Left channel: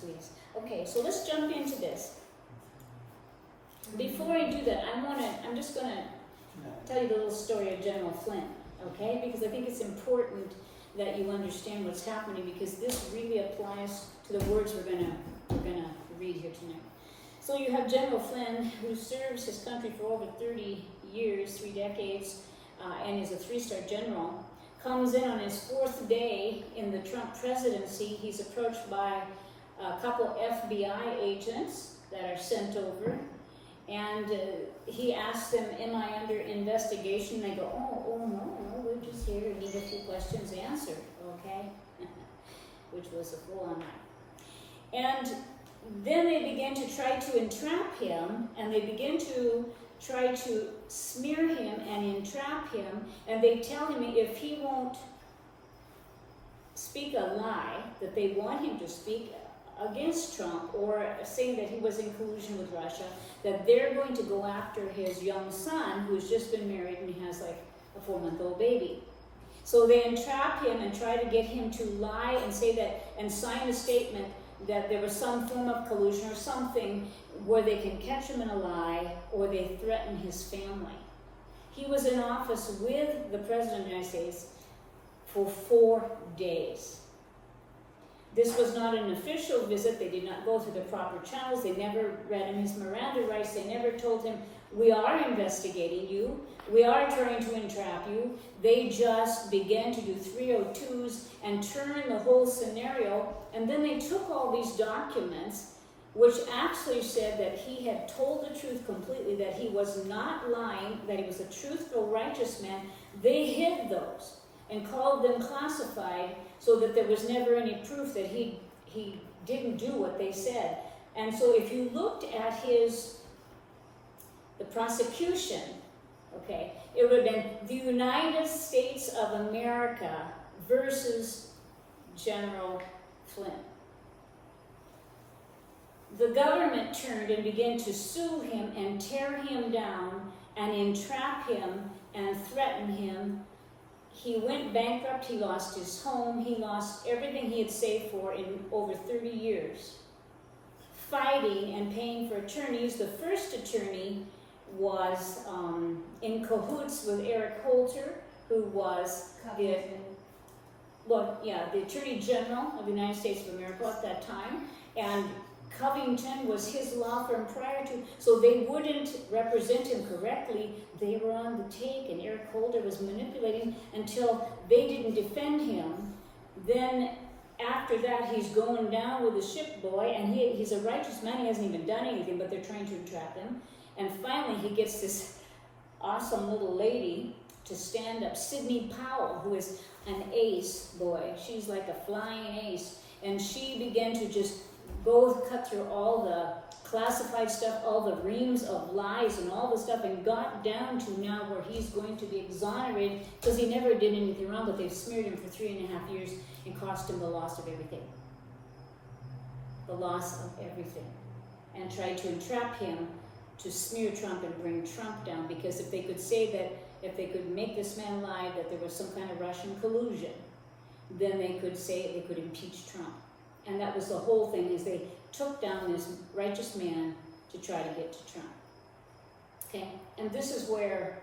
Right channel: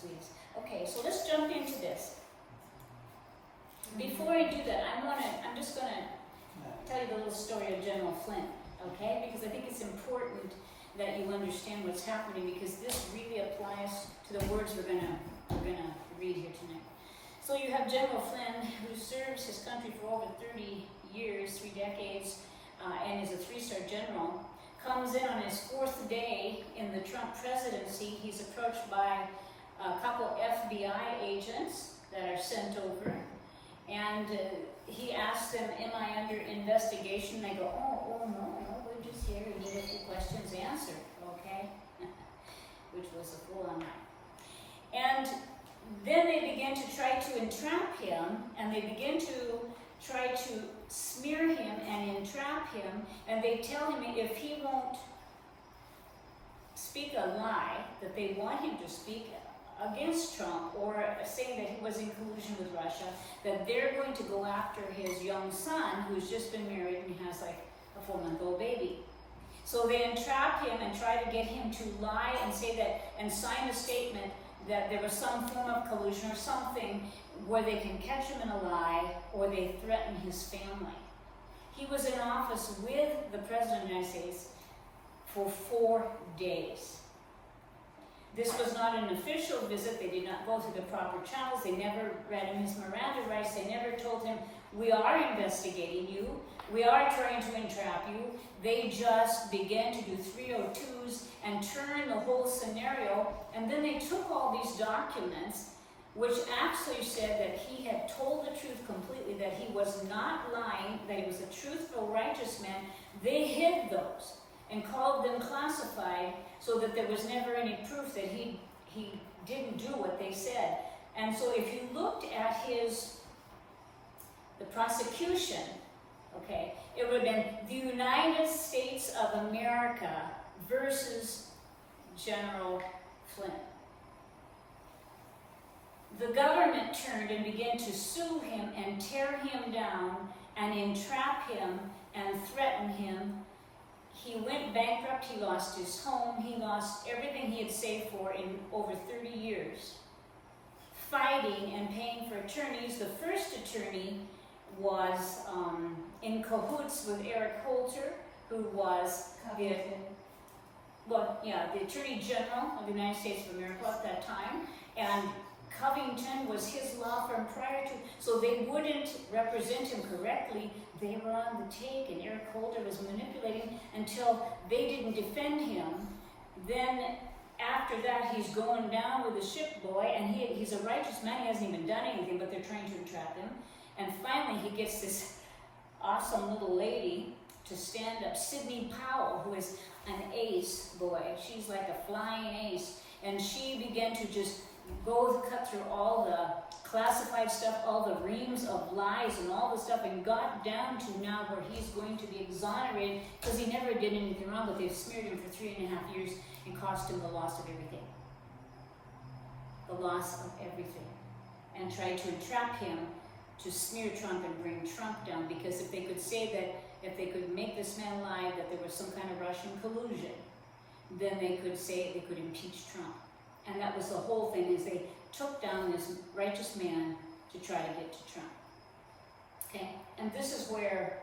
sweetest. Okay, so let's jump into this. Before I do that, I'm just gonna tell you the little story of General Flynn, okay? Because I think it's important that you understand what's happening, because this really applies to the words we're gonna read here tonight. So you have General Flynn, who serves his country for over 30 years, 3 decades, and is a 3-star general. Comes in on his 4th day in the Trump presidency. He's approached by a couple FBI agents that are sent over, and he asks them, "Am I under investigation?" They go, oh, no, we're just here. We need a few questions answered, okay? Which was a full-on lie. And then they begin to try to entrap him, and they begin to try to smear him and entrap him, and they tell him if he won't speak a lie that they want him to speak against Trump, or saying that he was in collusion with Russia, that they're going to go after his young son, who's just been married and has like a 4-month-old baby. So they entrap him and try to get him to lie and say that, and sign a statement that there was some form of collusion or something where they can catch him in a lie, or they threaten his family. He was in office with the President of the United States for 4 days. This was not an official visit. They did not go through the proper channels. They never read him his Miranda rights. They never told him, we are investigating you. We are trying to entrap you. They just began to do 302s and turn the whole scenario. And then they took all these documents, which actually said that he had told the truth completely, that he was not lying, that he was a truthful, righteous man. They hid those and called them classified, so that there was never any proof that he didn't do what they said. And so if you looked at the prosecution, okay, it would have been the United States of America versus General Flynn. The government turned and began to sue him and tear him down and entrap him and threaten him. He went bankrupt. He lost his home. He lost everything he had saved for in over 30 years, fighting and paying for attorneys. The first attorney was in cahoots with Eric Holder, who was the Attorney General of the United States of America at that time, and Covington was his law firm prior to, so they wouldn't represent him correctly. They were on the take, and Eric Holder was manipulating until they didn't defend him. Then after that, he's going down with the ship boy, and he's a righteous man. He hasn't even done anything, but they're trying to entrap him. And finally, he gets this awesome little lady to stand up, Sidney Powell, who is an ace boy. She's like a flying ace. And she began to just go cut through all the classified stuff, all the reams of lies and all the stuff, and got down to now where he's going to be exonerated, because he never did anything wrong, but they've smeared him for 3.5 years and cost him the loss of everything. The loss of everything. And tried to entrap him to smear Trump and bring Trump down, because if they could say that, if they could make this man lie that there was some kind of Russian collusion, then they could say they could impeach Trump. And that was the whole thing, is they took down this righteous man to try to get to Trump. Okay? And this is where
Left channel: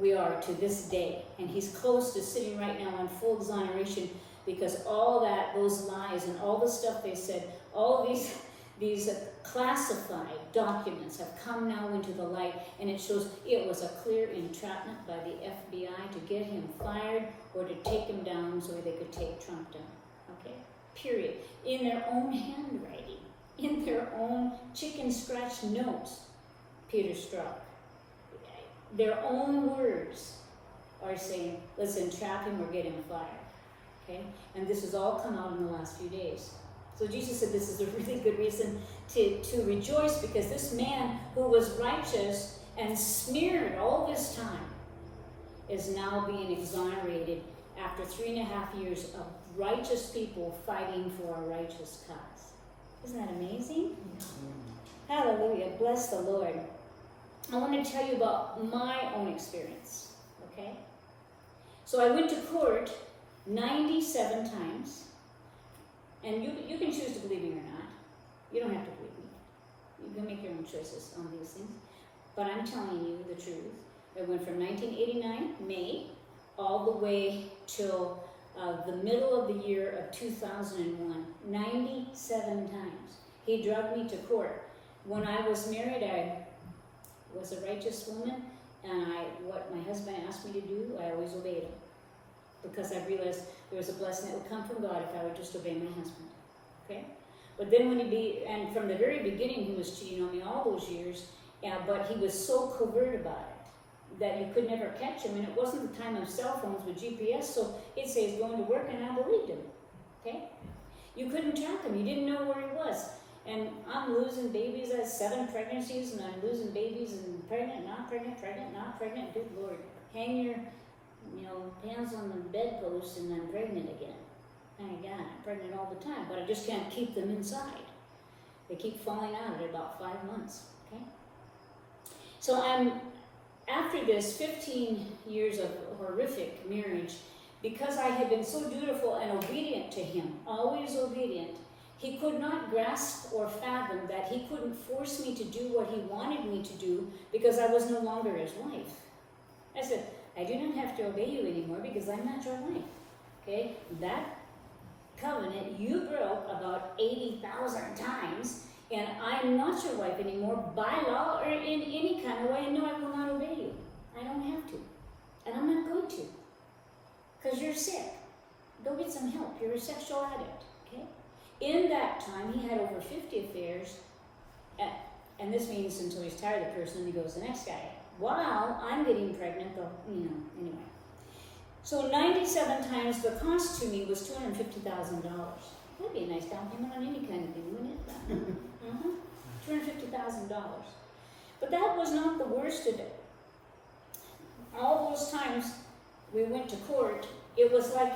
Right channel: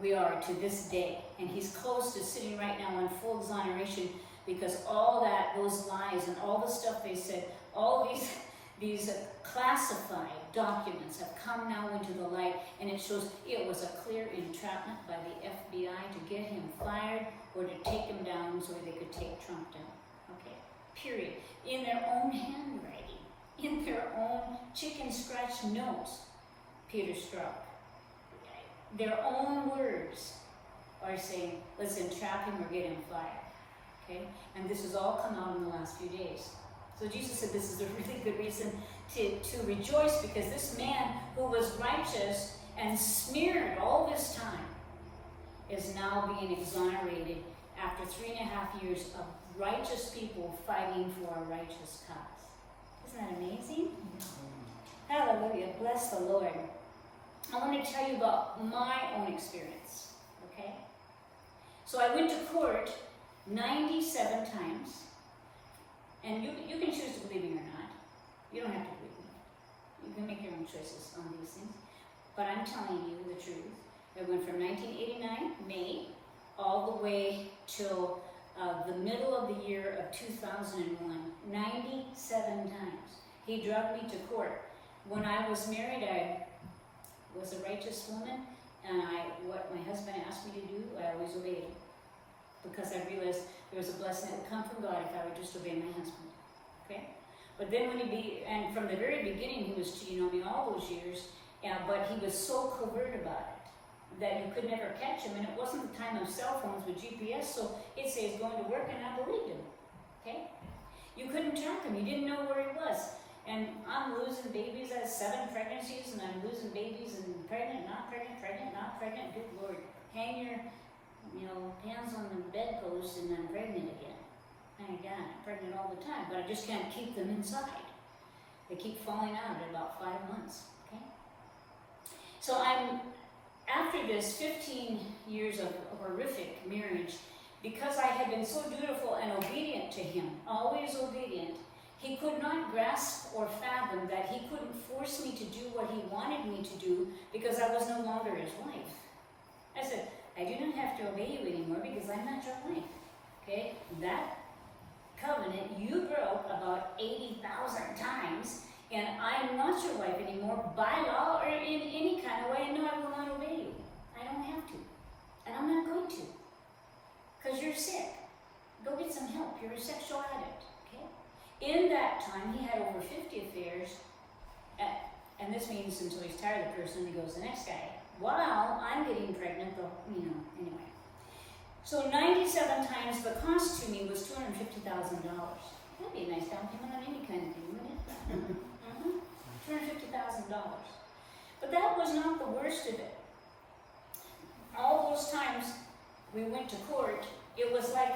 we are to this day. And he's close to sitting right now on full exoneration, because all those lies and all the stuff they said, all these classified documents have come now into the light, and it shows it was a clear entrapment by the FBI to get him fired or to take him down so they could take Trump down. Okay? Period. In their own handwriting, in their own chicken scratch notes, Peter Strzok, their own words are saying, let's entrap him or get him fired. Okay? And this has all come out in the last few days. So Jesus said this is a really good reason to rejoice, because this man who was righteous and smeared all this time is now being exonerated after 3.5 years of righteous people fighting for a righteous cause. Isn't that amazing? Hallelujah. Bless the Lord. I want to tell you about my own experience, okay? So I went to court 97 times, and you can choose to believe me or not. but I'm telling you the truth. It went from 1989, May, all the way till the middle of the year of 2001, 97 times. He drugged me to court. When I was married, I was a righteous woman, and what my husband asked me to do, I always obeyed him. Because I realized there was a blessing that would come from God if I would just obey my husband. Okay? But then and from the very beginning, he was cheating on me all those years, but he was so covert about it that you could never catch him, and it wasn't the time of cell phones with GPS, so he'd say he's going to work, and I believed him. Okay? You couldn't track him, you didn't know where he was. And I'm losing babies. I had 7 pregnancies, and I'm losing babies and pregnant, not pregnant, pregnant, not pregnant. Good Lord. Hang your hands on the bedpost, and I'm pregnant again. Thank God, I'm pregnant all the time, but I just can't keep them inside. They keep falling out at about 5 months. Okay? So after this 15 years of horrific marriage, because I had been so dutiful and obedient to him, always obedient, he could not grasp or fathom that he couldn't force me to do what he wanted me to do because I was no longer his wife. I said, I do not have to obey you anymore because I'm not your wife. Okay? That covenant you broke about 80,000 times, and I'm not your wife anymore by law or in any kind of way, and no, I will not obey you. I don't have to. And I'm not going to. Because you're sick. Go get some help. You're a sexual addict. Okay? In that time, he had over 50 affairs, and this means until he's tired of the person, he goes the next guy. While I'm getting pregnant, anyway. So 97 times, the cost to me was $250,000. That'd be a nice down payment on any kind of thing, wouldn't it? $250,000. But that was not the worst of it. All those times we went to court, it was like,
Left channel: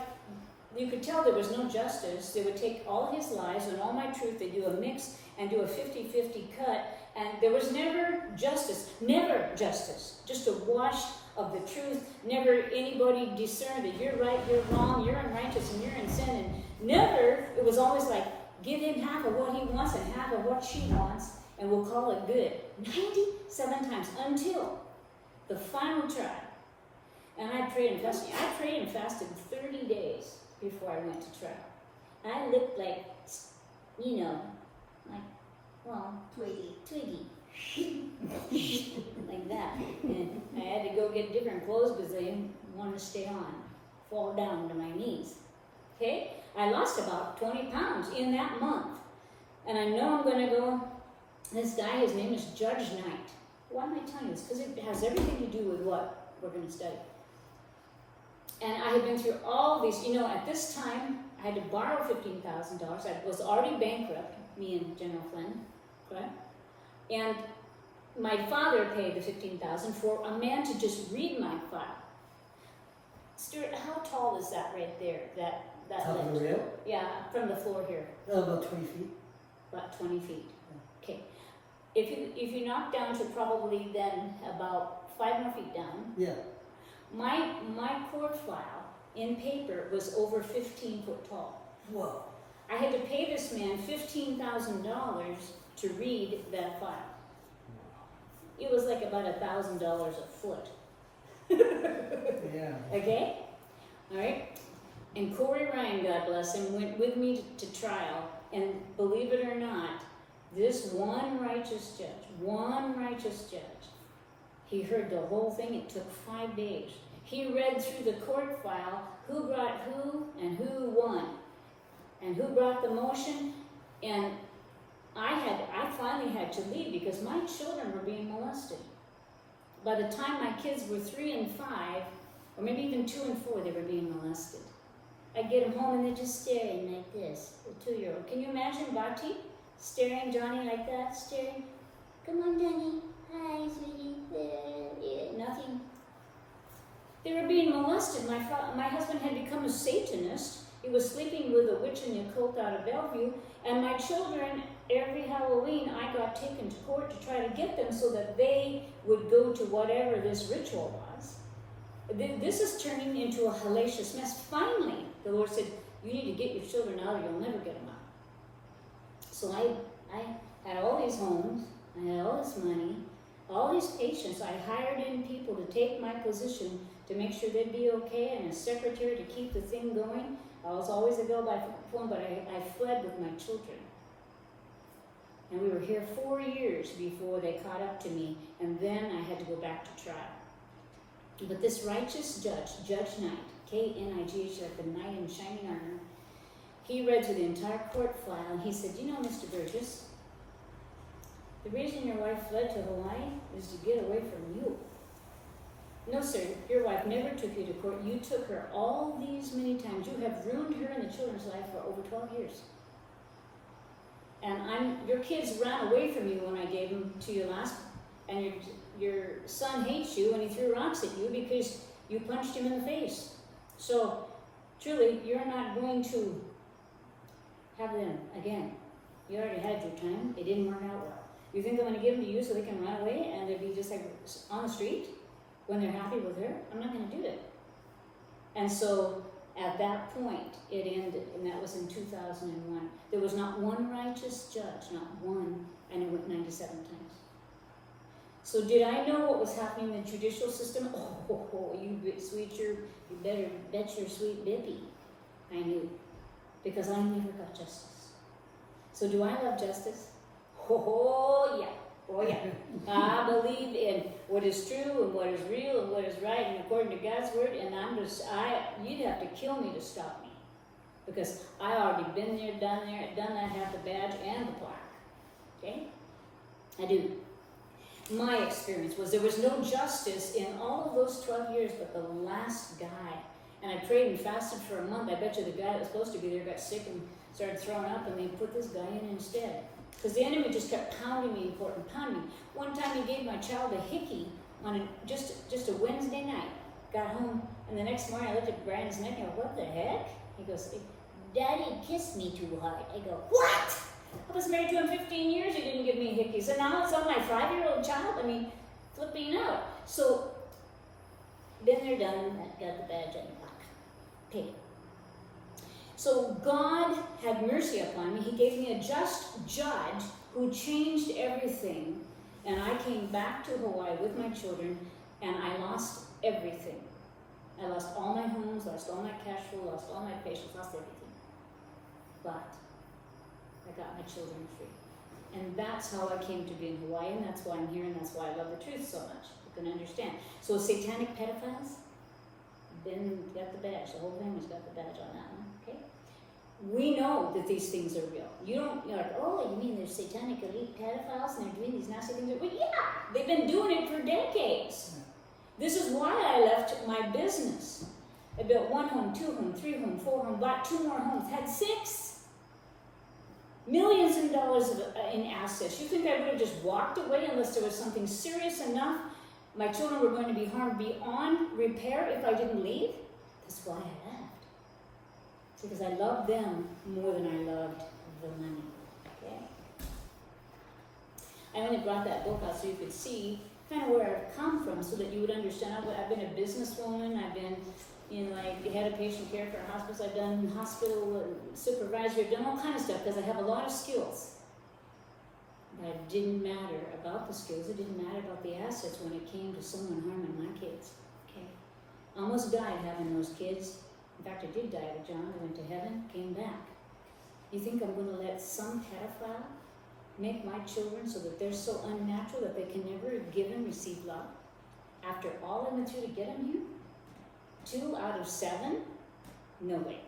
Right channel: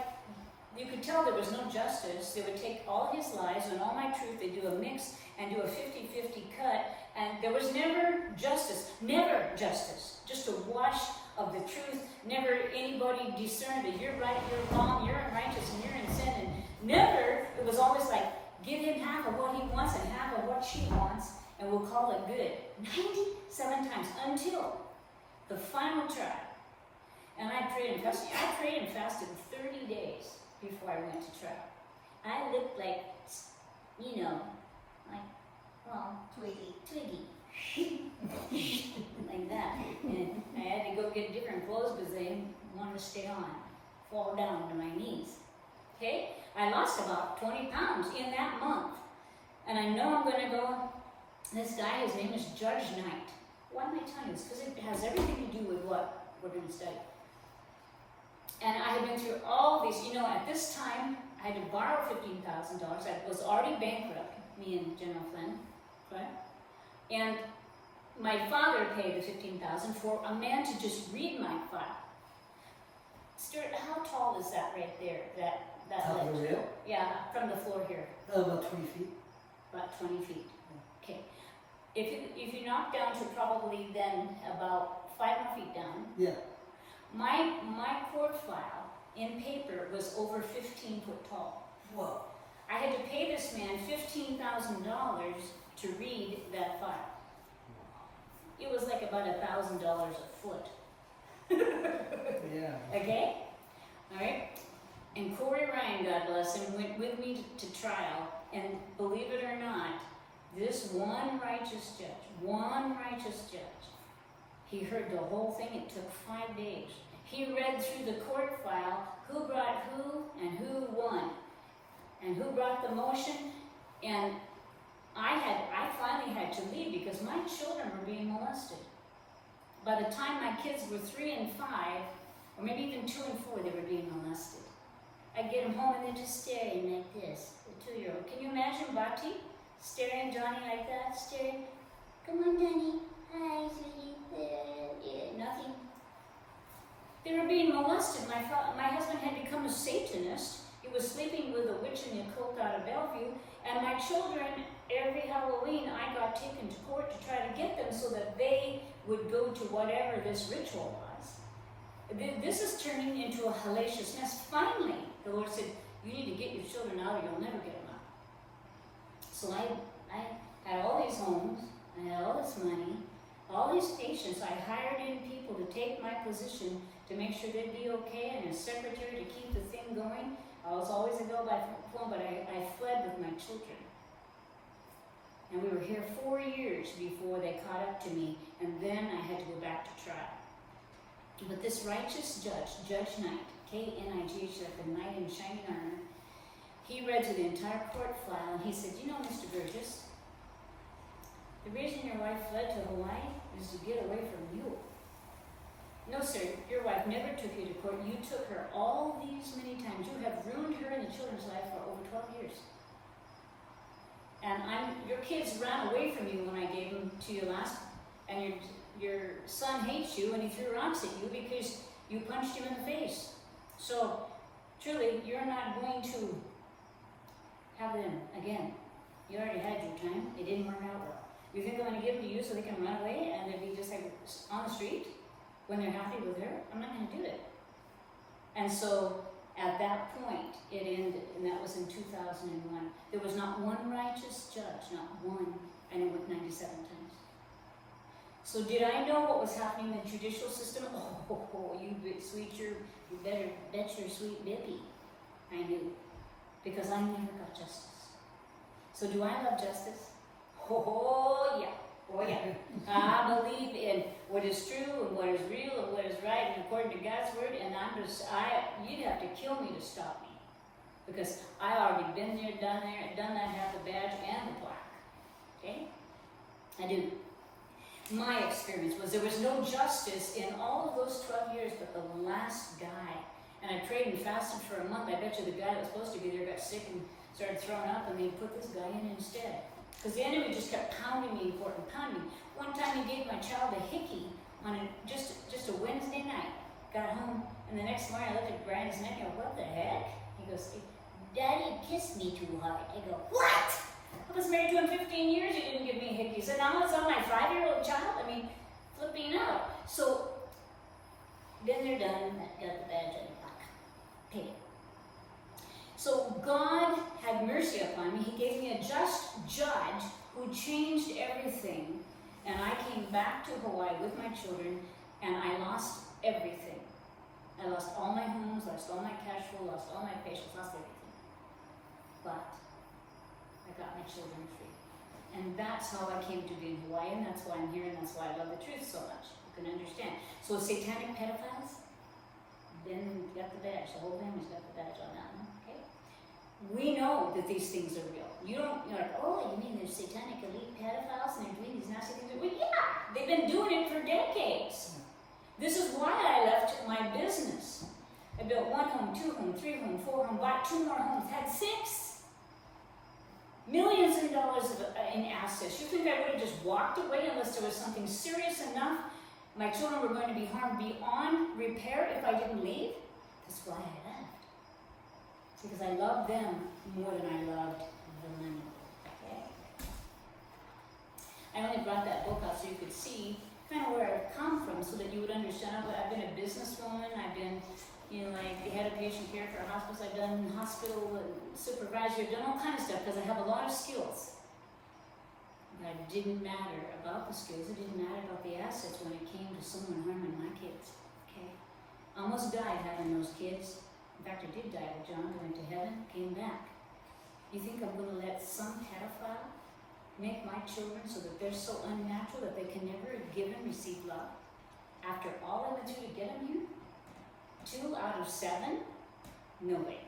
you could tell there was no justice. They would take all his lies and all my truth, they do a mix and do a 50-50 cut, and there was never justice, just a wash of the truth, never anybody discerned that you're right, you're wrong, you're unrighteous, and you're in sin, and never, it was always like, give him half of what he wants and half of what she wants, and we'll call it good. 97 times, until the final trial. And I prayed and fasted. I prayed and fasted 30 days before I went to trial. I looked like, Twiggy. Like that. And I had to go get different clothes because I didn't want to stay on, fall down to my knees. Okay? I lost about 20 pounds in that month. And I know I'm going to go, this guy, his name is Judge Knight. Why am I telling you this? Because it has everything to do with what we're going to study. And I had been through all these, at this time, I had to borrow $15,000. I was already bankrupt, me and General Flynn, right? And my father paid the $15,000 for a man to just read my file. Stuart, how tall is that right there? That Top of the rail? Yeah, from the floor here. About 20 feet. About 20 feet. Okay. If you knock down to probably then about 5 more feet down. Yeah. My court file in paper was over 15 foot tall. Whoa. I had to pay this man $15,000 to read that file. It was like about $1,000 a foot. Yeah. Okay? All right? And Corey Ryan, God bless him, went with me to trial. And believe it or not, this one righteous judge, he heard the whole thing. It took 5 days. He read through the court file, who brought who and who won, and who brought the motion. And I finally had to leave because my children were being molested. By the time my kids were 3 and 5, or maybe even 2 and 4, they were being molested. I'd get them home and they're just staring like this, the 2-year-old. Can you imagine Bati staring Johnny like that, staring? Come on, Johnny. Hi, sweetie. Yeah, nothing. They were being molested. My husband had become a Satanist. He was sleeping with a witch in the occult out of Bellevue. And my children, every Halloween, I got taken to court to try to get them so that they would go to whatever this ritual was. This is turning into a hellacious mess. Finally, the Lord said, you need to get your children out or you'll never get them out. So I had all these homes, I had all this money, all these patients, I hired in people to take my position to make sure they'd be okay, and a secretary to keep the thing going. I was always a go by phone, but I fled with my children. And we were here 4 years before they caught up to me, and then I had to go back to trial. But this righteous judge, Judge Knight, K-N-I-G-H, like the knight in shining armor, he read through the entire court file, and he said, you know, Mr. Burgess, the reason your wife fled to Hawaii is to get away from you. No, sir, your wife never took you to court. You took her all these many times. You have ruined her and the children's life for over 12 years. And your kids ran away from you when I gave them to you last, and your son hates you and he threw rocks at you because you punched him in the face. So, truly, you're not going to have them again. You already had your time. It didn't work out well. You think I'm going to give them to you so they can run away and they'll be just like on the street when they're happy with her? I'm not going to do it. And so, at that point, it ended, and that was in 2001. There was not one righteous judge, not one, and it went 97 times. So did I know what was happening in the judicial system? Oh, you better bet your sweet bippy. I knew, because I never got justice. So do I love justice? Oh yeah. Oh yeah. I believe in what is true and what is real and what is right and according to God's word, and you'd have to kill me to stop me. Because I already been there, done that, have the badge and the plaque. Okay? I do. My experience was there was no justice in all of those 12 years but the last guy. And I prayed and fasted for a month. I bet you the guy that was supposed to be there got sick and started throwing up, and they put this guy in instead. Because the enemy just kept pounding me and pounding me. One time he gave my child a hickey on just a Wednesday night. Got home, and the next morning I looked at Brian's neck and I go, what the heck? He goes, Daddy kissed me too hard. I go, what? I was married to him 15 years, he didn't give me hickeys. And now it's on my 5-year-old child? I mean, flipping out. So, then they're done, got the badge and the plaque. Paid. So God had mercy upon me. He gave me a just judge who changed everything. And I came back to Hawaii with my children, and I lost everything. I lost all my homes, lost all my cash flow, lost all my patients, lost everything. But I got my children free. And that's how I came to be in Hawaii, and that's why I'm here, and that's why I love the truth so much. You can understand. So satanic pedophiles, then got the badge. The whole family's got the badge on that one. Okay? We know that these things are real. You're like, oh, you mean there's satanic elite pedophiles and they're doing these nasty things? Well, yeah, they've been doing it for decades. This is why I left my business. I built 1 home, 2 home, 3 home, 4 home, bought 2 more homes, had 6. Millions of dollars in assets. You think I would have just walked away unless there was something serious enough? My children were going to be harmed beyond repair if I didn't leave? That's why I left. Because I loved them more than I loved the money. Okay? I only brought that book out so you could see kind of where I've come from so that you would understand. I've been a businesswoman. I've been, like the head of patient care for a hospice. I've done hospital supervisor. I've done all kind of stuff because I have a lot of skills. But it didn't matter about the skills. It didn't matter about the assets when it came to someone harming my kids. Okay? Almost died having those kids. In fact, I did die with John. I went to heaven, came back. You think I'm going to let some pedophile make my children so that they're so unnatural that they can never give and receive love? After all I went through to get them here? 2 out of 7? No way.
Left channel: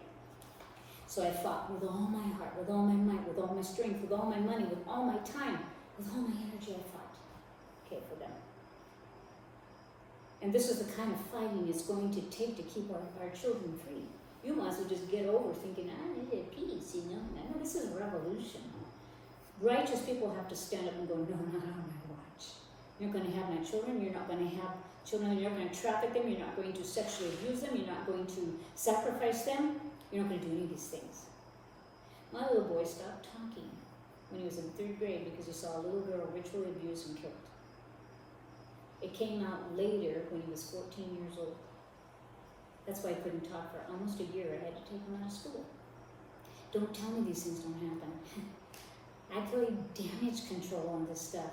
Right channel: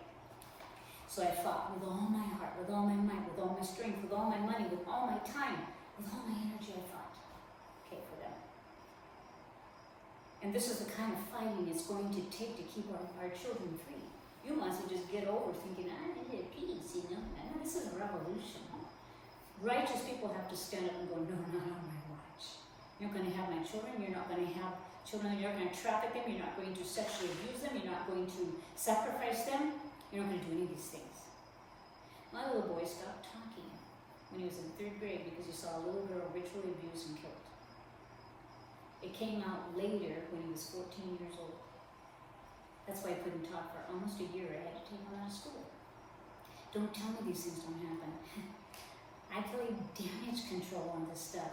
So I fought with all my heart, with all my might, with all my strength, with all my money, with all my time, with all my energy I fought. Okay, for them. And this is the kind of fighting it's going to take to keep our children free. You might as well just get over thinking, I need peace, No, this is a revolution. Righteous people have to stand up and go, no, not on my watch. You're not going to have my children. You're not going to have children. You're not going to traffic them. You're not going to sexually abuse them. You're not going to sacrifice them. You're not going to do any of these things. My little boy stopped talking when he was in 3rd grade because he saw a little girl ritually abused and killed. It came out later when he was 14 years old. That's why I couldn't talk for almost a year. I had to take him out of school. Don't tell me these things don't happen. I play damage control on this stuff.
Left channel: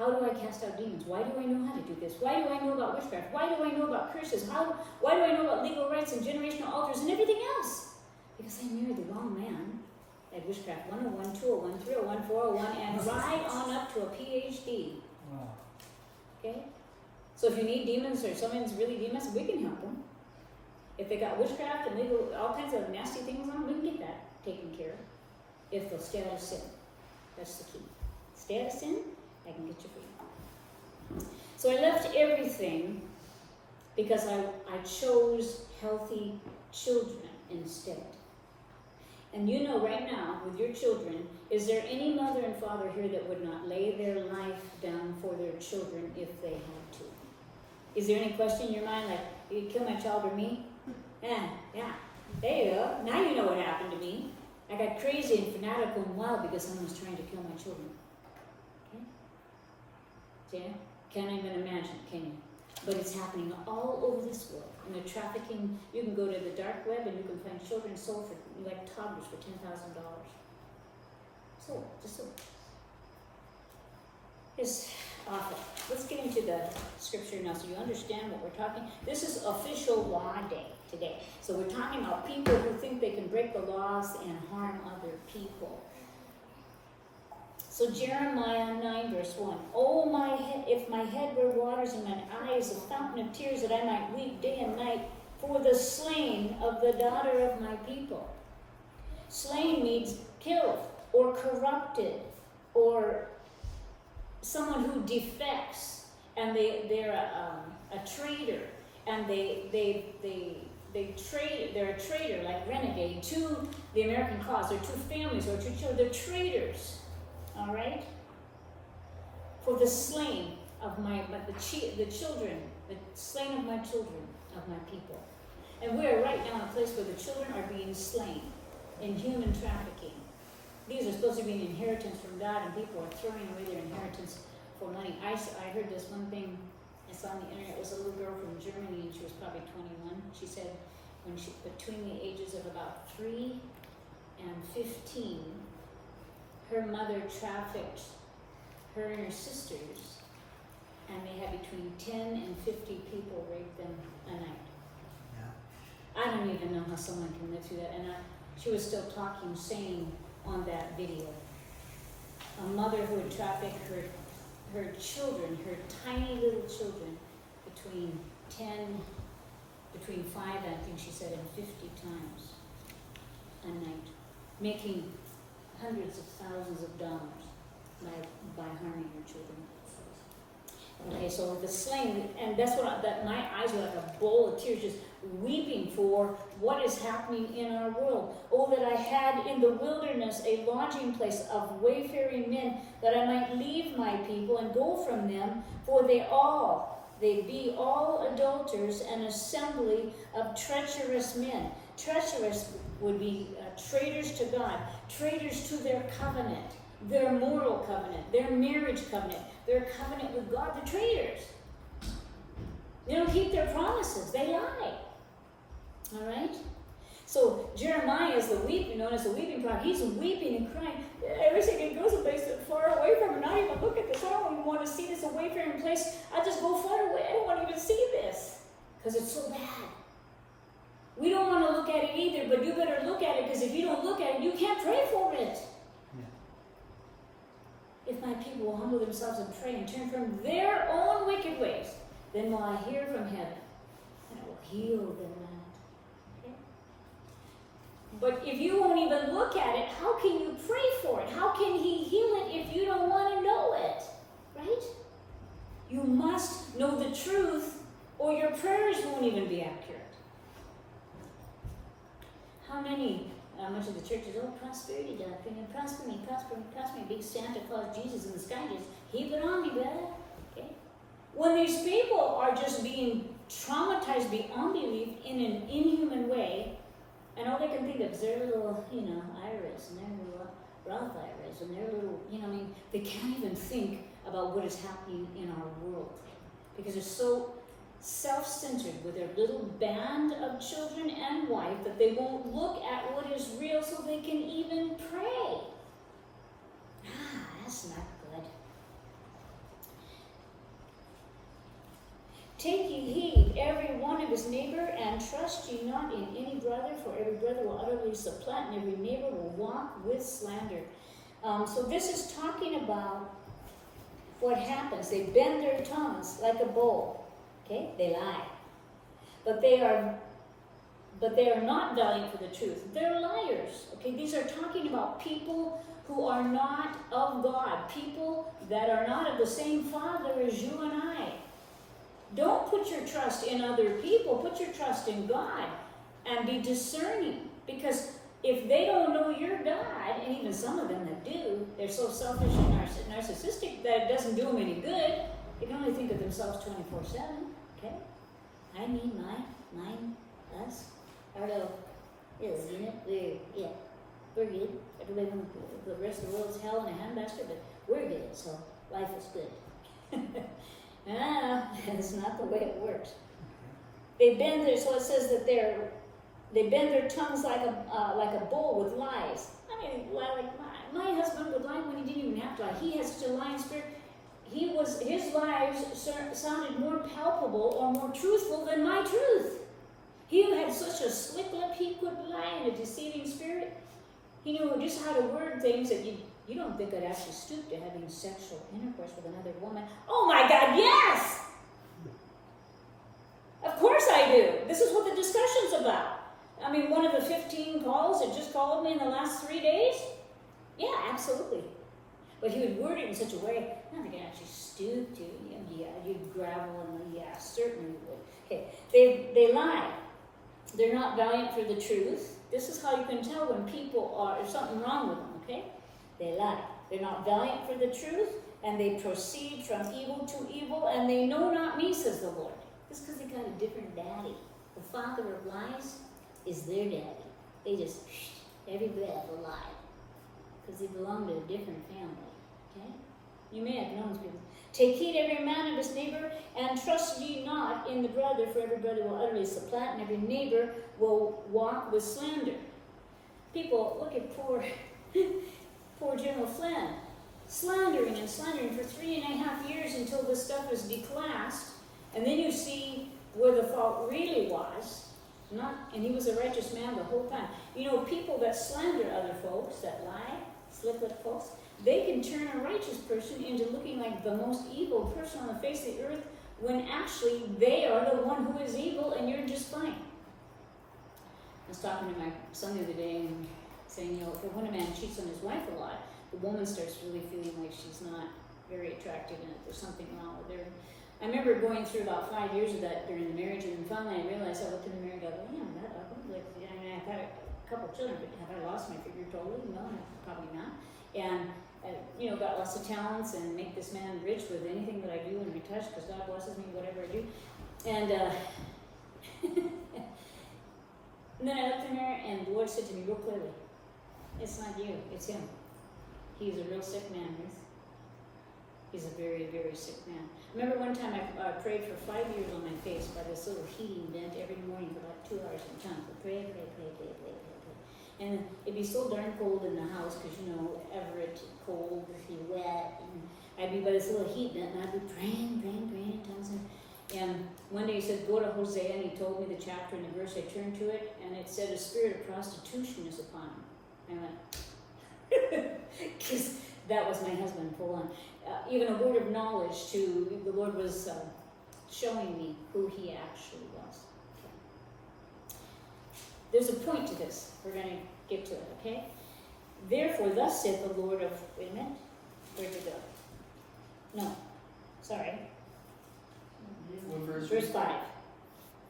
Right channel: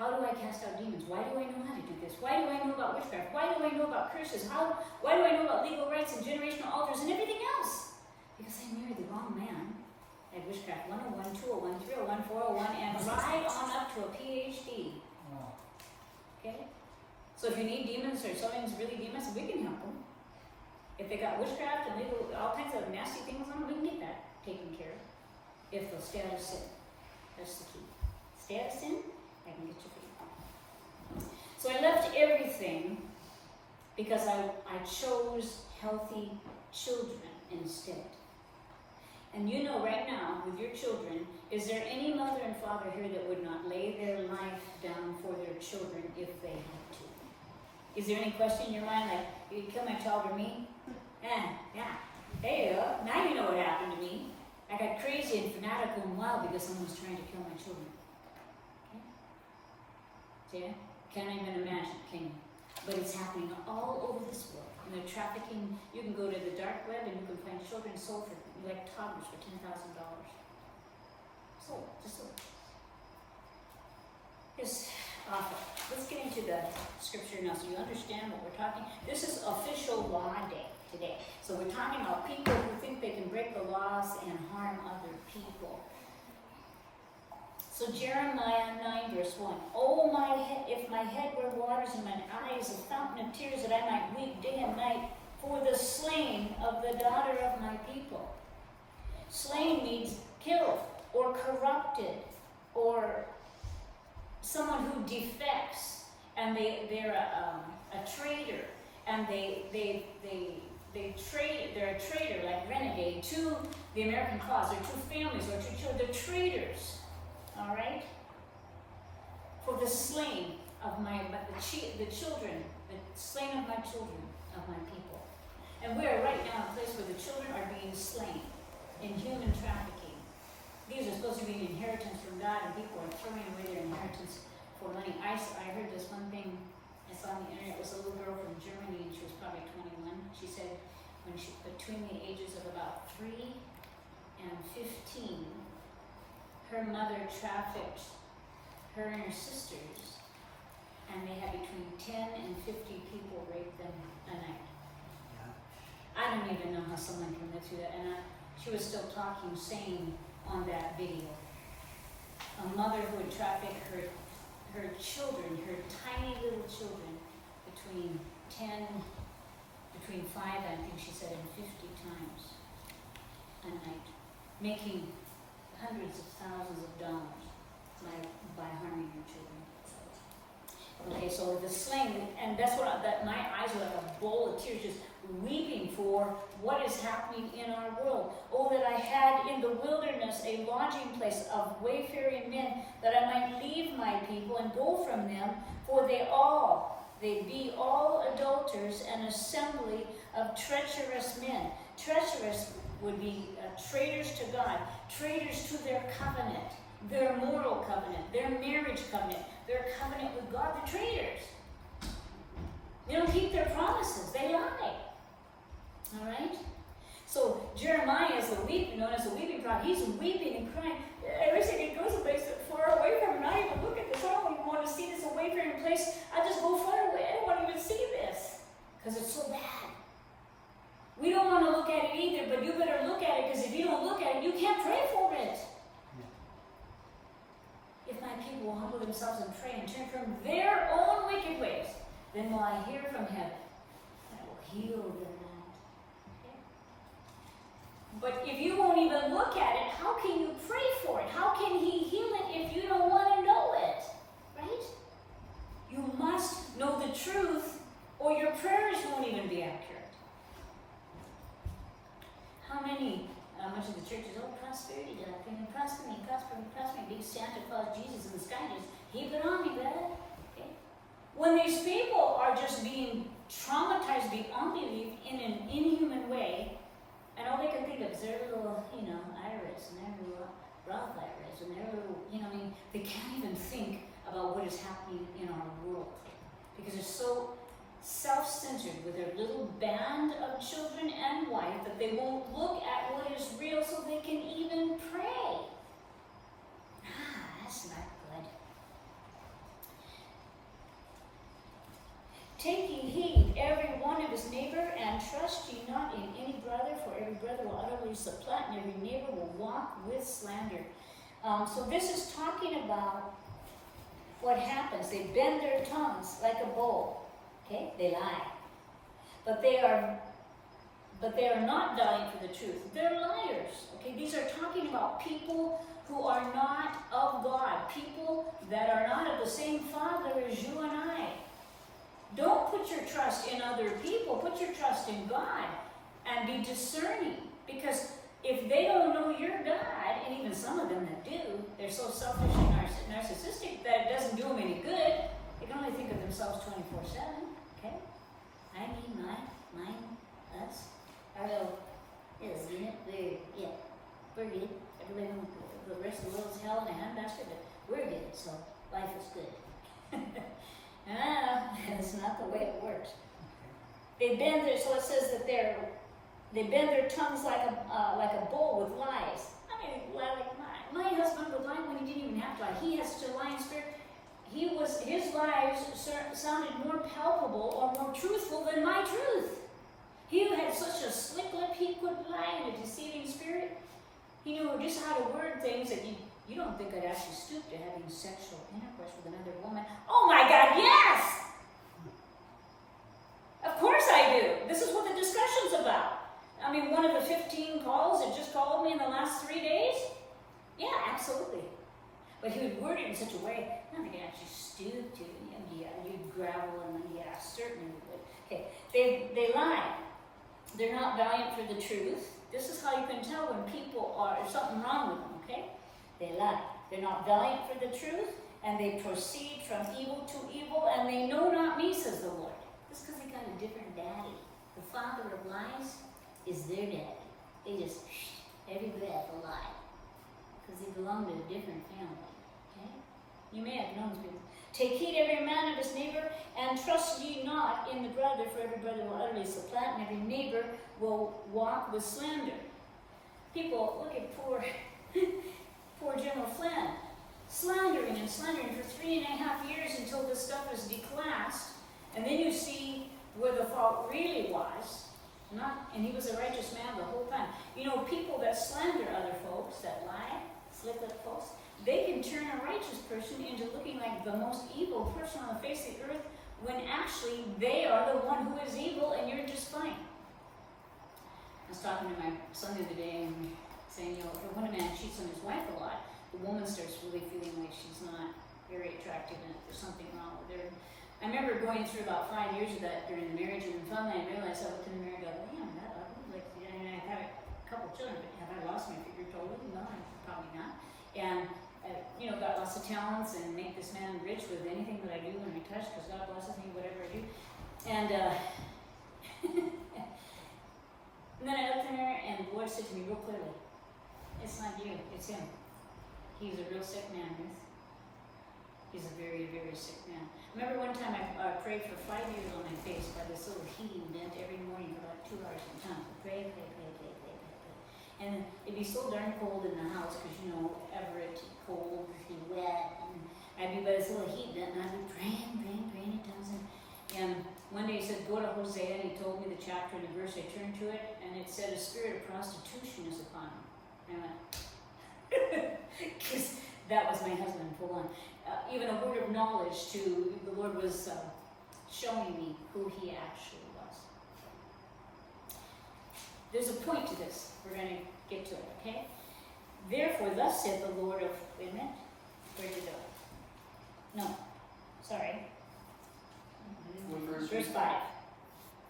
How do I cast out demons? Why do I know how to do this? Why do I know about witchcraft? Why do I know about curses? Why do I know about legal rights and generational altars and everything else? Because I married the wrong man at Witchcraft 101, 201, 301, 401, and right on up to a PhD. Wow. Okay? So if you need demons or someone's really demons, we can help them. If they got witchcraft and legal, all kinds of nasty things on them, we can get that taken care of. If they'll stay out of sin. That's the key. Stay out of sin, I can get you free. So I left everything because I chose healthy children instead. And you know right now, with your children, is there any mother and father here that would not lay their life down for their children if they had to? Is there any question in your mind like, you kill my child or me? Yeah. There you go. Now you know what happened to me. I got crazy and fanatical and wild because someone was trying to kill my children. Okay? See? Can't even imagine, can you? But it's happening all over this world. And the trafficking, you can go to the dark web and you can find children sold for, like toddlers, for $10,000. Just sold. It's awful. Let's get into the scripture now so you understand what we're talking. This is official law day today. So we're talking about people who think they can break the laws and harm other people. So Jeremiah 9 verse 1. Oh my head, if my head were waters and mine eyes a fountain of tears, that I might weep day and night for the slain of the daughter of my people. Slain means killed or corrupted or someone who defects and they're a traitor and they're a traitor, like renegade, to the American cause or to families or to children. They're traitors. All right? For the slain of the children, the slain of my children, of my people. And we are right now in a place where the children are being slain in human trafficking. These are supposed to be an inheritance from God, and people are throwing away their inheritance for money. I heard this one thing I saw on the internet. It was a little girl from Germany, and she was probably 21. She said when she between the ages of about 3 and 15, her mother trafficked her and her sisters, and they had between 10 and 50 people rape them a night. Yeah. I don't even know how someone can live through that. And she was still talking, saying on that video, a mother who would traffic her children, her tiny little children, between 5, I think she said, and 50 times a night, making hundreds of thousands of dollars by harming her children. Okay, so the slain, and that's what my eyes were like a bowl of tears, just weeping for what is happening in our world. Oh, that I had in the wilderness a lodging place of wayfaring men, that I might leave my people and go from them, for they be all adulterers, an assembly of treacherous men. Treacherous would be traitors to God, traitors to their covenant, their moral covenant, their marriage covenant, their covenant with God. They're traitors. They don't keep their promises. They lie. All right? So Jeremiah is known as the weeping prophet. He's weeping and crying. Every second he goes a place far away from him. Not even look at this. I don't even want to see this wayfaring place. I just go far away. I don't want to even see this because it's so bad. We don't want to look at it either, but you better look at it, because if you don't look at it, you can't pray for it. Yeah. If my people will humble themselves and pray and turn from their own wicked ways, then will I hear from heaven, and I will heal their land. Okay? But if you won't even look at it, how can you pray for it? How can he heal it if you don't want to know it? Right? You must know the truth, or your prayers won't even be accurate. How much of the church is, prosperity doctrine, and prosper me, big Santa Claus Jesus in the sky, just heap it on me, brother. Okay? When these people are just being traumatized beyond belief in an inhuman way, and all they can think of is their little, IRS, and their little Roth IRS, and their little, they can't even think about what is happening in our world. Because they're so self-centered with their little band of children and wife that they won't look at what is real so they can even pray. That's not good. neighbor, and trust ye not in any brother, for every brother will utterly supplant, and every neighbor will walk with slander. So this is talking about what happens. They bend their tongues like a bow. Okay? They lie. But they are not valiant for the truth. They're liars. Okay? These are talking about people who are not of God. People that are not of the same Father as you and I. Don't put your trust in other people. Put your trust in God. And be discerning. Because if they don't know your God, and even some of them that do, they're so selfish and narcissistic that it doesn't do them any good. They can only think of themselves 24/7. Okay? I mean, mine, us, our little unit. We're good. Everybody, the rest of the world's hell in a handbasket, but we're good, so life is good. That's not the way it works. They bend their, so it says that they bend their tongues like a bull with lies. I mean, like my husband would lie when he didn't even have to lie. He has such a lying spirit. His lies sounded more palpable or more truthful than my truth. He had such a slick lip, he could lie in a deceiving spirit. He knew just how to word things that you don't think I'd actually stoop to having sexual intercourse with another woman. Oh my God, yes! Of course I do. This is what the discussion's about. I mean, one of the 15 calls that just called me in the last 3 days? Yeah, absolutely. But he would word it in such a way, not that I actually stoop to, yeah, you'd gravel and yeah, certainly would. Okay, they lie. They're not valiant for the truth. This is how you can tell when people there's something wrong with them, okay? They lie. They're not valiant for the truth, and they proceed from evil to evil, and they know not me, says the Lord. Just because they got a different daddy. The father of lies is their daddy. They just, every breath a lie. Because they belong to a different family, okay? You may have known people. Take heed every man of his neighbor, and trust ye not in the brother, for every brother will utterly supplant, and every neighbor will walk with slander. People, look at poor General Flynn, slandering and slandering for 3.5 years until this stuff was declassed, and then you see where the fault really was, and he was a righteous man the whole time. You know, people that slander other folks, that lie, slick-lipped folks, they can turn a righteous person into looking like the most evil person on the face of the earth when actually they are the one who is evil and you're just fine. I was talking to my son the other day and saying, you know, if when a man cheats on his wife a lot, the woman starts really feeling like she's not very attractive and there's something wrong with her. I remember going through about 5 years of that during the marriage, and finally I realized I looked in the mirror and go, well, I'm not ugly. Like, I mean, I've had a couple children, but have I lost my figure totally? No, probably not. And you know, got lots of talents and make this man rich with anything that I do and I touch, because God blesses me, whatever I do. And and then I looked in there and the Lord said to me real clearly, it's not you, it's him. He's a real sick man, Ruth. He's a very, very sick man. Remember one time I prayed for 5 years on my face by this little heating vent every morning for about 2 hours in time. Pray. And it'd be so darn cold in the house because, you know, Everett, cold, wet. And I'd be by this little heat vent and I'd be praying in tongues. And one day he said, go to Hosea, and he told me the chapter and the verse. I turned to it and it said, a spirit of prostitution is upon him. I went, because that was my husband full on. Even a word of knowledge to, the Lord was showing me who he actually was. There's a point to this. We're going to get to it, okay? Therefore, thus said the Lord of, wait a minute, where'd it go? No, sorry. Verse 5,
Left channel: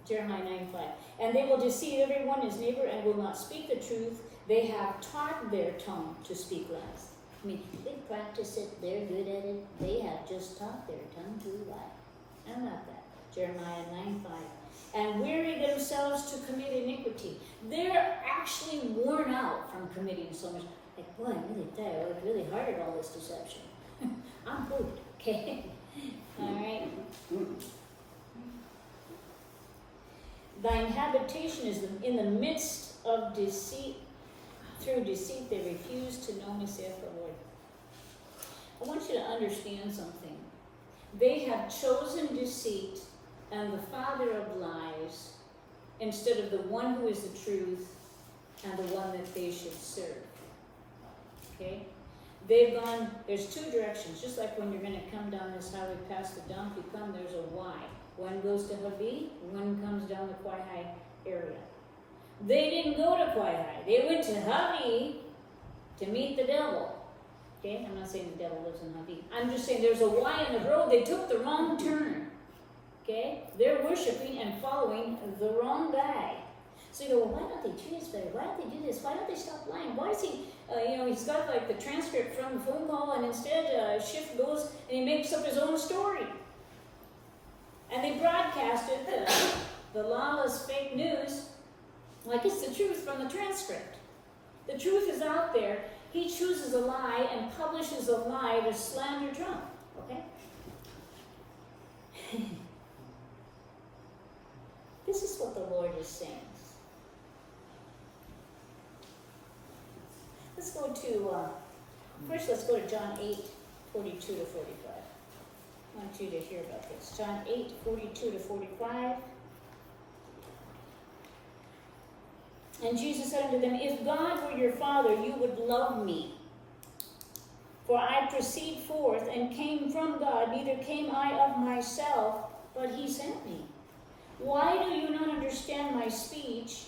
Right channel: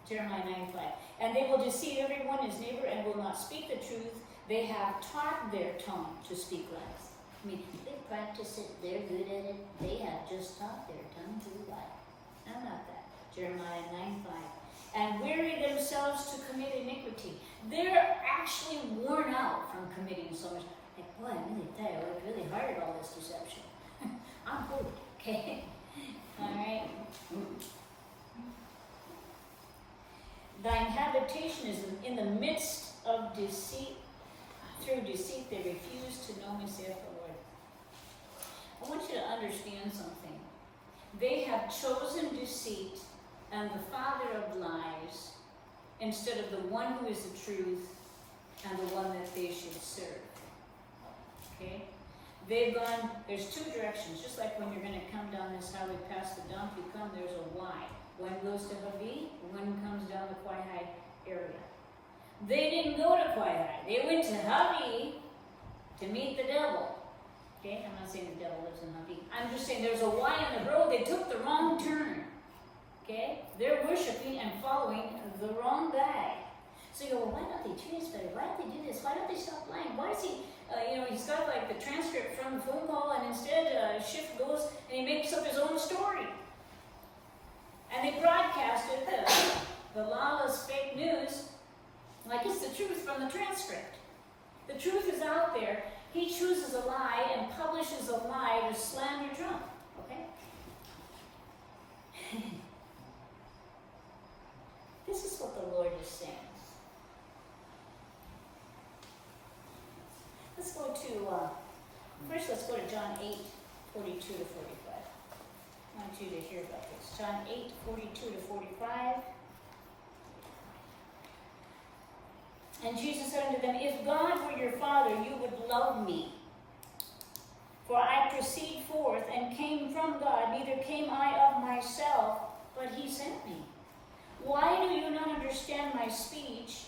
Jeremiah 9:5. And they will deceive everyone his neighbor and will not speak the truth. They have taught their tongue to speak lies. I mean, they practice it, they're good at it. They have just taught their tongue to lie. I'm not that. Jeremiah 9:5. And weary themselves to commit iniquity. They're actually worn out from committing so much. Like, boy, I'm really tired. I worked really hard at all this deception. I'm good, okay? All right. Thine habitation is in the midst of deceit. Through deceit they refuse to know me, saith the Lord. I want you to understand something. They have chosen deceit, and the father of lies instead of the one who is the truth and the one that they should serve. Okay? They've gone, there's two directions, just like when you're going to come down this highway past the dump, you come, there's a Y. One goes to Habi, one comes down the Quai area. They didn't go to Quai. They went to Habi to meet the devil. Okay, I'm not saying the devil lives in Habi. I'm just saying there's a Y in the road. They took the wrong turn. Okay, they're worshiping and following the wrong guy. So you go, well, why don't they treat us better? Why don't they do this? Why don't they stop lying? Why is he, he's got like the transcript from the phone call, and instead Schiff goes and he makes up his own story. And they broadcasted the lawless fake news like it's the truth from the transcript. The truth is out there. He chooses a lie and publishes a lie to slander Trump. Okay? This is what the Lord is saying. Let's go to, first let's go to John 8, 42 to 45. I want you to hear about this. John 8, 42 to 45. And Jesus said unto them, If God were your Father, you would love me. For I proceed forth and came from God, neither came I of myself, but he sent me. Why do you not understand my speech,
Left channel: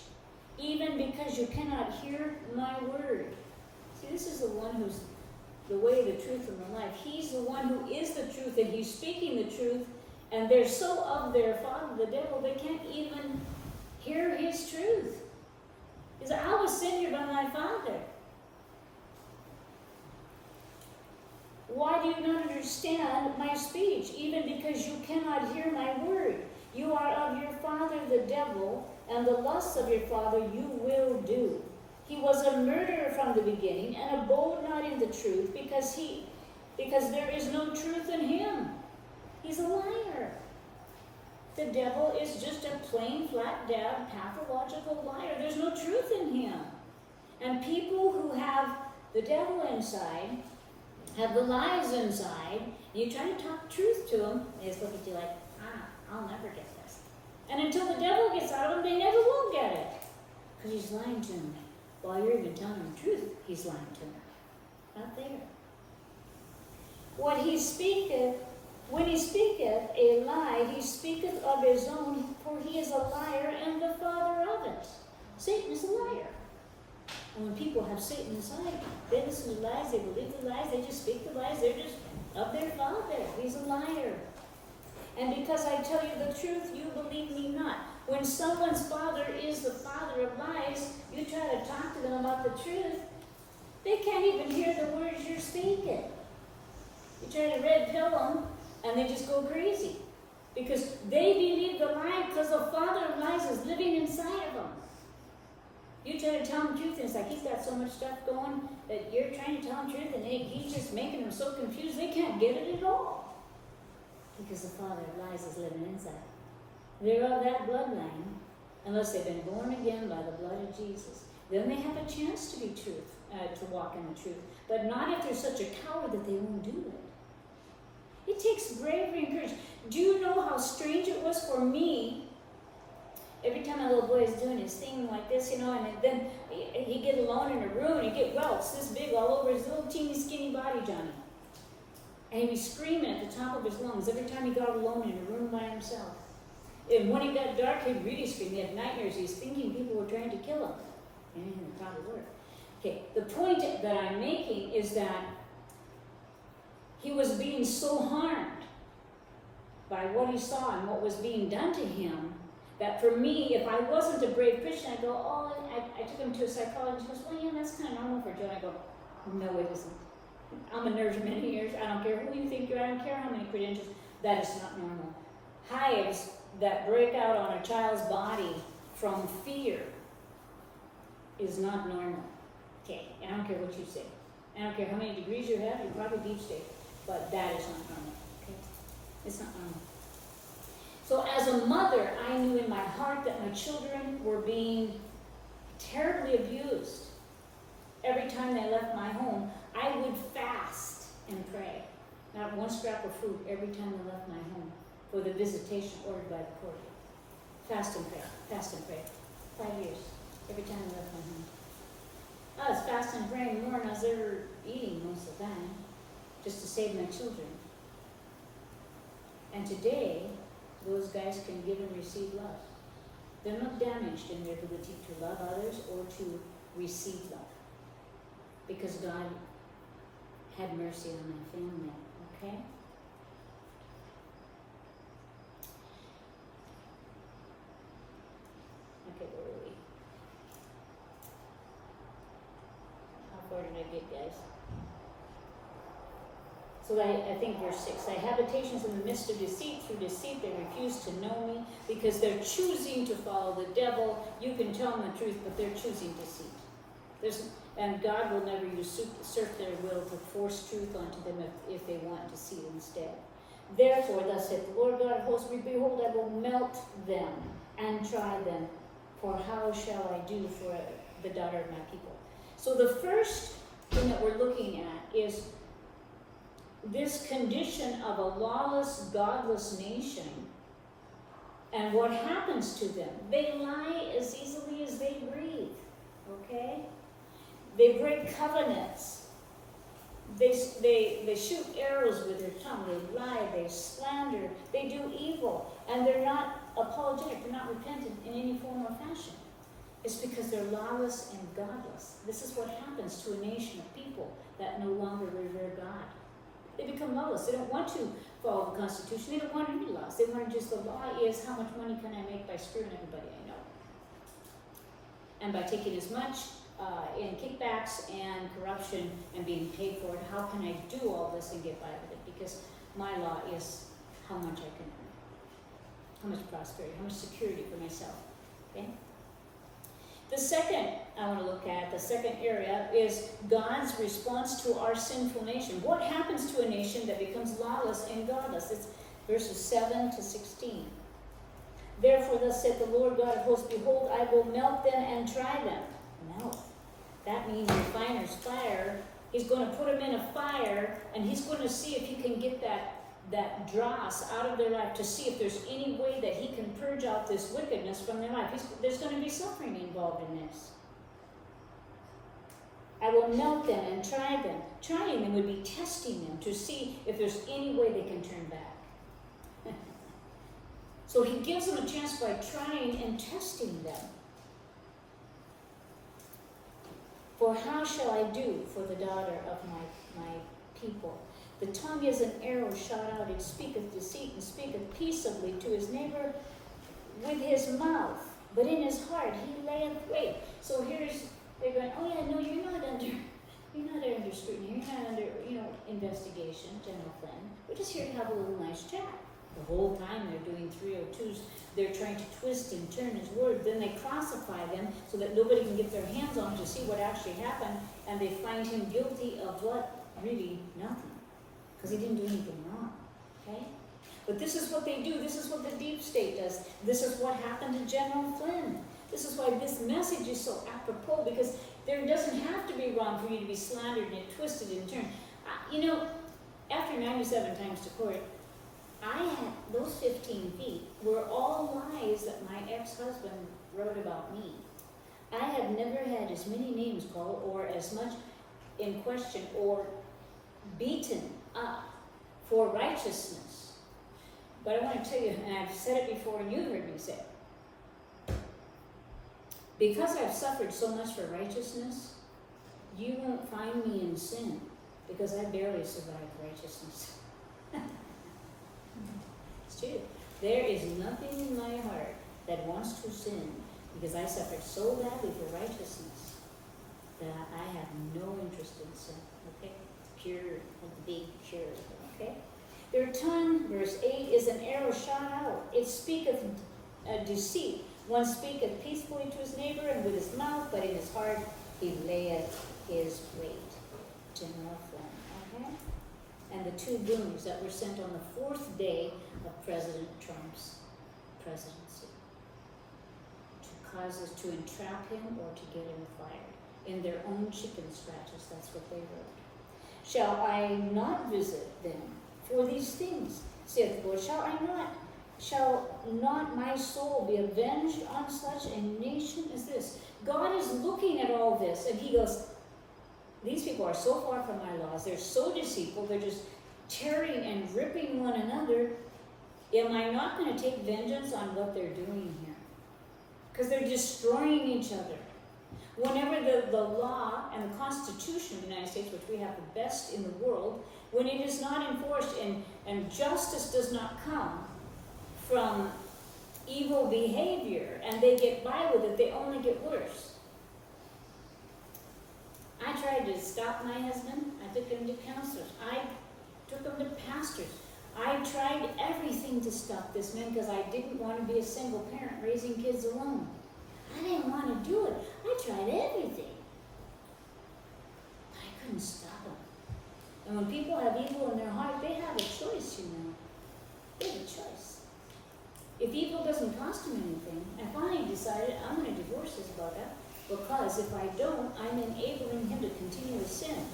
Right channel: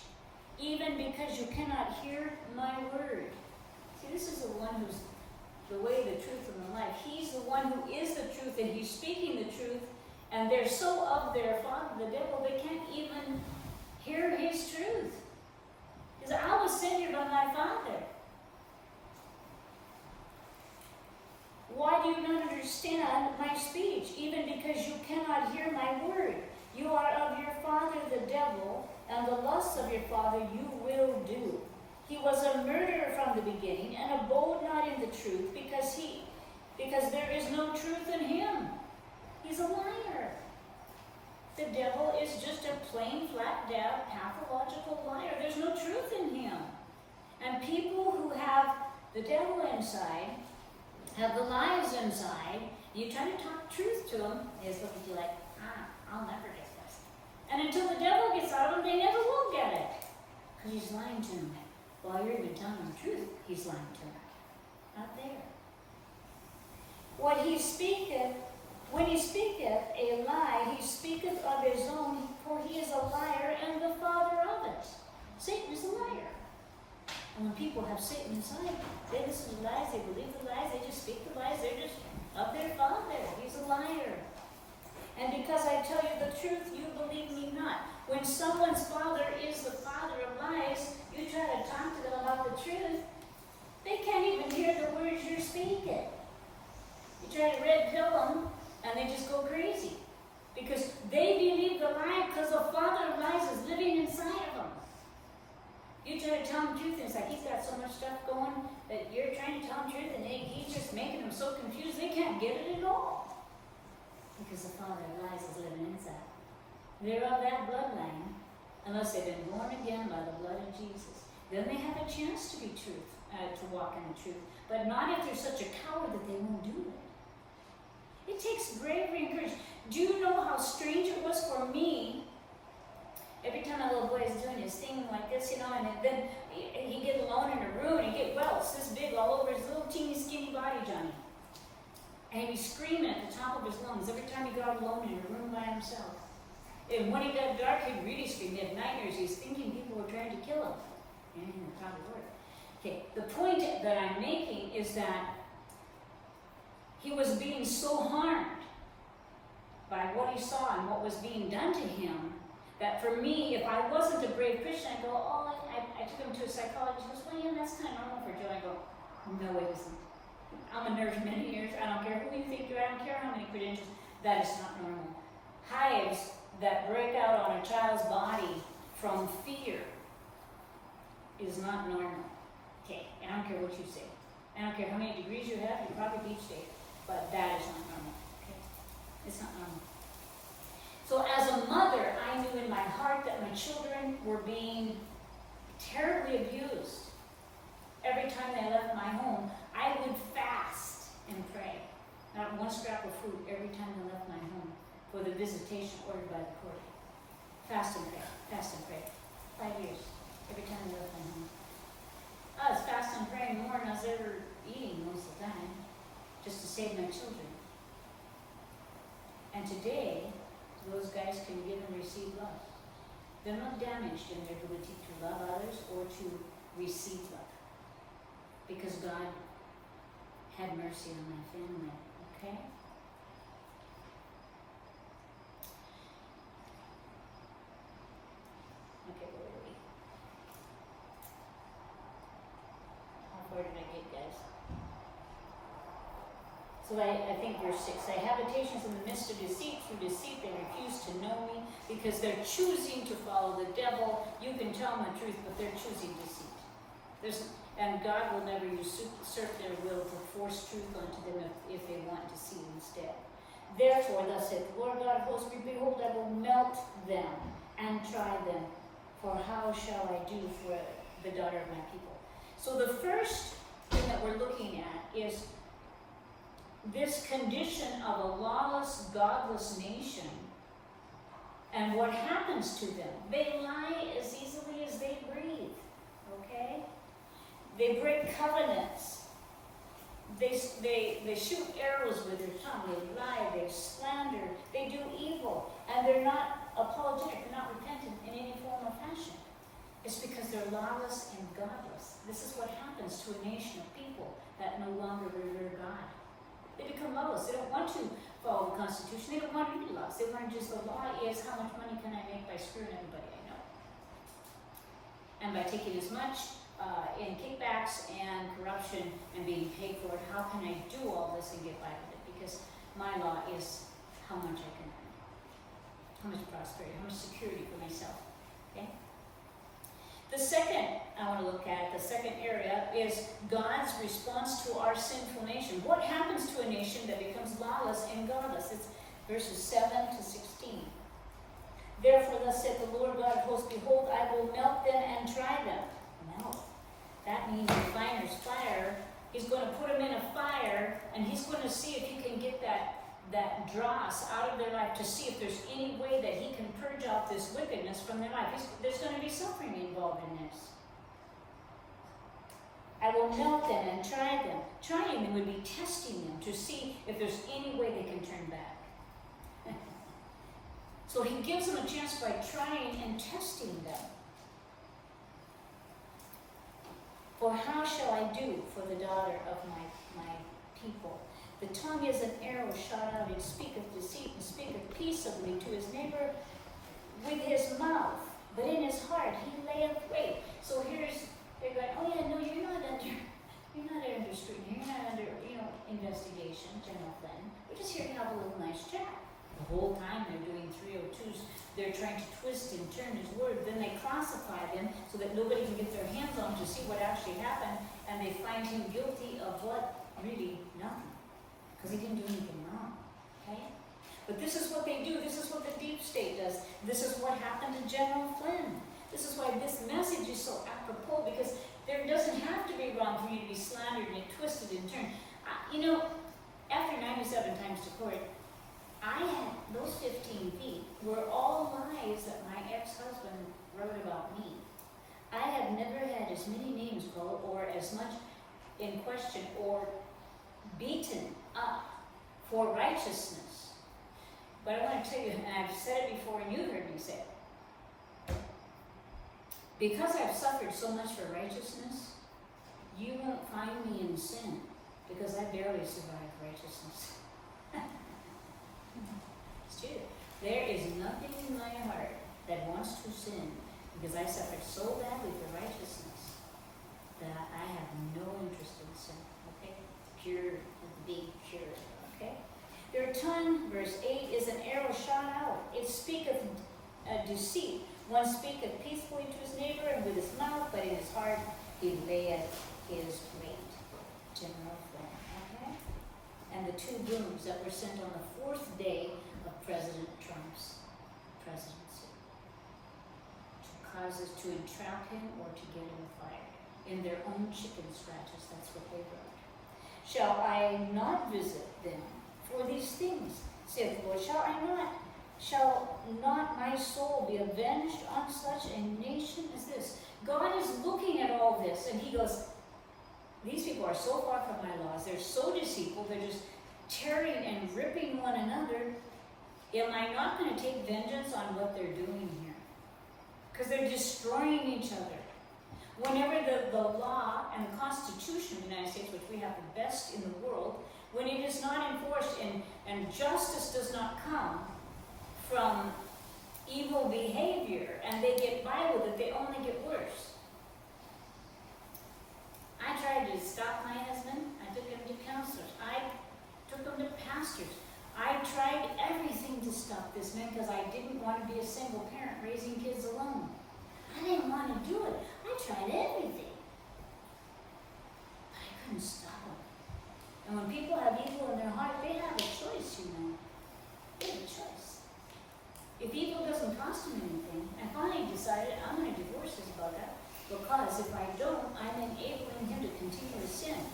even because you cannot hear my word? See, this is the one who's the way, the truth, and the life. He's the one who is the truth, and he's speaking the truth, and they're so of their father, the devil, they can't even hear his truth. He says, I was sent here by my Father. Why do you not understand my speech, even because you cannot hear my word? You are of your father the devil, and the lusts of your father you will do. He was a murderer from the beginning, and abode not in the truth, because there is no truth in him. He's a liar. The devil is just a plain, flat, dab, pathological liar. There's no truth in him. And people who have the devil inside, have the lies inside, you try to talk truth to them, they just look at you like, I'll never get this. And until the devil gets out of them, they never will get it. Because he's lying to them. While you're even telling them the truth, he's lying to them. Not there. What he speaketh, when he speaketh a lie, he speaketh of his own, for he is a liar and the father of it. Satan is a liar. And when people have Satan inside, they listen to lies, they believe the lies, they just speak the lies, they're just of their father. He's a liar. And because I tell you the truth, you believe me not. When someone's father is the father of lies, you try to talk to them about the truth, they can't even hear the words you're speaking. You try to red pill them, and they just go crazy. Because they believe the lie because the father of lies is living inside of them. You try to tell them truth, and it's like he's got so much stuff going that you're trying to tell them truth, and he's just making them so confused they can't get it at all. Because the father of lies is living inside. They're of that bloodline, unless they've been born again by the blood of Jesus. Then they have a chance to be truth, to walk in the truth. But not if they're such a coward that they won't do it. It takes bravery and courage. Do you know how strange it was for me? Every time my little boy is doing his thing like this, and then he'd get alone in a room, and he'd get welts this big all over his little teeny skinny body, Johnny. And he'd be screaming at the top of his lungs every time he got alone in a room by himself. And when it got dark, he'd really scream. He had nightmares. He's thinking people were trying to kill him. And it probably worked. Okay, the point that I'm making is that he was being so harmed by what he saw and what was being done to him, that for me, if I wasn't a brave Christian, I'd go, I took him to a psychologist. He goes, well, yeah, that's kind of normal for Joe. I go, no, it isn't. I'm a nurse for many years. I don't care who you think you are. I don't care how many credentials. That is not normal. Hives that break out on a child's body from fear is not normal. Okay, I don't care what you say. I don't care how many degrees you have. You probably beach day, but that is not normal. Okay, it's not normal. So as a mother, I knew in my heart that my children were being terribly abused. Every time they left my home, I would fast and pray. Not one scrap of food every time they left my home for the visitation ordered by the court. Fast and pray. Fast and pray. 5 years. Every time I left my home. I was fasting and praying more than I was ever eating most of the time, just to save my children. And today, those guys can give and receive love. They're not damaged in their ability to love others or to receive love. Because God had mercy on my family, okay? Okay, where were we? How far did I get, guys? So I think verse 6, I have habitations in the midst of deceit. Through deceit they refuse to know me because they're choosing to follow the devil. You can tell them the truth, but they're choosing deceit. And God will never usurp their will to force truth onto them if they want deceit instead. Therefore, thus saith the Lord God of hosts, behold, I will melt them and try them. For how shall I do for the daughter of my people? So the first thing that we're looking at is this condition of a lawless, godless nation, and what happens to them. They lie as easily as they breathe, okay? They break covenants. They shoot arrows with their tongue. They lie, they slander, they do evil, and they're not apologetic, they're not repentant in any form or fashion. It's because they're lawless and godless. This is what happens to a nation of people that no longer revere God. They become lawless. They don't want to follow the Constitution. They don't want to read laws. They want to just, the law is how much money can I make by screwing everybody I know. And by taking as much in kickbacks and corruption and being paid for it, how can I do all this and get by with it? Because my law is how much I can earn. How much prosperity, how much security for myself. Okay? The second I want to look at, the second area, is God's response to our sinful nation. What happens to a nation that becomes lawless and godless? It's verses 7 to 16. Therefore, thus saith the Lord God of hosts, behold, I will melt them and try them. Melt. That means the refiner's fire. He's going to put them in a fire, and he's going to see if he can get that dross out of their life, to see if there's any way that he can purge out this wickedness from their life. There's going to be suffering involved in this. I will melt them and try them. Trying them would be testing them to see if there's any way they can turn back. So he gives them a chance by trying and testing them. For how shall I do for the daughter of my people? The tongue is an arrow shot out, and speaketh deceit, and speaketh peaceably to his neighbor with his mouth, but in his heart he layeth wait. So they're going, oh yeah, no, you're not under scrutiny, you're not under, investigation, General Flynn. We're just here to have a little nice chat. The whole time they're doing 302s, they're trying to twist and turn his word. Then they classify them so that nobody can get their hands on to see what actually happened, and they find him guilty of what? Really nothing. Because he didn't do anything wrong, okay? But this is what they do. This is what the deep state does. This is what happened to General Flynn. This is why this message is so apropos, because there doesn't have to be wrong for you to be slandered and twisted and turned. After 97 times to court, those 15 feet were all lies that my ex-husband wrote about me. I have never had as many names called or as much in question or beaten up for righteousness. But I want to tell you, and I've said it before and you've heard me say it, because I've suffered so much for righteousness, you won't find me in sin, because I barely survived righteousness. It's true. There is nothing in my heart that wants to sin, because I suffered so badly for righteousness that I have no interest in sin. Okay? Pure, big pure. Okay? Their tongue, verse 8, is an arrow shot out. It speaketh deceit. One speaketh peacefully to his neighbor, and with his mouth, but in his heart he layeth his wait. General Flynn. Okay? And the two booms that were sent on the 4th day of President Trump's presidency, to cause us to entrap him or to get him fired. In their own chicken scratches, that's what they wrote. Shall I not visit them for these things, saith the Lord? Shall I not shall not my soul be avenged on such a nation as this? God is looking at all this and he goes, these people are so far from my laws. They're so deceitful. They're just tearing and ripping one another. Am I not going to take vengeance on what they're doing here? Because they're destroying each other. Whenever the law and the Constitution of the United States, which we have the best in the world, when it is not enforced and justice does not come from evil behavior and they get by with it, they only get worse. I tried to stop my husband. I took him to counselors. I took him to pastors. I tried everything to stop this man because I didn't want to be a single parent raising kids alone. I didn't want to do it. I tried everything. But I couldn't stop him. And when people have evil in their heart, they have a choice, you know. They have a choice. If evil doesn't cost him anything, I finally decided I'm going to divorce this bugger because if I don't, I'm enabling him to continue to sin.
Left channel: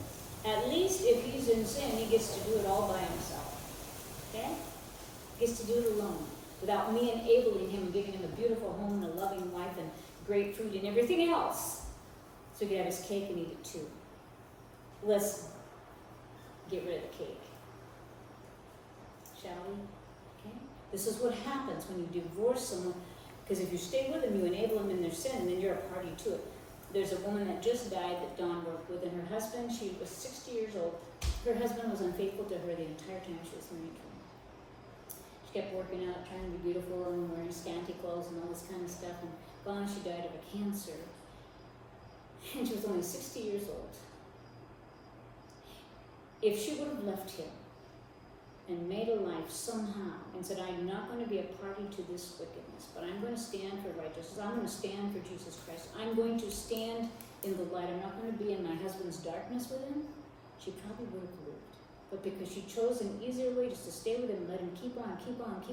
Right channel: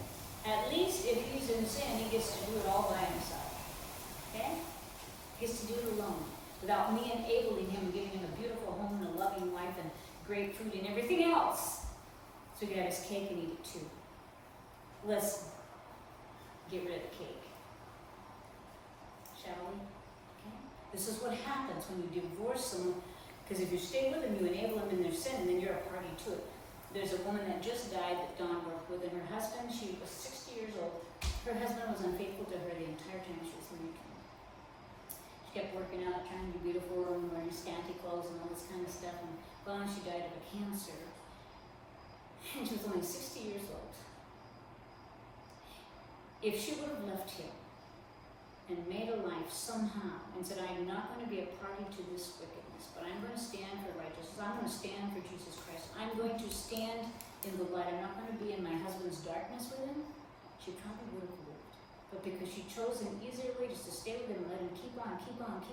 At least if he's in sin, he gets to do it all by himself. Okay? He gets to do it alone without me enabling him and giving him a beautiful home and a loving wife and great food and everything else. So he can have his cake and eat it too. Let's get rid of the cake. Shall we? Okay? This is what happens when you divorce someone. Because if you stay with them, you enable them in their sin, and then you're a party to it. There's a woman that just died that Dawn worked with, and her husband, she was 60 years old. Her husband was unfaithful to her the entire time she was married to him. She kept working out, trying to be beautiful, and wearing scanty clothes and all this kind of stuff. And gone, she died of a cancer. And she was only 60 years old. If she would have left him and made a life somehow and said, I'm not going to be a party to this wickedness, but I'm going to stand for righteousness. I'm going to stand for Jesus Christ. I'm going to stand in the light. I'm not going to be in my husband's darkness with him. She probably would have lived. But because she chose an easier way just to stay with him and let him keep on, she lost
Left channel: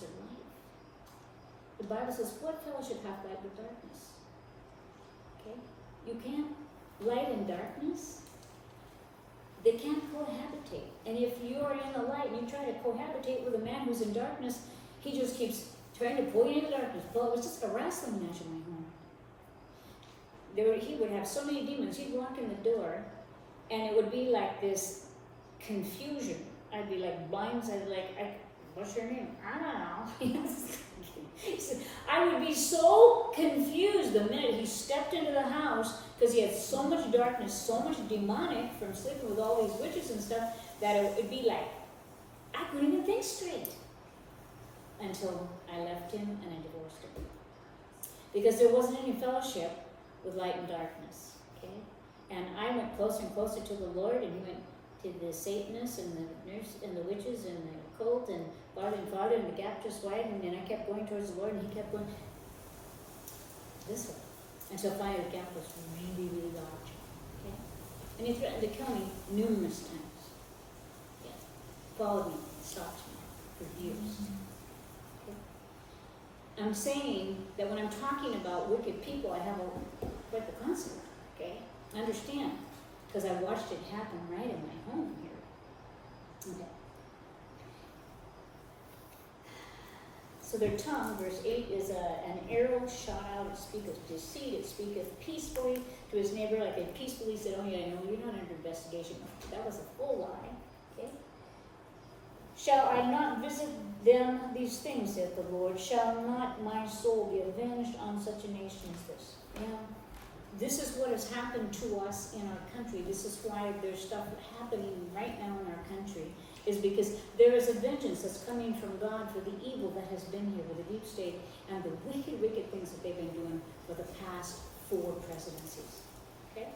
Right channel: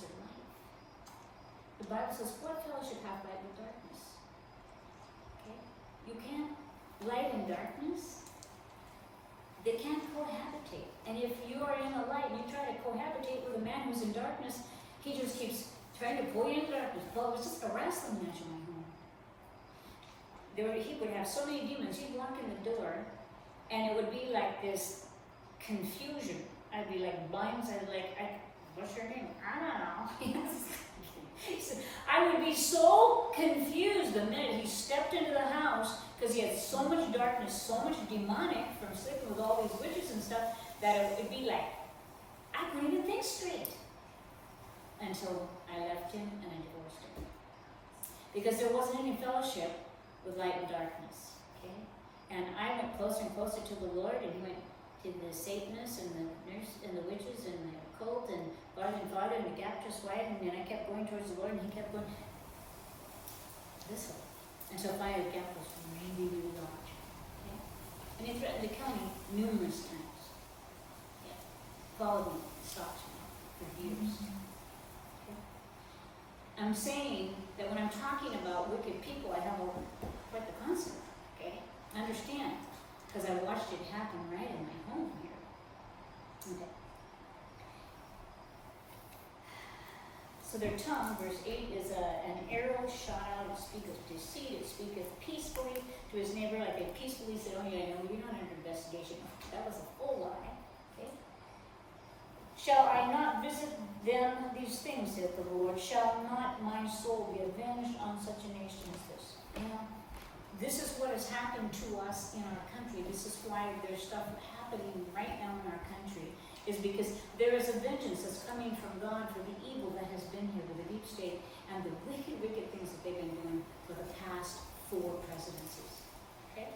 her life. The Bible says, what fellowship hath light with darkness? Okay? You can't light and darkness. They can't cohabitate. And if you are in the light, you try to cohabitate with a man who's in darkness, he just keeps trying to pull you into darkness. Well, it was just a wrestling match in my home. He would have so many demons. He'd walk in the door, and it would be like this confusion. I'd be like blindsided, what's your name? I don't know. I would be so confused the minute he stepped into the house because he had so much darkness, so much demonic from sleeping with all these witches and stuff that it would be like, I couldn't even think straight until I left him and I divorced him. Because there wasn't any fellowship with light and darkness, okay? And I went closer and closer to the Lord, and he went to the Satanists and the nurse and the witches and the occult and farther, and the gap just widened, and I kept going towards the Lord, and he kept going this way. Until finally the gap was really, really large. Okay? And he threatened to kill me numerous times. Yeah. Followed me, stalked me for years. Okay? I'm saying that when I'm talking about wicked people, I have quite the concept. Okay? Understand. Because I watched it happen right in my home here. Okay. So their tongue, verse 8, is an arrow shot out. It speaketh deceit. It speaketh peacefully to his neighbor, like they peacefully said, oh yeah, no, we're not under investigation. That was a full lie. Okay? Shall I not visit them these things, saith the Lord? Shall not my soul be avenged on such a nation as this? Now, this is what has happened to us in our country. This is why there's stuff happening right now in our country, is because there is a vengeance that's coming from God for the evil that has been here with the deep state and the wicked, wicked things that they've been doing for the past 4 presidencies. Okay?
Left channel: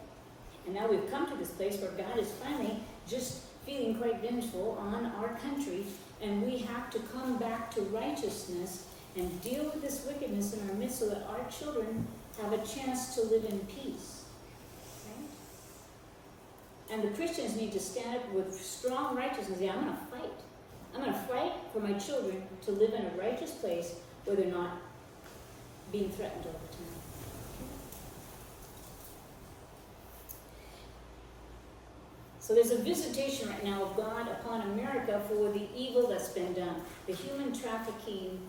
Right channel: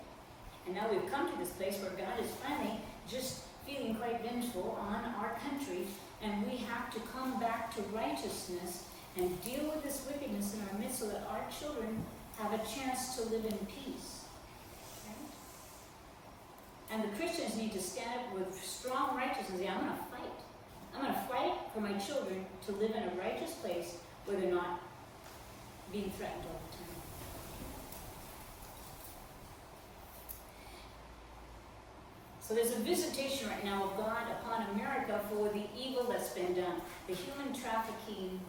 And now we've come to this place where God is finally just feeling quite vengeful on our country, and we have to come back to righteousness and deal with this wickedness in our midst so that our children have a chance to live in peace. Okay? And the Christians need to stand up with strong righteousness and say, I'm going to fight. I'm going to fight for my children to live in a righteous place where they're not being threatened all the time. So there's a visitation right now of God upon America for the evil that's been done. The human trafficking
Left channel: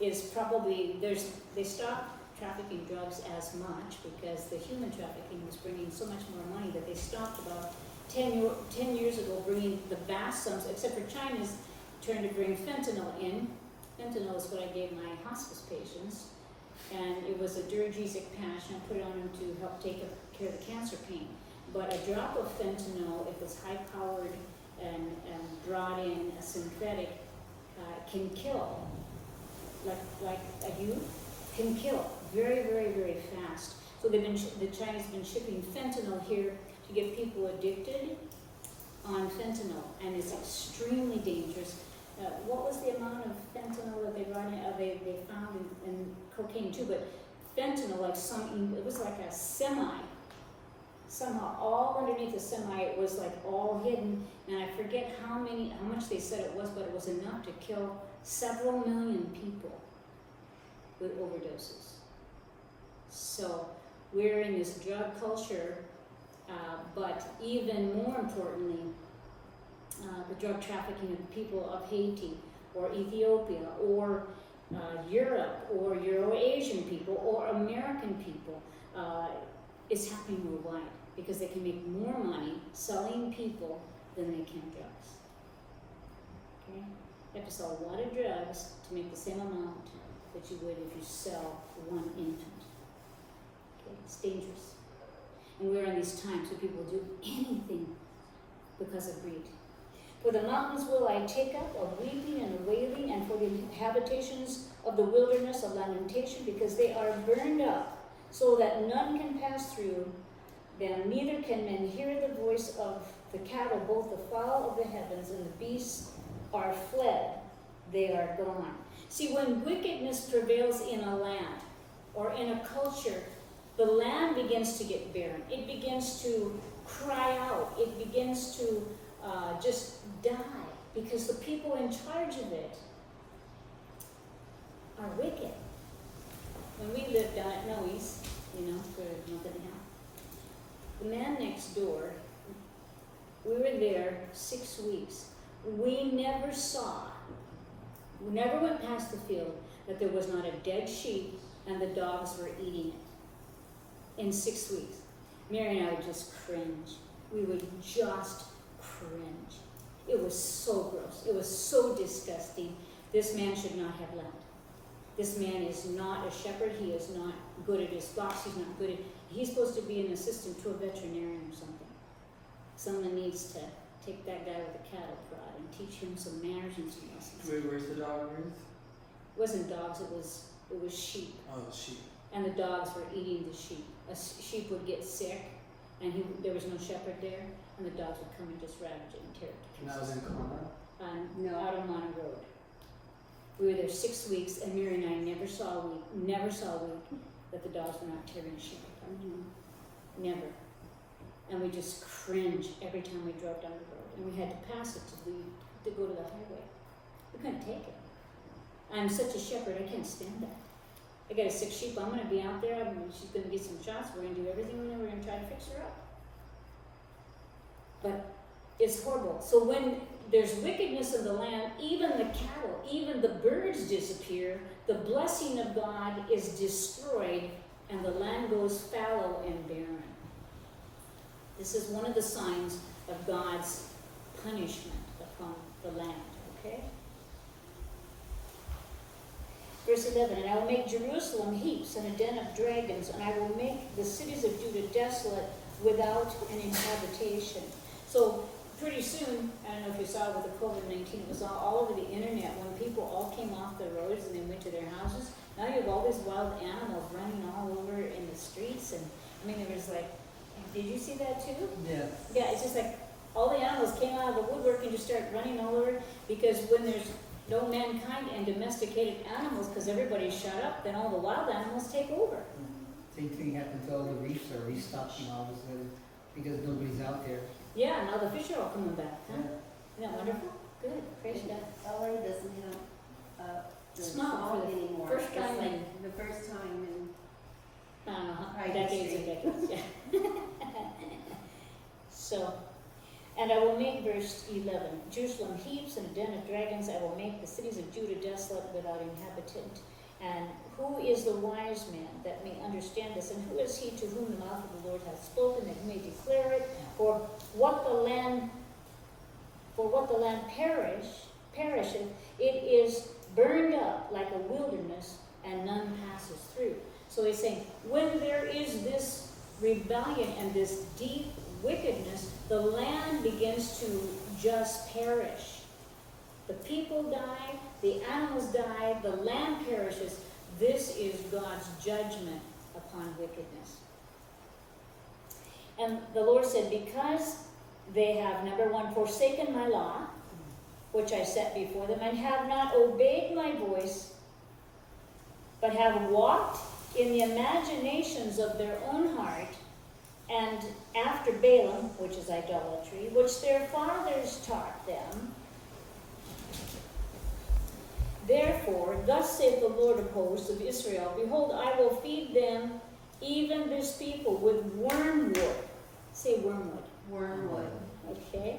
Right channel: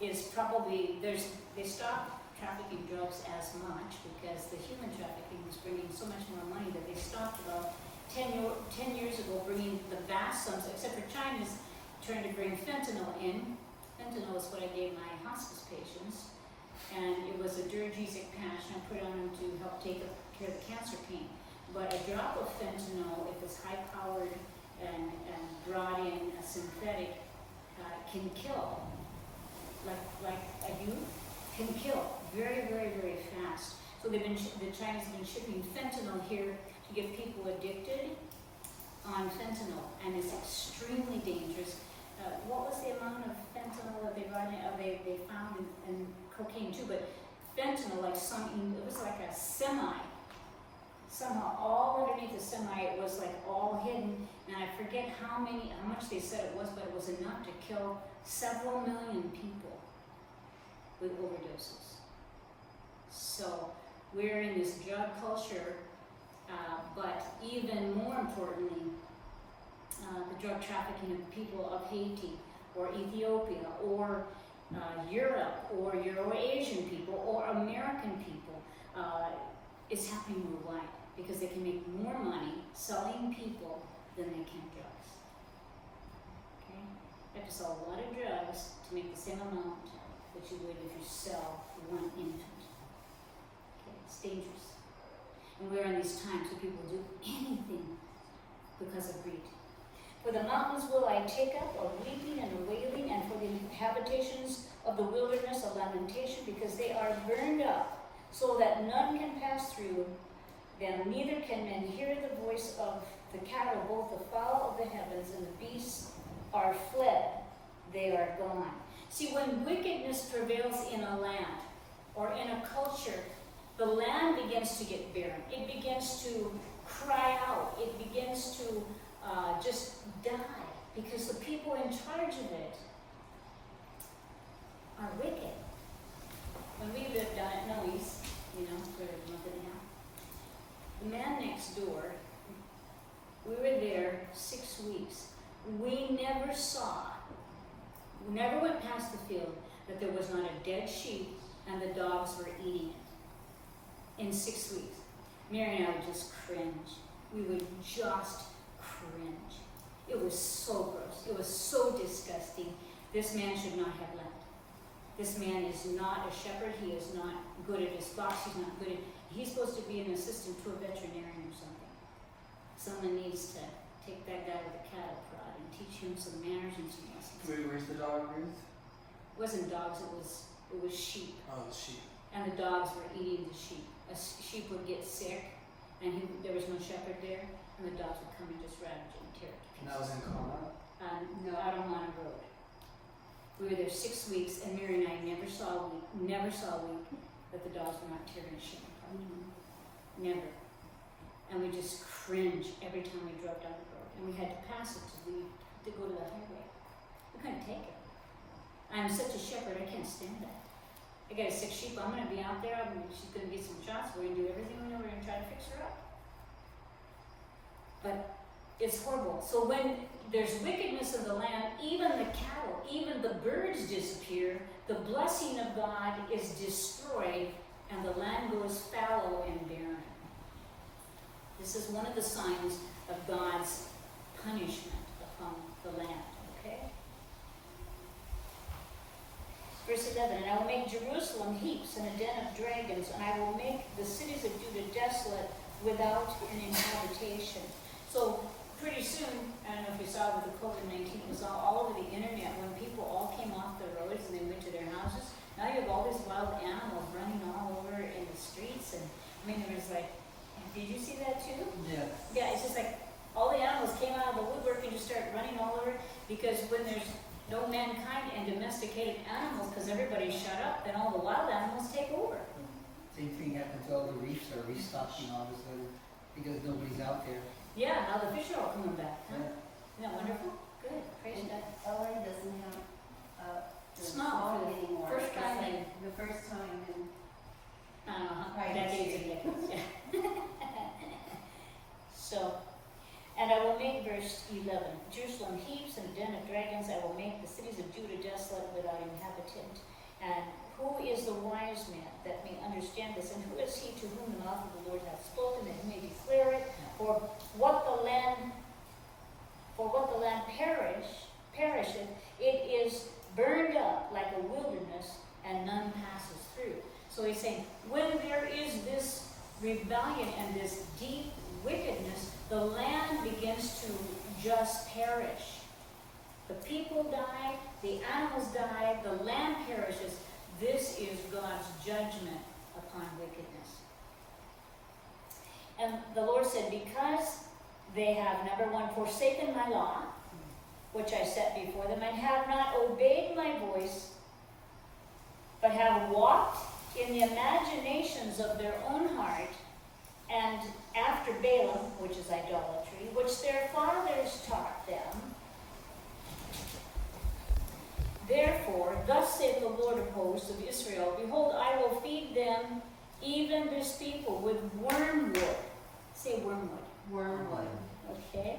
is probably, they stopped trafficking drugs as much because the human trafficking was bringing so much more money that they stopped about 10 years ago bringing the vast sums, except for China's trying to bring fentanyl in. Fentanyl is what I gave my hospice patients, and it was a Duragesic patch, and I put it on them to help take care of the cancer pain. But a drop of fentanyl, if it's high-powered and brought in a synthetic, can kill. Like a youth, can kill very, very, very fast. So the Chinese have been shipping fentanyl here to get people addicted on fentanyl, and it's extremely dangerous. What was the amount of fentanyl that they found in cocaine too? But fentanyl, it was like a semi. Somehow, all underneath the semi, it was like all hidden, and I forget how much they said it was, but it was enough to kill several million people with overdoses. So we're in this drug culture, but even more importantly, the drug trafficking of people of Haiti or Ethiopia or Europe or Euro-Asian people or American people is happening worldwide because they can make more money selling people than they can drugs. Okay? You have to sell a lot of drugs to make the same amount that you would if you sell one infant. Okay? It's dangerous. And we're in these times where people do anything because of greed. For the mountains will I take up, a weeping and a wailing, and for the habitations of the wilderness of lamentation, because they are burned up, so that none can pass through them, neither can men hear the voice of the cattle, both the fowl of the heavens and the beasts are fled, they are gone. See, when wickedness prevails in a land or in a culture, the land begins to get barren. It begins to cry out. It begins to just die because the people in charge of it are wicked. When we lived down at Noe's, for a month and a half, the man next door, we were there 6 weeks. We never went past the field that there was not a dead sheep and the dogs were eating it in 6 weeks. Mary and I would just cringe. We would just cringe. It was so gross. It was so disgusting. This man should not have land. This man is not a shepherd. He is not good at his flocks. He's not good at... He's supposed to be an assistant to a veterinarian or something. Someone needs to take that guy with a cattle prod and teach him some manners and some lessons. Wait, where's the dog, Ruth? It wasn't dogs. It was sheep. Oh, sheep. And the dogs were eating the sheep. A sheep would get sick, and there was no shepherd there, and the dogs would come and just ravage it and tear it to And that was pieces. in Conroe? No. Out on Monte Road. We were there 6 weeks, and Mary and I never saw a week that the dogs were not tearing a sheep apart. Never. And we just cringe every time we drove down the road, and we had to pass it to go to the highway. We couldn't take it. I'm such a shepherd, I can't stand that. I got a sick sheep, I'm gonna be out there, she's gonna get some shots, we're gonna do everything we know, we're gonna try to fix her up. But it's horrible. So when there's wickedness in the land, even the cattle, even the birds disappear, the blessing of God is destroyed, and the land goes fallow and barren. This is one of the signs of God's punishment upon the land, okay? Verse 11, and I will make Jerusalem heaps and a den of dragons, and I will make the cities of Judah desolate without an inhabitation. So pretty soon, I don't know if you saw with the COVID-19, it was all over the internet when people all came off the roads and they went to their houses. Now you have all these wild animals running all over in the streets, and it was like, did you see that too? Yeah. Yeah, it's just like all the animals came out of the woodwork and just started running all over, because when there's no mankind and domesticated animals, because everybody's shut up, then all the wild animals take over. Same thing happened to all the reefs are restocking all of a sudden because nobody's out there. Yeah, now the fish are all coming back, huh? Yeah. Isn't that wonderful? Good, praise God. LA doesn't have the It's not smog for the anymore. first It's time like in- the first time in Decades Right, and decades, yeah. So, And I will make, verse 11, Jerusalem heaps and a den of dragons. I will make the cities of Judah desolate without inhabitant. And who is the wise man that may understand this? And who is he to whom the mouth of the Lord hath spoken, that he may declare it? For what the land perisheth, it is burned up like a wilderness, and none passes through. So he's saying, when there is this rebellion and this deep wickedness, the land begins to just perish. The people die, the animals die, the land perishes. This is God's judgment upon wickedness. And the Lord said, because they have, number one, forsaken my law, which I set before them, and have not obeyed my voice, but have walked in the imaginations of their own heart, and after Balaam, which is idolatry, which their fathers taught them. Therefore, thus saith the Lord of hosts of Israel, behold, I will feed them, even this people, with wormwood. Say wormwood. Wormwood. Okay?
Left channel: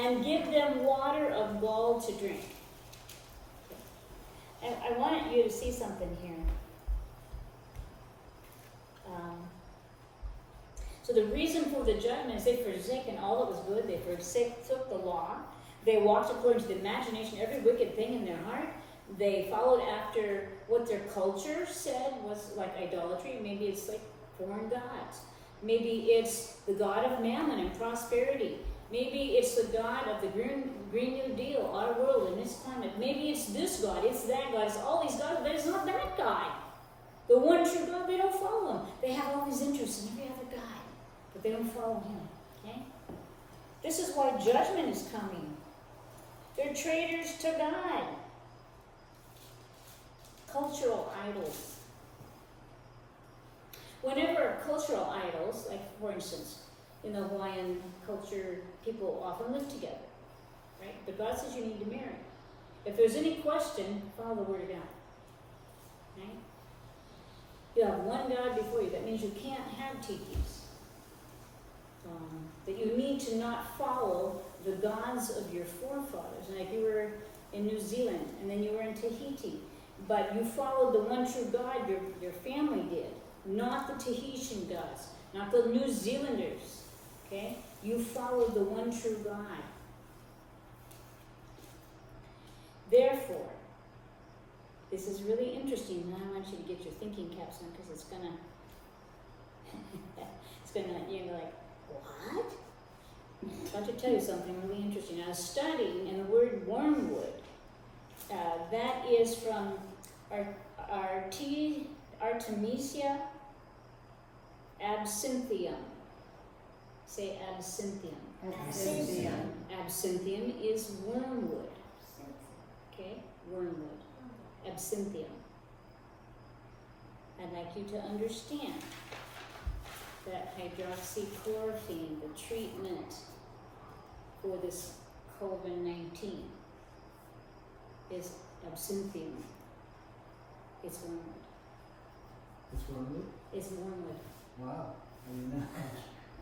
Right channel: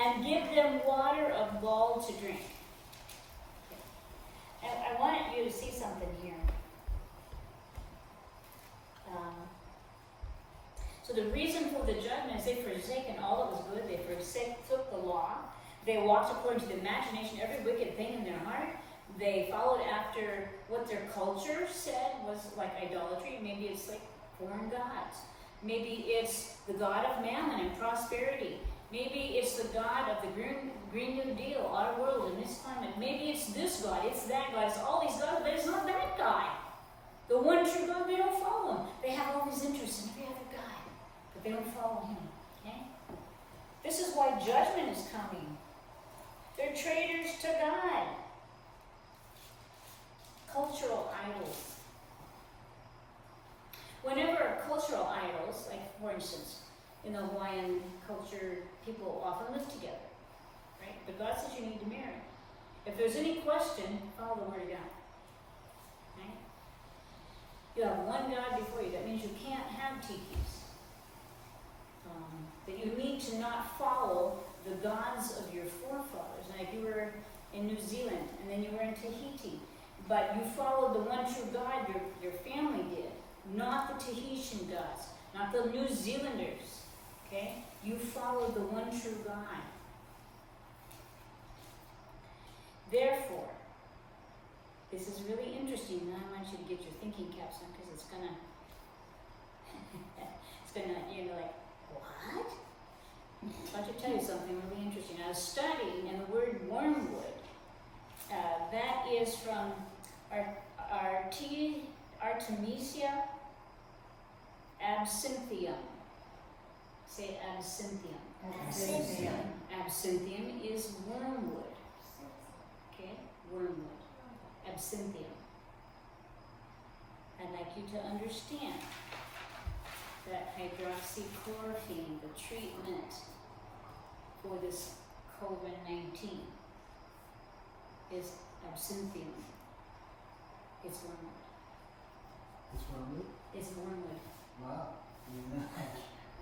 And give them water of gall to drink. Okay. And I want you to see something here. So the reason for the judgment is they've forsaken all that was good. They forsook the law. They walked according to the imagination, every wicked thing in their heart. They followed after what their culture said was like idolatry. Maybe it's like foreign gods. Maybe it's the god of mammon and prosperity. Maybe it's the god of the Green New Deal, our world and this climate. Maybe it's this god, it's that god, it's all these gods, but it's not that guy. The one true God, they don't follow him. They have all these interests in every other god, but they don't follow him. Okay? This is why judgment is coming. They're traitors to God. Cultural idols. Whenever cultural idols, like for instance, in the Hawaiian culture, people often live together, right? But God says you need to marry. If there's any question, follow the word of God, right? You have one God before you. That means you can't have tikis. That you need to not follow the gods of your forefathers. And if you were in New Zealand and then you were in Tahiti, but you followed the one true God your family did, not the Tahitian gods, not the New Zealanders, okay? You followed the one true God. Therefore, this is really interesting, and I want you to get your thinking caps on because it's gonna, you're like, what? I'm about to tell you something really interesting. I was studying, and the word wormwood, that is from Artemisia absinthium. Say absinthium. Absinthium. Absinthium is wormwood. Okay? Wormwood. Absinthium. I'd like you to understand that hydroxychloroquine, the treatment for this COVID-19, is absinthium. It's wormwood. It's wormwood? It's wormwood. Wow. I mean,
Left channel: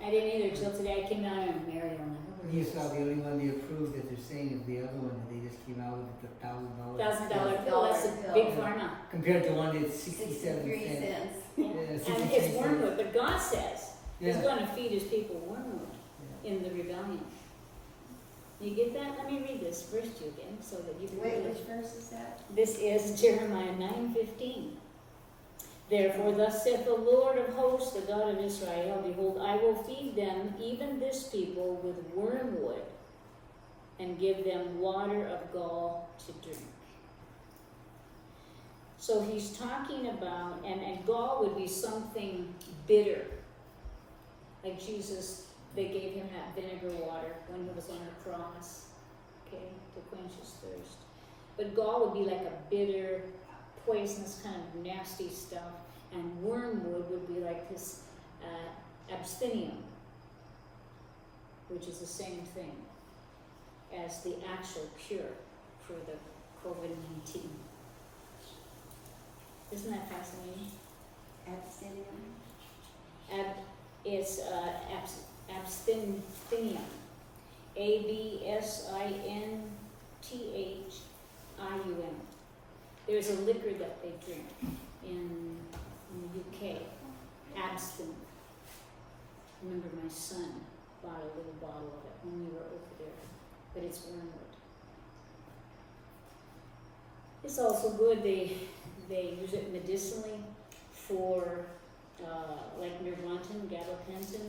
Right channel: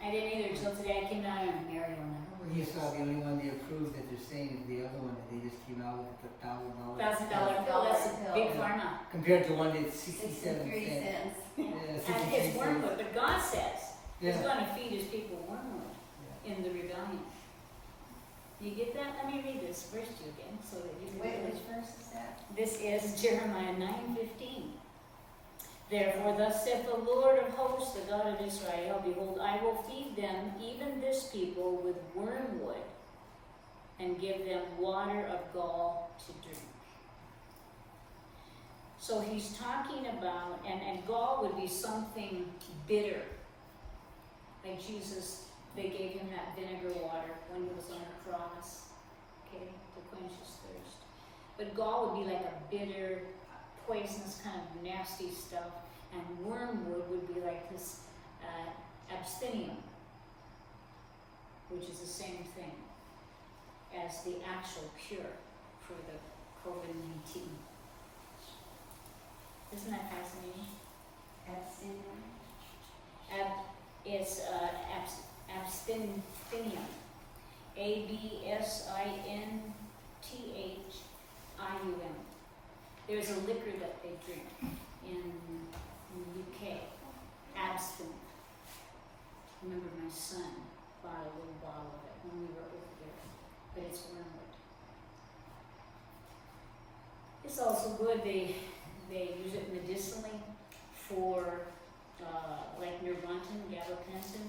I didn't either until today. I came down and married one. you saw the only one they approved that they're saying is the other one that they just came out with the $1,000. $1,000 bill. That's a bill. big pharma. Compared to one that's 67 63 cents. cents. Yeah, 63 And it's cents. wormwood, but God says He's Yeah. going to feed His people wormwood in the rebellion. You get that? Let me read this verse to you again, so that you can. Wait, which verse is that? This is Jeremiah 9:15. Therefore, thus saith the Lord of hosts, the God of Israel, behold, I will feed them, even this people, with wormwood, and give them water of gall to drink. So he's talking about, and gall would be something bitter. Like Jesus, they gave him that vinegar water when he was on the cross, okay, to quench his thirst. But gall would be like a bitter, poisonous kind of nasty stuff, and wormwood would be like this absthinium, which is the same thing as the actual cure for the COVID-19. Isn't that fascinating? Absinthium. It's absthinium. Absintium. There's a liquor that they drink in the UK, absinthe. I remember my son bought a little bottle of it when we were over there, but it's wormwood. It's also good, they use it medicinally for, like Nervantin, gabapentin,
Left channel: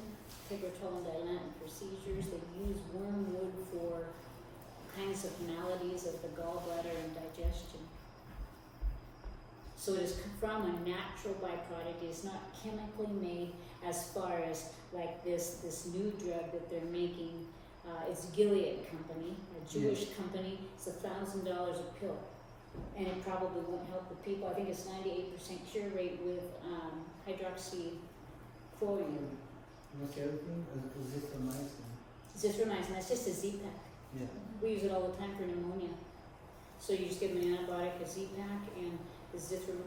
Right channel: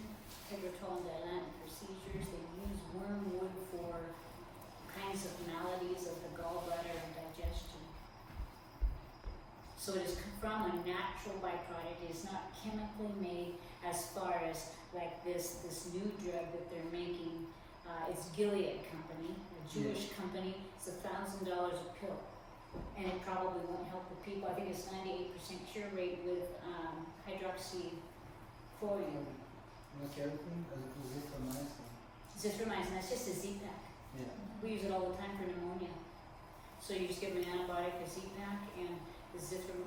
Tegretol, and Dilantin for seizures. They use wormwood for kinds of maladies of the gallbladder and digestion. So it is from a natural byproduct. It is not chemically made as far as like this new drug that they're making. It's Gilead Company, a Jewish company. It's $1,000 a pill. And it probably won't help the people. I think it's 98% cure rate with hydroxychloroquine. What's the other thing? Azithromycin. Zithromycin, that's just a Z-Pack. Yeah. We use it all the time for pneumonia. So you just give them an antibiotic, a Z-Pack, and the azithromycin,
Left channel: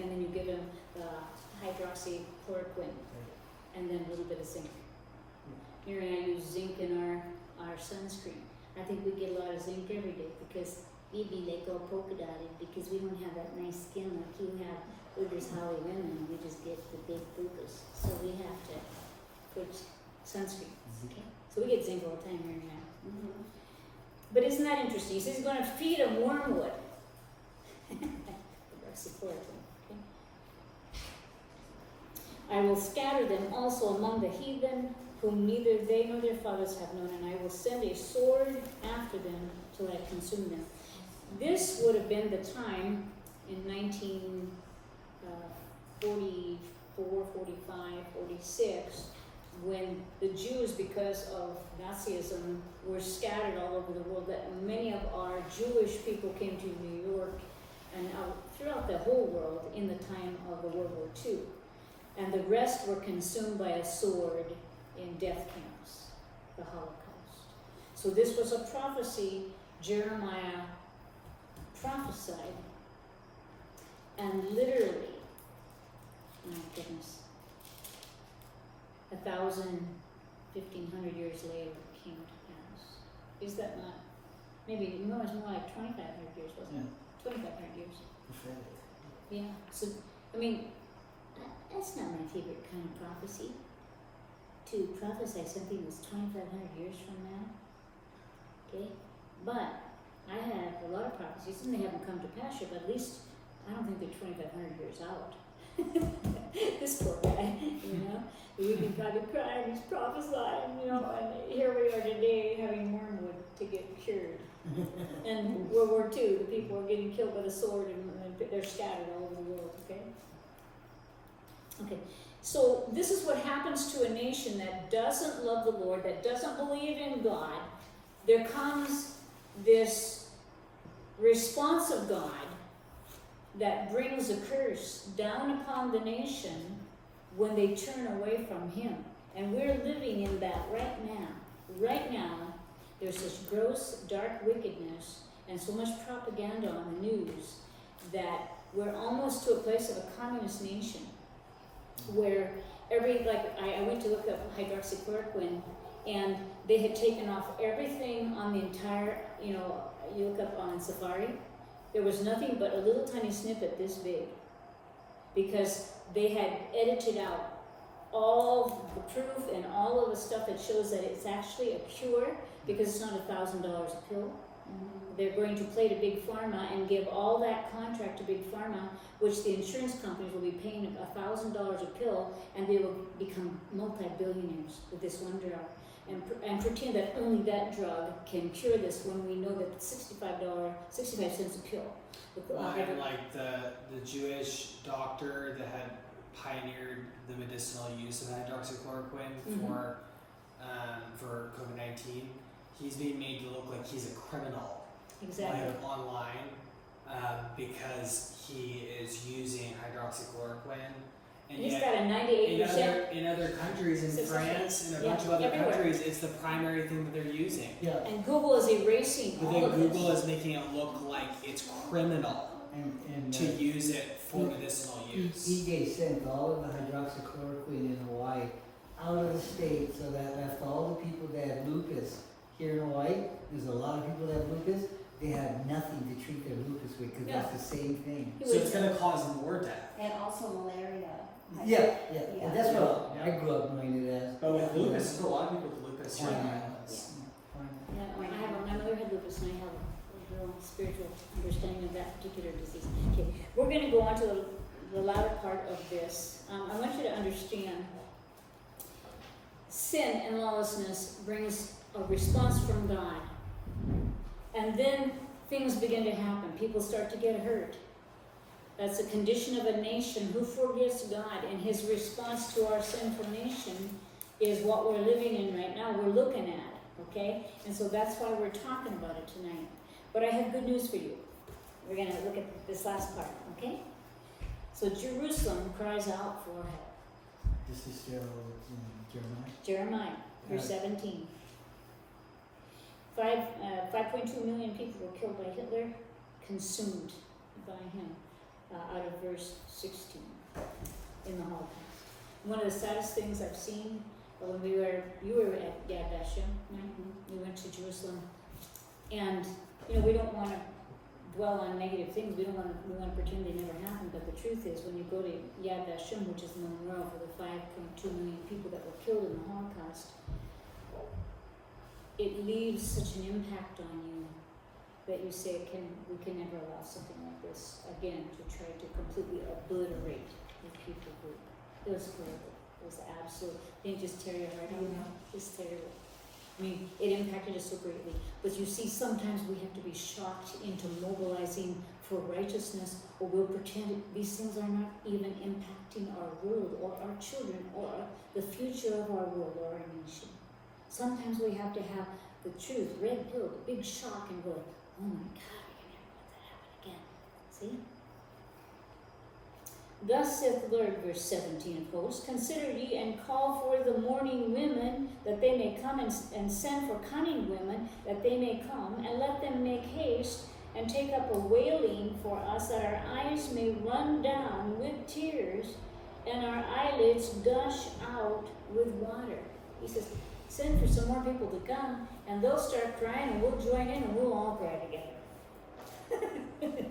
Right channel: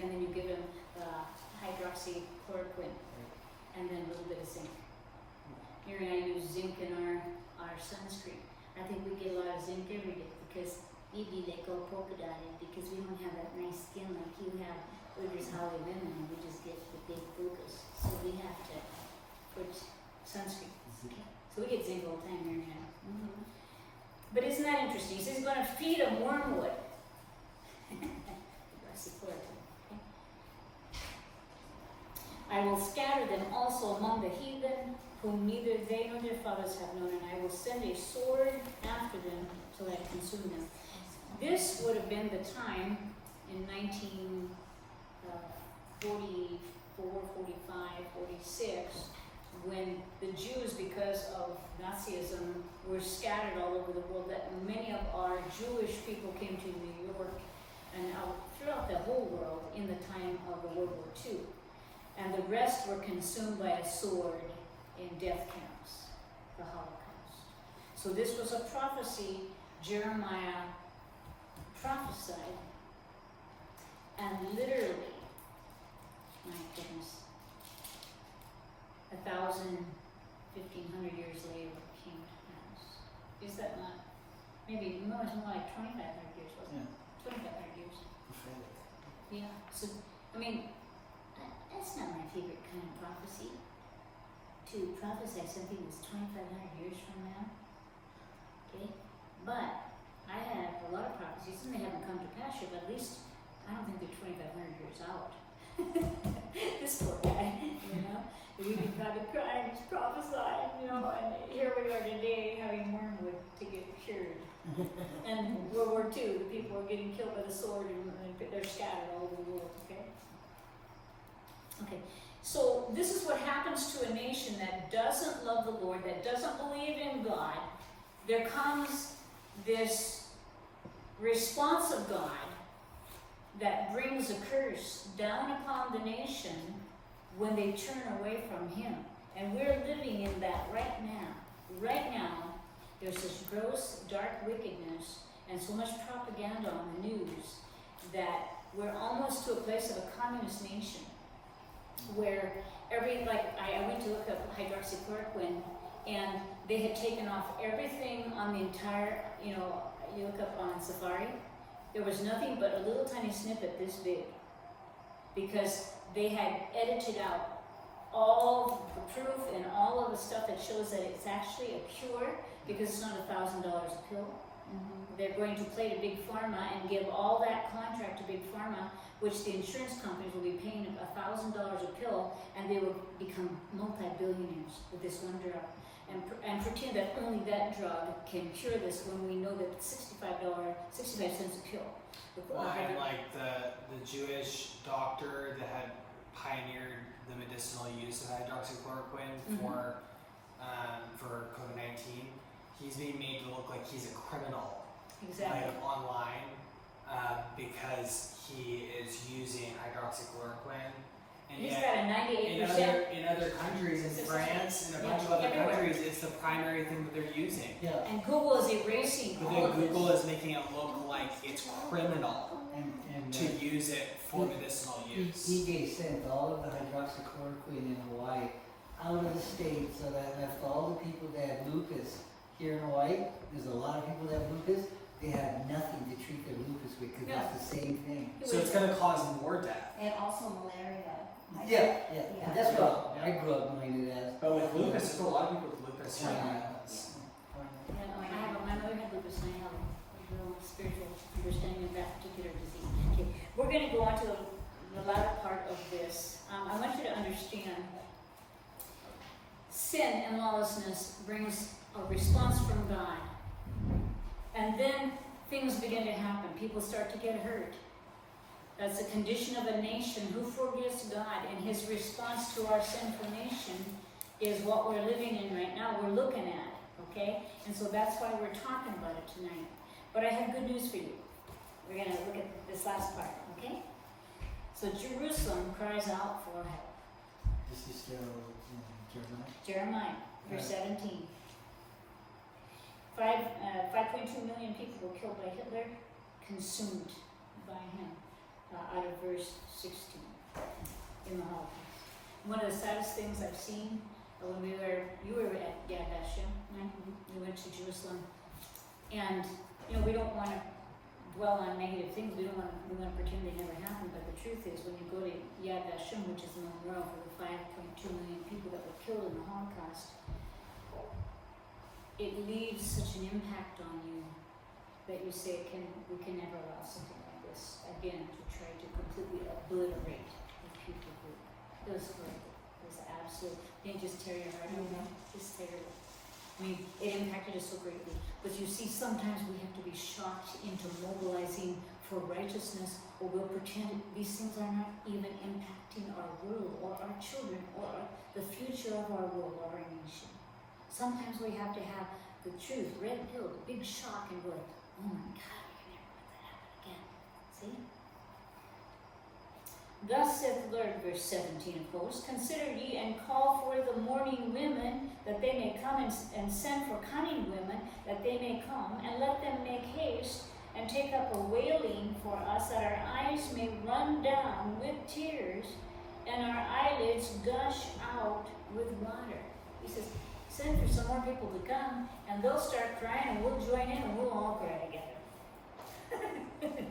and then you give them hydroxychloroquine, and then a little bit of zinc. Here and I use zinc in our sunscreen. I think we get a lot of zinc every day because we be like all polka dotted because we don't have that nice skin like you have. We're just Holly women and we just get the big focus. So we have to put sunscreen. Okay. So we get zinc all the time here and now. Mm-hmm. But isn't that interesting? He says he's going to feed them wormwood. Okay. I will scatter them also among the heathen, whom neither they nor their fathers have known, and I will send a sword after them till I consume them. This would have been the time in 1944, 45, 46, when the Jews, because of Nazism, were scattered all over the world, that many of our Jewish people came to New York and throughout the whole world in the time of the World War II. And the rest were consumed by a sword in death camps, the Holocaust. So this was a prophecy Jeremiah prophesied, and literally, my goodness, 1,000, 1,500 years later it came to pass. Is that not, maybe more, it's more like 2,500 years, wasn't it? 2,500 years. Yeah, so, I mean, that's not my favorite kind of prophecy. To prophesy something that's 2,500 years from now. Okay? But I have a lot of prophecies, and they haven't come to pass yet, but at least I don't think they're 2,500 years out. This poor guy, you know? We can probably cry and just prophesy, you know, and here we are today having wormwood to get cured. And World War II, the people are getting killed with a sword and they're scattered all over the world, okay? Okay. So this is what happens to a nation that doesn't love the Lord, that doesn't believe in God. There comes this response of God that brings a curse down upon the nation when they turn away from Him. And we're living in that right now. Right now, there's this gross, dark wickedness and so much propaganda on the news that we're almost to a place of a communist nation, where I went to look up hydroxychloroquine, and they had taken off everything on the entire, you know, you look up on Safari, there was nothing but a little tiny snippet this big, because they had edited out all the proof and all of the stuff that shows that it's actually a cure, because it's not $1,000 a pill. They're going to play to Big Pharma and give all that contract to Big Pharma, which the insurance companies will be paying $1,000 a pill, and they will become multi-billionaires with this one drug, and pretend that only that drug can cure this when we know that it's 65 cents a pill. Well, and like the Jewish doctor that had pioneered the medicinal use of hydroxychloroquine for COVID-19, he's being made to look like he's a criminal, Exactly. like online, because he is using hydroxychloroquine. And He's yet, got a 98%. in other countries, in Success France, and a rate. bunch Yeah, of other everywhere. countries, it's the primary thing that they're using. Yeah, And Google is erasing But all then of Google this. is making it look like it's criminal and to use it for medicinal use. EJ sent all of the hydroxychloroquine in Hawaii out of the state, so that left all the people that had lupus here in Hawaii. There's a lot of people that have lupus. They had nothing to treat their lupus with because Yeah. it's the same thing. So it's gonna cause more death. And also malaria. Yeah, Yeah. and that's what I grew up knowing it as. But with lupus, there's a lot of people with lupus here in Quinine. islands. Yeah, my mother had lupus and I have a real spiritual understanding of that particular disease. Okay, we're gonna go on to the latter part of this. I want you to understand sin and lawlessness brings a response from God. And then things begin to happen. People start to get hurt. That's a condition of a nation who forgets God, and his response to our sinful nation is what we're living in right now, we're looking at, okay? And so that's why we're talking about it tonight. But I have good news for you. We're going to look at this last part, okay? So Jerusalem cries out for help. This is still Jeremiah. Jeremiah, verse 17. 5.2 million people were killed by Hitler, consumed by him, out of verse 16 in the Holocaust. One of the saddest things I've seen when you were at Yad Vashem, we went to Jerusalem, and we don't want to dwell on negative things. We want to pretend they never happened. But the truth is, when you go to Yad Vashem, which is the memorial for the 5.2 million people that were killed in the Holocaust, it leaves such an impact on you that you say we can never allow something like this again to try to completely obliterate a people group. It was horrible. It was absolute. Didn't just tear your heart out. Just terrible. I mean, it impacted us so greatly. But you see, sometimes we have to be shocked into mobilizing for righteousness, or we'll pretend these things are not even impacting our world or our children or the future of our world or our nation. Sometimes we have to have the truth, red pill, the big shock, and go, oh my God, I never let that happen again. See? Thus saith the Lord, verse 17 of course, consider ye and call for the mourning women, that they may come, and send for cunning women, that they may come, and let them make haste, and take up a wailing for us, that our eyes may run down with tears, and our eyelids gush out with water. He says, send for some more people to come, and they'll start crying, and we'll join in, and we'll all cry together.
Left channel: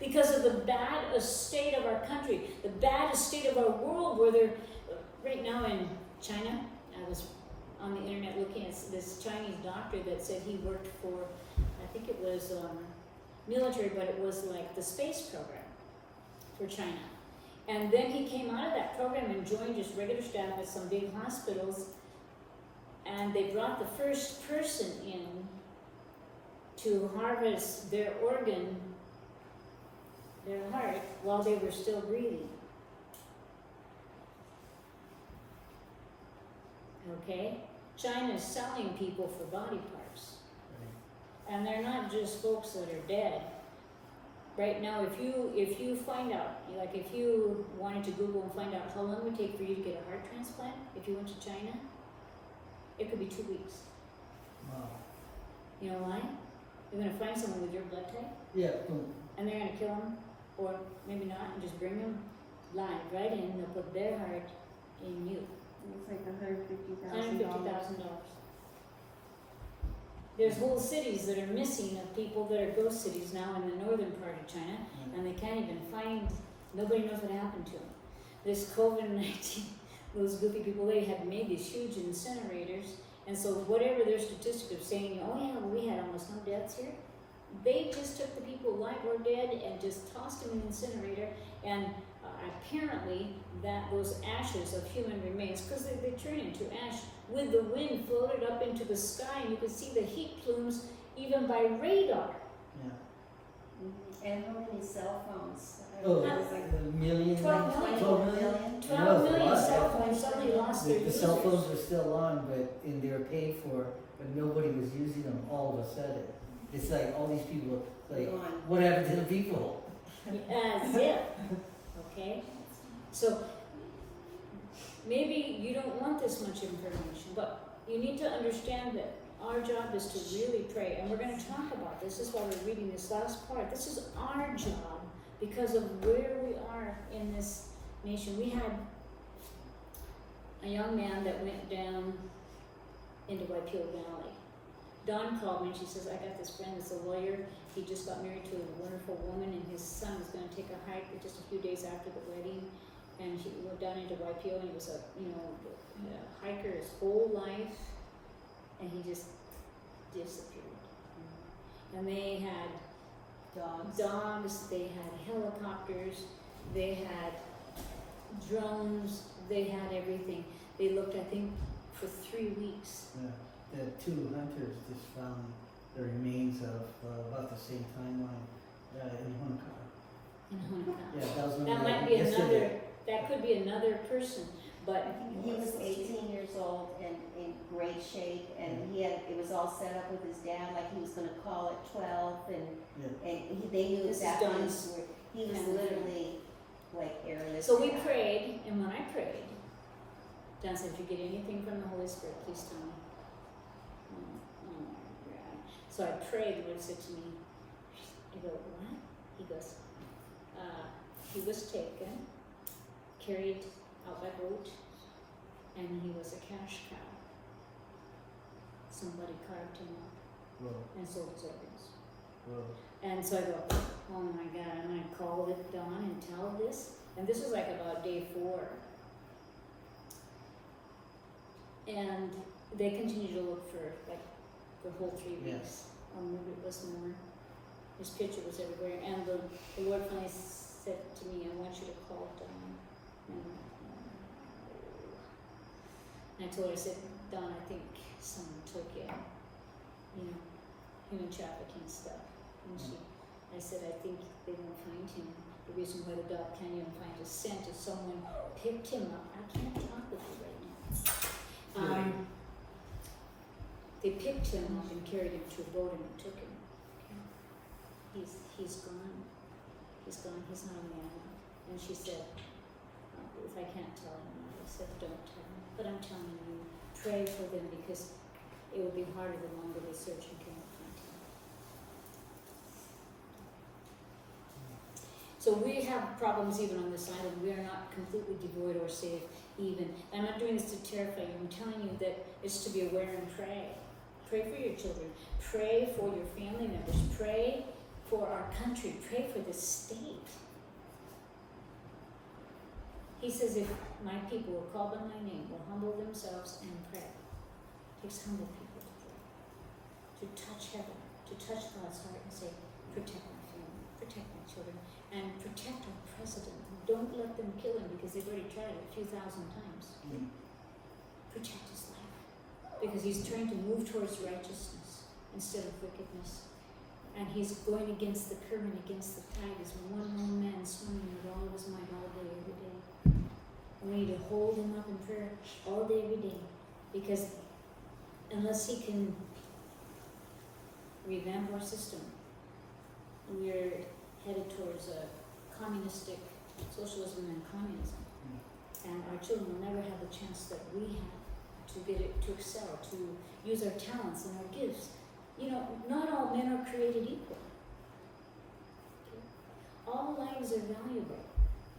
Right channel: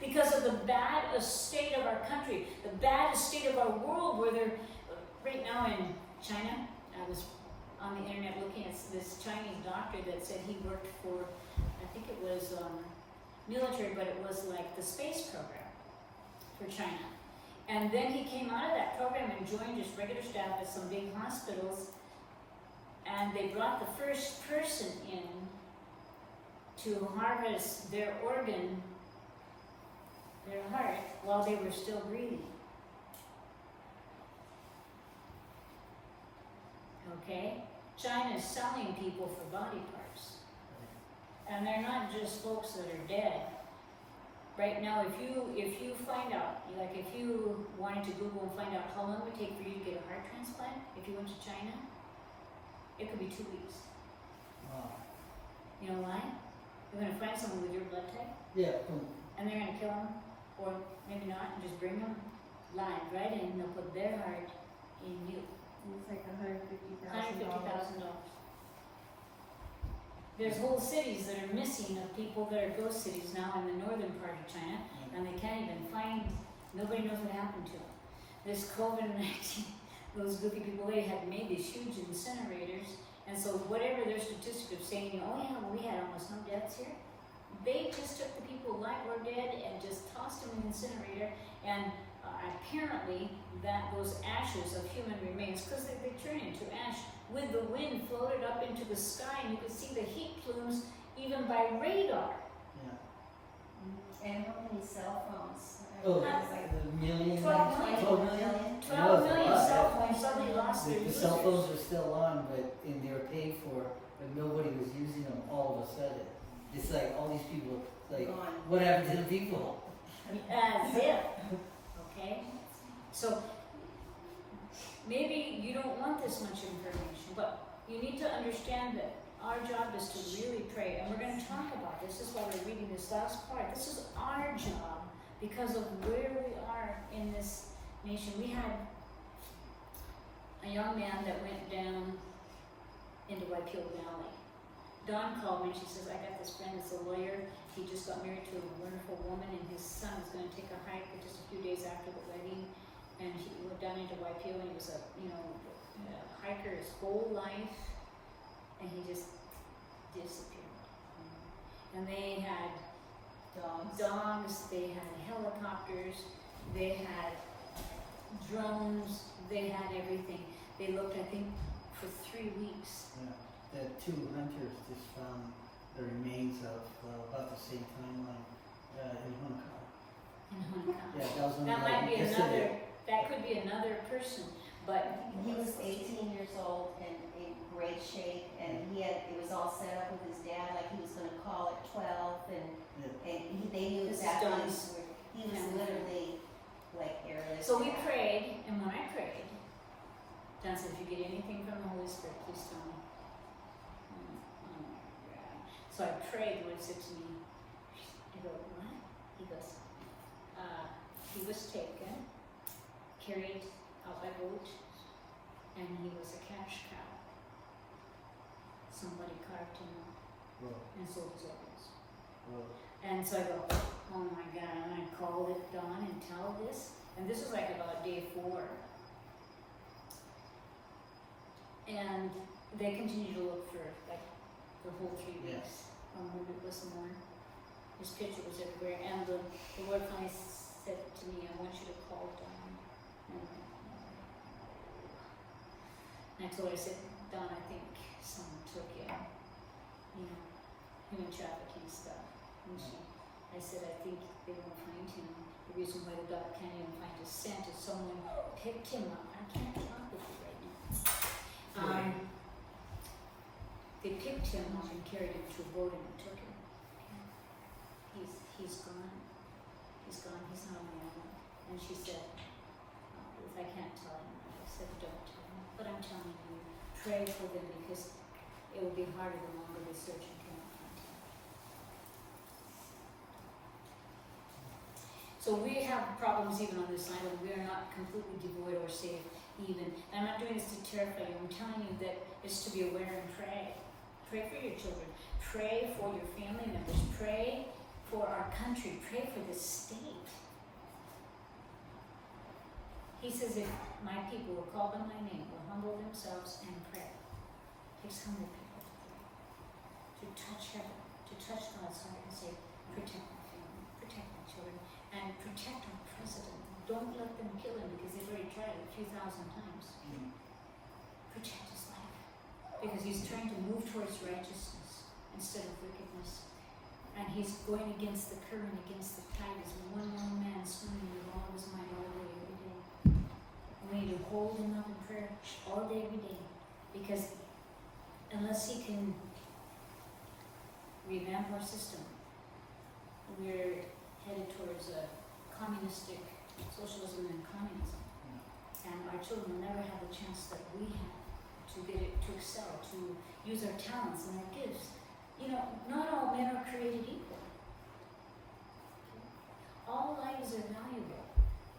Because of the bad state of our country, the bad state of our world, where they're, right now in China, I was on the internet looking at this Chinese doctor that said he worked for, I think it was military, but it was like the space program for China. And then he came out of that program and joined just regular staff at some big hospitals. And they brought the first person in to harvest their organ, their heart, while they were still breathing. Okay? China is selling people for body parts. And they're not just folks that are dead. Right now, if you find out, like if you wanted to Google and find out how long it would take for you to get a heart transplant, if you went to China, it could be 2 weeks. Wow. You know why? They're going to find someone with your blood type, Yeah. and they're going to kill them, or maybe not, and just bring them live right in. They'll put their heart in you. It's like $150,000. $150,000. There's whole cities that are missing of people that are ghost cities now in the northern part of China, and they can't even find. Nobody knows what happened to them. This COVID-19. Those goofy people, they had made these huge incinerators, and so whatever their statistic of saying, oh yeah, well, we had almost no deaths here, they just took the people alive or dead and just tossed them in the incinerator, and apparently that those ashes of human remains, because they turn into ash, with the wind floated up into the sky, and you could see the heat plumes even by radar. Yeah. And how many cell phones? Oh, It was like the million. 12 million. 12 million. 12 That was a million lot. cell phones suddenly lost their The cell users. phones were still on, and they were paid for, but nobody was using them all of a sudden. It's like all these people, like, Gone. what happened to the people? As if. Okay? So, maybe you don't want this much information, but you need to understand that our job is to really pray. And we're going to talk about this. This is why we're reading this last part. This is our job because of where we are in this nation. We had a young man that went down into Waipio Valley. Dawn called me and she says, I got this friend that's a lawyer. He just got married to a wonderful woman and his son was going to take a hike just a few days after the wedding. And he went down into Waipio and he was a hiker his whole life. And he just disappeared. And they had dogs, they had helicopters, they had drones, they had everything. They looked, I think, for 3 weeks. Yeah. The two hunters just found the remains of about the same timeline in Hunaka. In Hunaka. Yeah, that was That might be yesterday. that could be another person, but He was 18 years old and in great shape, and it was all set up with his dad, like he was gonna call at 12, and they knew This is exactly Don's where, he was family. literally like airless. so we prayed, and when I prayed, Don said, if you get anything from the Holy Spirit, please tell me. Yeah. So I prayed, the Lord said to me, I go, what? He goes, he was taken, carried out by boat, and he was a cash cow. Somebody carved him up Whoa, and sold his organs. whoa. And so I go, oh my God, I'm gonna call it Dawn and tell this. And this was like about day 4. And they continued to look for like the whole 3 weeks. Maybe it was more. His picture was everywhere. And the Lord finally said to me, I want you to call Dawn. And I told her, I said, Dawn, I think someone took you, human trafficking stuff. And I said, I think they won't find him. The reason why the dog can't even find his scent is someone picked him up. I can't talk with you right now. They picked him up and carried him to a boat and took him. He's gone. He's gone. He's not on the island. And she said, if I can't tell him, I said, don't tell him. But I'm telling you, pray for them because it would be harder the longer they search and cannot find him. So we have problems even on this island. We are not completely devoid or safe even. And I'm not doing this to terrify you. I'm telling you that it's to be aware and pray. Pray for your children. Pray for your family members. Pray for our country. Pray for this state. He says, if my people will call by my name, will humble themselves and pray. It takes humble people to pray. To touch heaven, to touch God's heart and say, protect my family, protect my children, and protect our president. Don't let them kill him because they've already tried it a few thousand times. Protect his life. Because he's trying to move towards righteousness instead of wickedness. And he's going against the current, against the tide, as one lone man swimming with all of his might all day, every day. And we need to hold him up in prayer all day, every day. Because unless he can revamp our system, we're headed towards a communistic socialism and communism. And our children will never have the chance that we have to get it, to excel, to use our talents and our gifts. Not all men are created equal. All lives are valuable,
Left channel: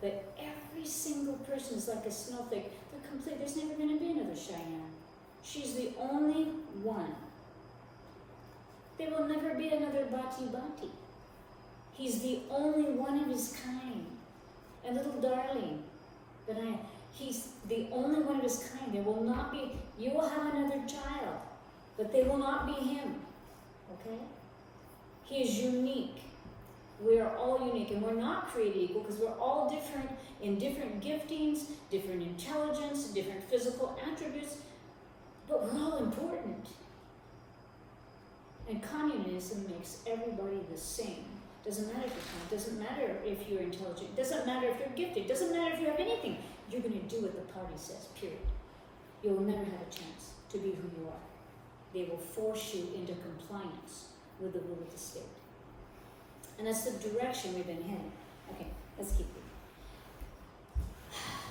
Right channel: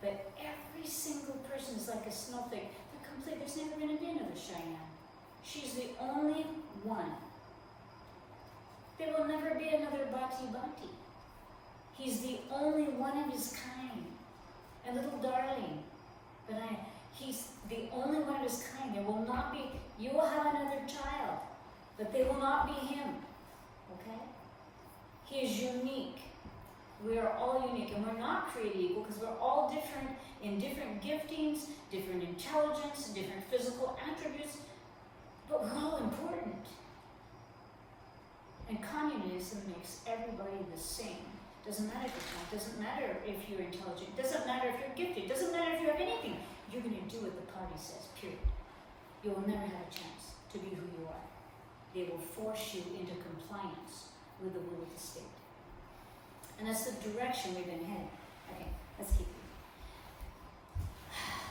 but every single person is like a snowflake. They're complete. There's never going to be another Cheyenne. She's the only one. There will never be another Bati Bati. He's the only one of his kind. A little darling. But he's the only one of his kind. There will not be, you will have another child, but they will not be him. Okay? He is unique. We are all unique, and we're not created equal because we're all different in different giftings, different intelligence, different physical attributes, but we're all important. And communism makes everybody the same. Doesn't matter if you're kind, doesn't matter if you're intelligent, doesn't matter if you're gifted, doesn't matter if you have anything. You're going to do what the party says, period. You'll never have a chance to be who you are. They will force you into compliance with the will of the state. And that's the direction we've been heading. Okay, let's keep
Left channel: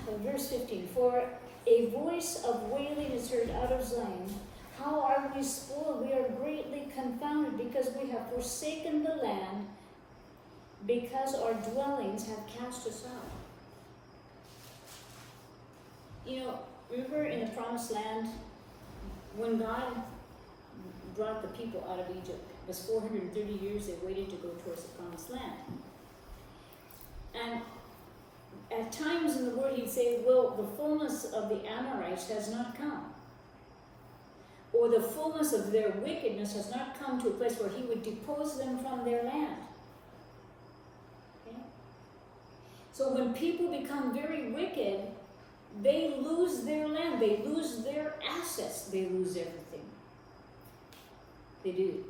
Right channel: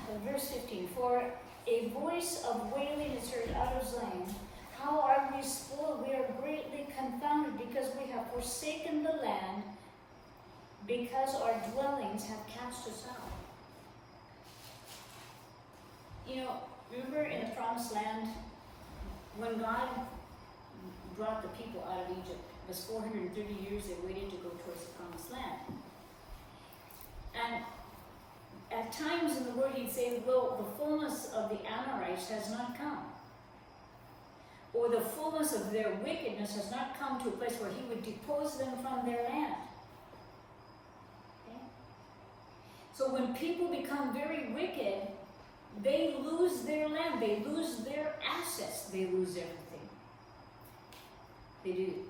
reading. Verse 15, for a voice of wailing is heard out of Zion. How are we spoiled? We are greatly confounded because we have forsaken the land, because our dwellings have cast us out. Remember in the promised land, when God brought the people out of Egypt, it was 430 years they waited to go towards the promised land. And at times in the word he'd say, well, the fullness of the Amorites has not come. Or the fullness of their wickedness has not come to a place where he would depose them from their land. Okay? So when people become very wicked, they lose their land, they lose their assets, they lose everything. They do.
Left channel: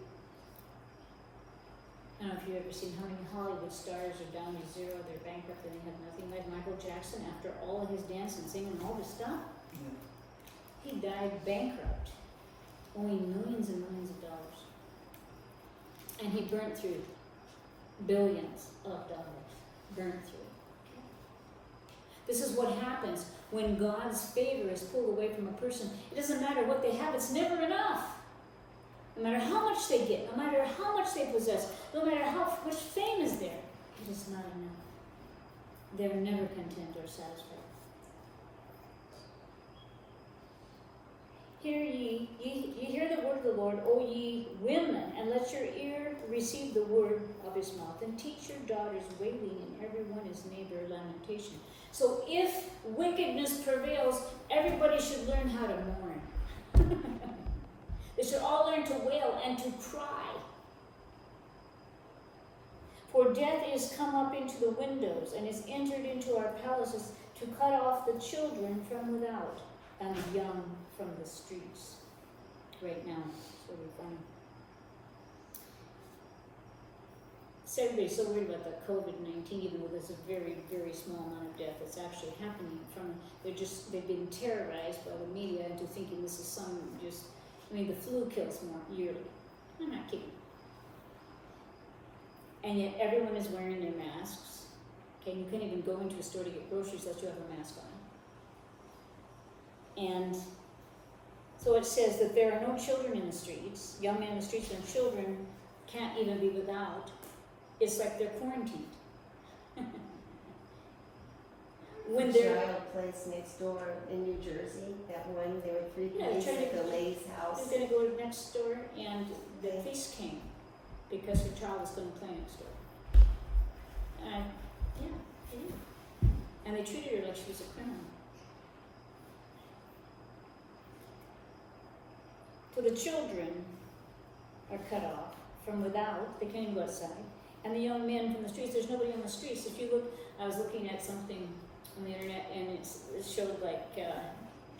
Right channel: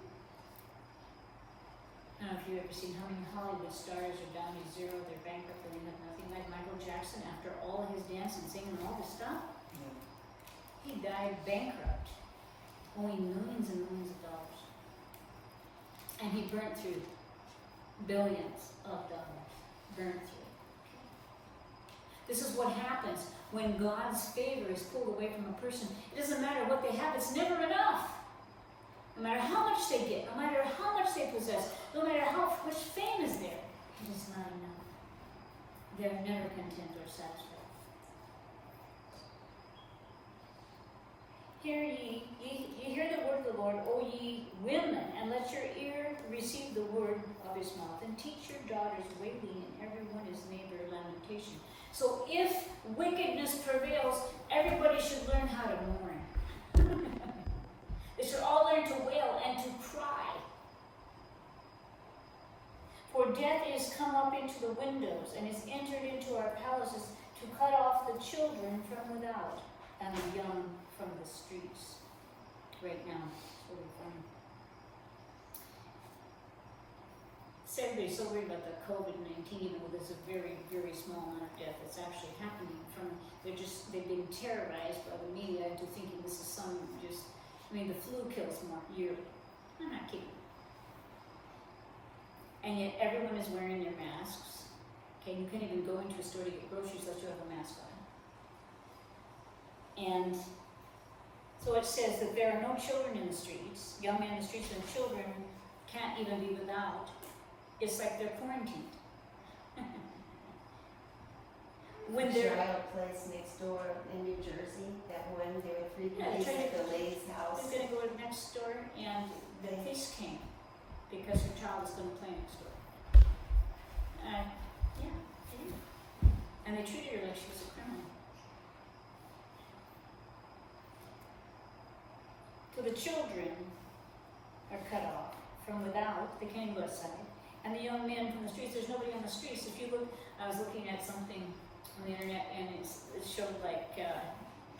I don't know if you've ever seen how many Hollywood stars are down to zero, they're bankrupt, and they have nothing. Like Michael Jackson, after all his dance and singing and all this stuff, he died bankrupt, owing millions and millions of dollars. And he burnt through billions of dollars. Burnt through. This is what happens when God's favor is pulled away from a person. It doesn't matter what they have, it's never enough. No matter how much they get, no matter how much they possess, no matter how much fame is there, it is not enough. They're never content or satisfied. Hear ye hear the word of the Lord, O ye women, and let your ear receive the word of his mouth, and teach your daughters wailing, and everyone his neighbor lamentation. So if wickedness prevails, everybody should learn how to mourn. They should all learn to wail and to cry. For death is come up into the windows, and is entered into our palaces, to cut off the children from without, and the young from the streets. Right now, that's where we're going. Everybody's so worried about the COVID-19, even though there's a very, very small amount of death that's actually happening from, they've been terrorized by the media into thinking this is some just, the flu kills more yearly. I'm not kidding. And yet everyone is wearing their masks. Okay, you can't even go into a store to get groceries unless you have a mask on. And so it says that there are no children in the streets, young men in the streets, and children can't even be without. It's like they're quarantined. When they're Giant place next door in New Jersey, that one, there were 3 Yeah, police they're at the lady's house. gonna go next door, and the police came because her child was going to play next door. And they treated her like she was a criminal. So the children are cut off from without, they can't go outside. And the young men from the streets, there's nobody on the streets. If you look, I was looking at something on the internet, and it showed like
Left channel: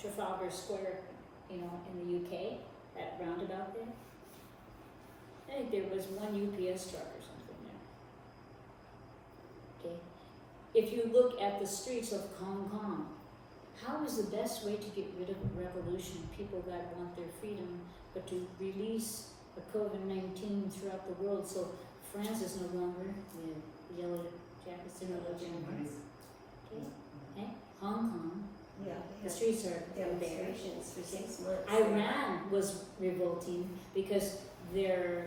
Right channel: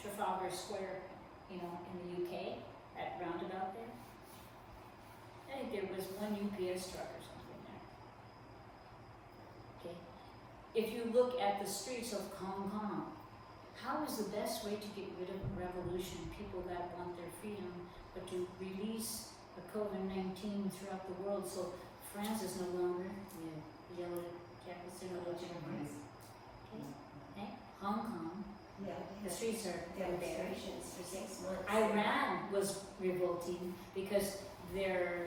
Trafalgar Square, in the UK, that roundabout there. I think there was one UPS truck or something there. Okay. If you look at the streets of Hong Kong, how is the best way to get rid of revolution, people that want their freedom, but to release a COVID-19 throughout the world? So France is no longer the yellow jackets, they're no longer anymore. Okay. Hong Kong, Yeah, the they streets are had there. demonstrations for 6 months. Iran was revolting because their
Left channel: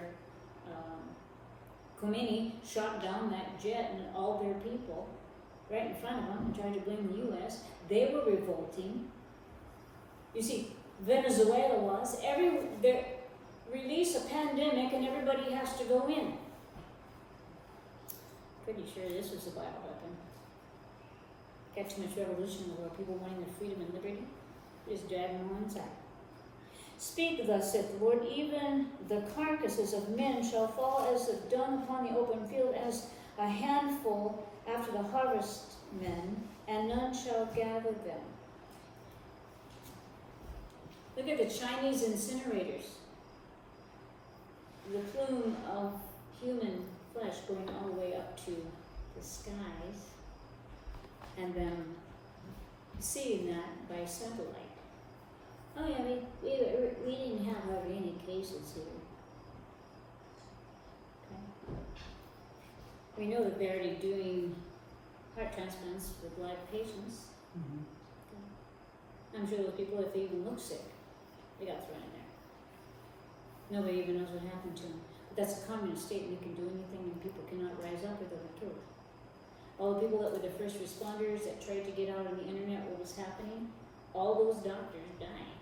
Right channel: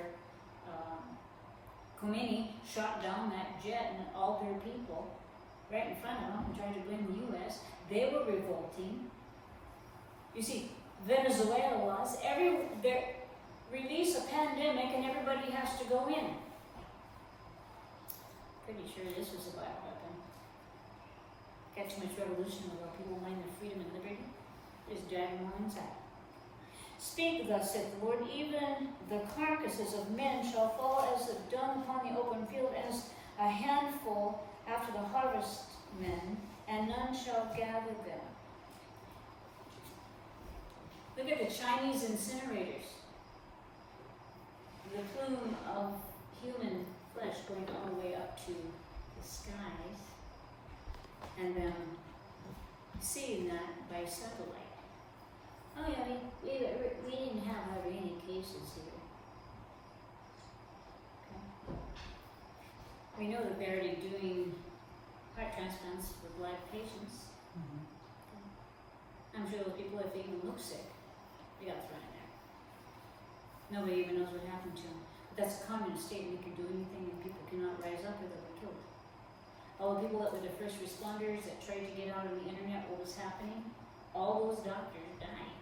Khomeini shot down that jet and all their people right in front of them and tried to blame the U.S. They were revolting. You see, Venezuela was, they release a pandemic and everybody has to go in. Pretty sure this was a bioweapon. Got too much revolution in the world, people wanting their freedom and liberty. Just drag them on inside. Speak thus, saith the Lord, even the carcasses of men shall fall as the dung upon the open field, as a handful after the harvestmen, and none shall gather them. Look at the Chinese incinerators. The plume of human flesh going all the way up to the skies, and then seeing that by satellite. Oh yeah, we didn't have hardly any cases here. Okay. We know that they're already doing heart transplants with live patients. Mm-hmm. I'm sure those people, if they even look sick, they got thrown in there. Nobody even knows what happened to them. But that's a communist state, and we can do anything, and people cannot rise up or they'll be killed. All the people that were the first responders that tried to get out on the internet what was happening, all those doctors dying.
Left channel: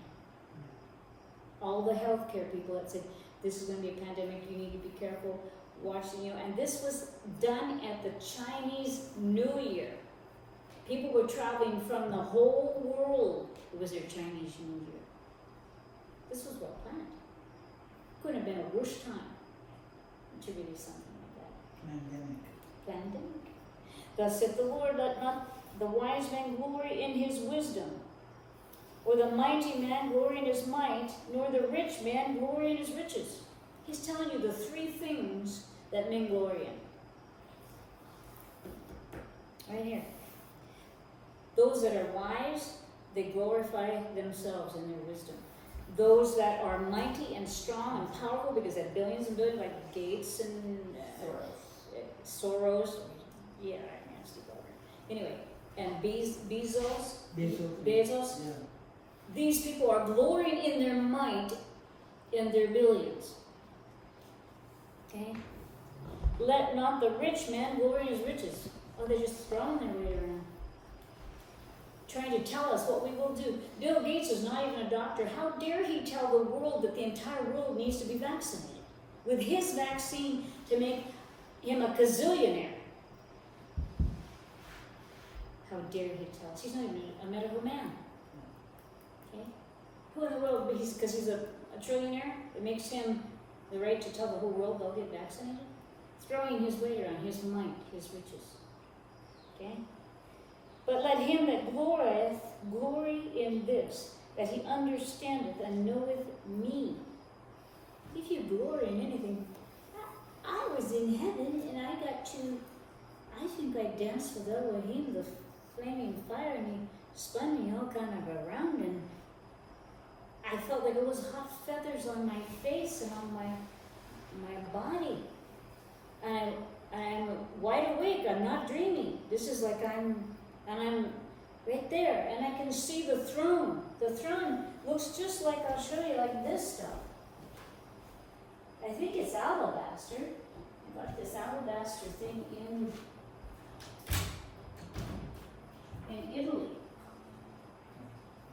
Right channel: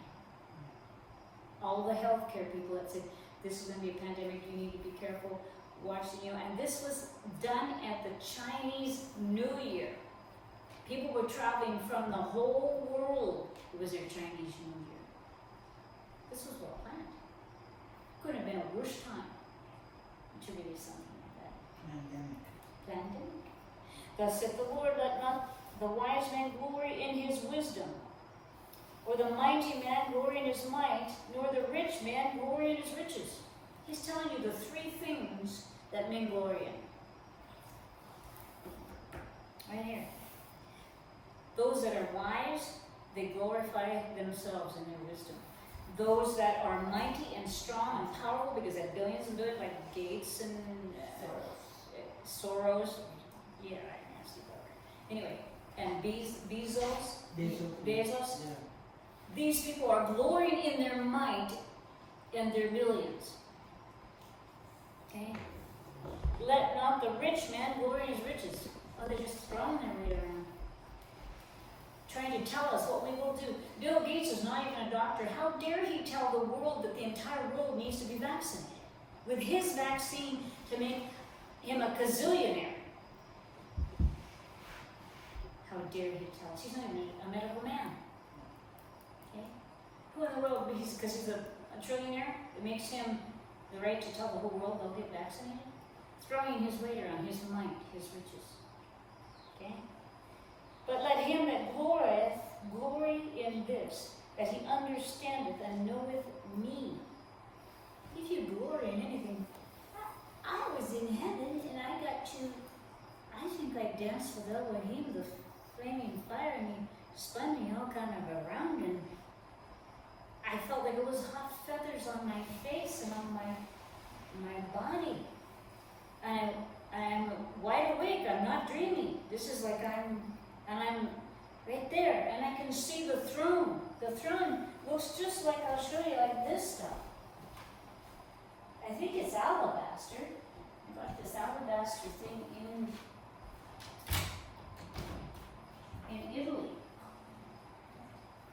All the healthcare people that said, this is going to be a pandemic, you need to be careful, watching you. And this was done at the Chinese New Year. People were traveling from the whole world. It was their Chinese New Year. This was well planned. Couldn't have been a worse time to release something like that. Pandemic. Thus saith the Lord, let not the wise man glory in his wisdom, or the mighty man glory in his might, nor the rich man glory in his riches. He's telling you the three things that men glory in. Right here. Those that are wise, they glorify themselves in their wisdom. Those that are mighty and strong and powerful, because they have billions and billions, like Gates and Soros. Yeah, right, nasty bugger. Anyway, and Bezos. Yeah. These people are glorying in their might and their billions. Okay? Let not the rich man glory in his riches. Oh, they're just throwing their way around. Trying to tell us what we will do. Bill Gates is not even a doctor. How dare he tell the world that the entire world needs to be vaccinated? With his vaccine to make him a gazillionaire. How dare he tell us? He's not even a medical man. Okay? Who in the world, because he's a trillionaire, it makes him the right to tell the whole world they'll get vaccinated? Throwing his weight around, his might, his riches. Okay? But let him that glorieth glory in this, that he understandeth and knoweth me. If you glory in anything, I was in heaven and I got to, I think I danced with Elohim, the flaming fire, and he spun me all kind of around, and I felt like it was hot feathers on my face and on my body. And I'm wide awake, I'm not dreaming. This is like I'm right there, and I can see the throne. The throne looks just like, I'll show you, like this stuff. I think it's alabaster. I got this alabaster thing in Italy.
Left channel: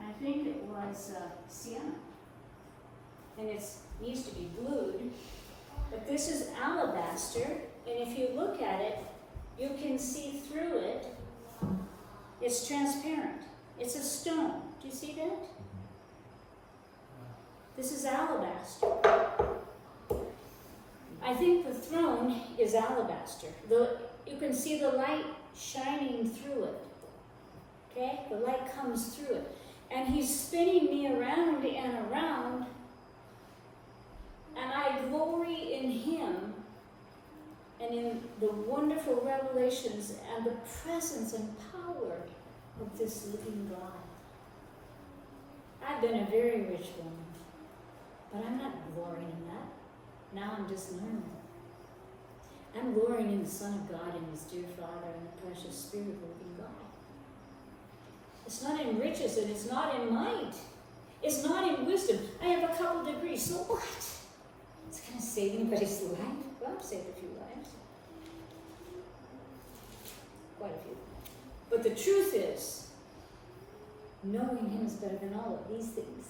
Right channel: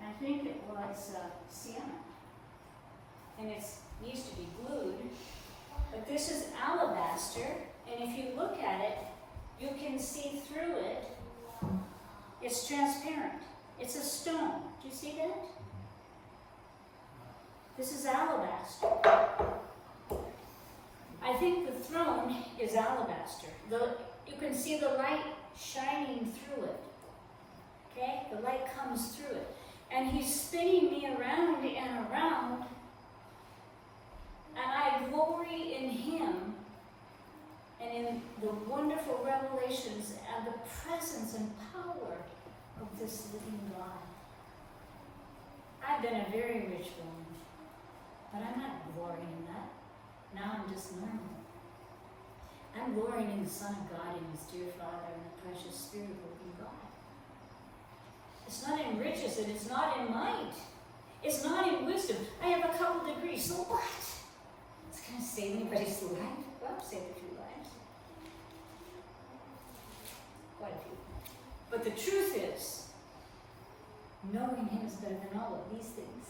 I think it was Sienna. And it needs to be glued. But this is alabaster, and if you look at it, you can see through it. It's transparent. It's a stone. Do you see that? This is alabaster. I think the throne is alabaster. You can see the light shining through it. Okay? The light comes through it. And he's spinning me around and around. And I glory in him and in the wonderful revelations and the presence and power of this living God. I've been a very rich woman, but I'm not glorying in that. Now I'm just normal. I'm glorying in the Son of God and his dear Father and the precious Spirit of the living God. It's not in riches and it's not in might. It's not in wisdom. I have a couple degrees, so what? It's going to save anybody's life. Well, I've saved a few lives. Quite a few. But the truth is, knowing him is better than all of these things.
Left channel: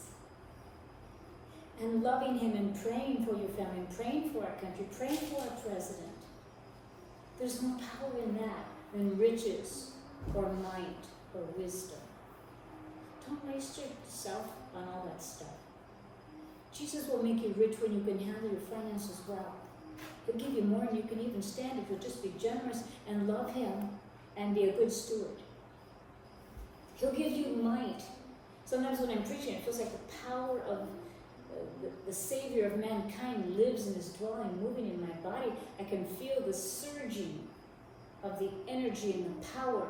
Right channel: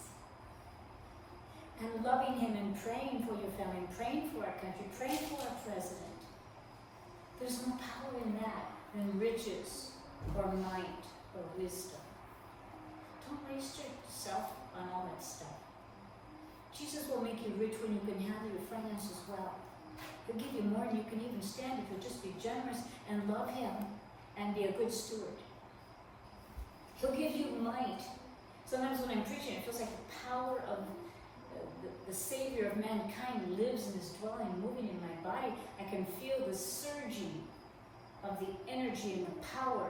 And loving him and praying for your family, praying for our country, praying for our president. There's no power in that than riches or might or wisdom. Don't waste yourself on all that stuff. Jesus will make you rich when you can handle your finances well. He'll give you more than you can even stand if you'll just be generous and love him and be a good steward. He'll give you might. Sometimes when I'm preaching, it feels like the power of the Savior of mankind lives and is dwelling, moving in my body. I can feel the surging of the energy and the power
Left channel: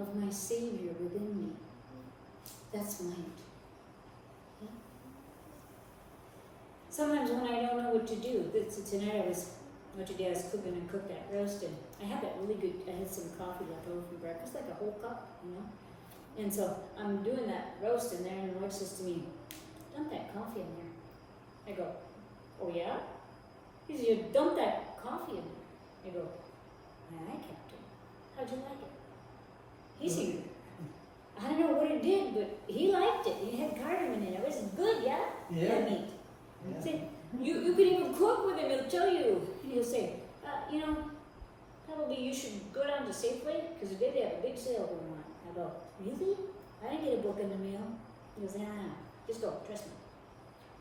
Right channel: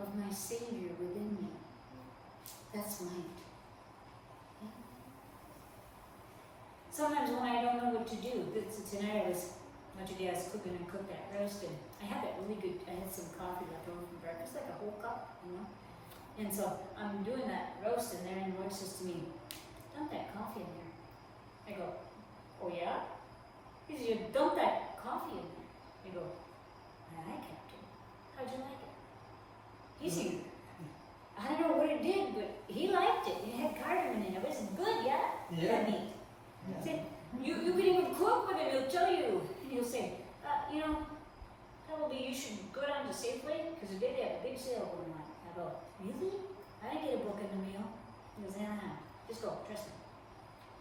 of my Savior within me. That's might. Okay? Sometimes when I don't know what to do, tonight I was cooking and cooked that roast, and I had that really good, I had some coffee left over from breakfast, like a whole cup, you know? And so I'm doing that roast in there, and the Lord says to me, dump that coffee in there. I go, oh yeah? He says, you dump that coffee in there. I go, aye, Captain. How'd you like it? He's here. I don't know what it did, but he liked meat. Yeah. Say, you can even cook with him, he'll tell you, he'll say, you know, probably you should go down to Safeway, because today they have a big sale going on. I go, really? I didn't get a book in the mail. He goes, yeah, just go, trust me.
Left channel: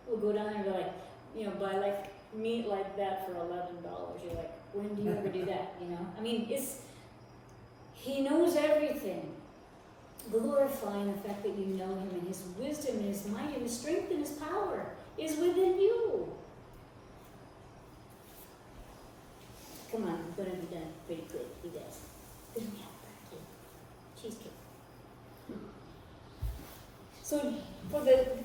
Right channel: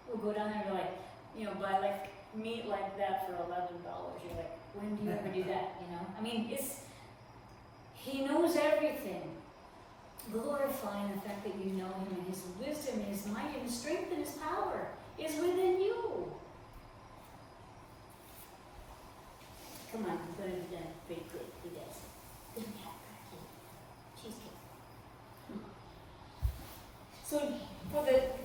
We'll go down there and like, buy like meat like that for $11. You're like, when do you ever do that, I mean, he knows everything. Glorifying the fact that you know him and his wisdom and his might and his strength and his power is within you. Come on, I'm gonna be done pretty quick, you guys. Cheesecake. So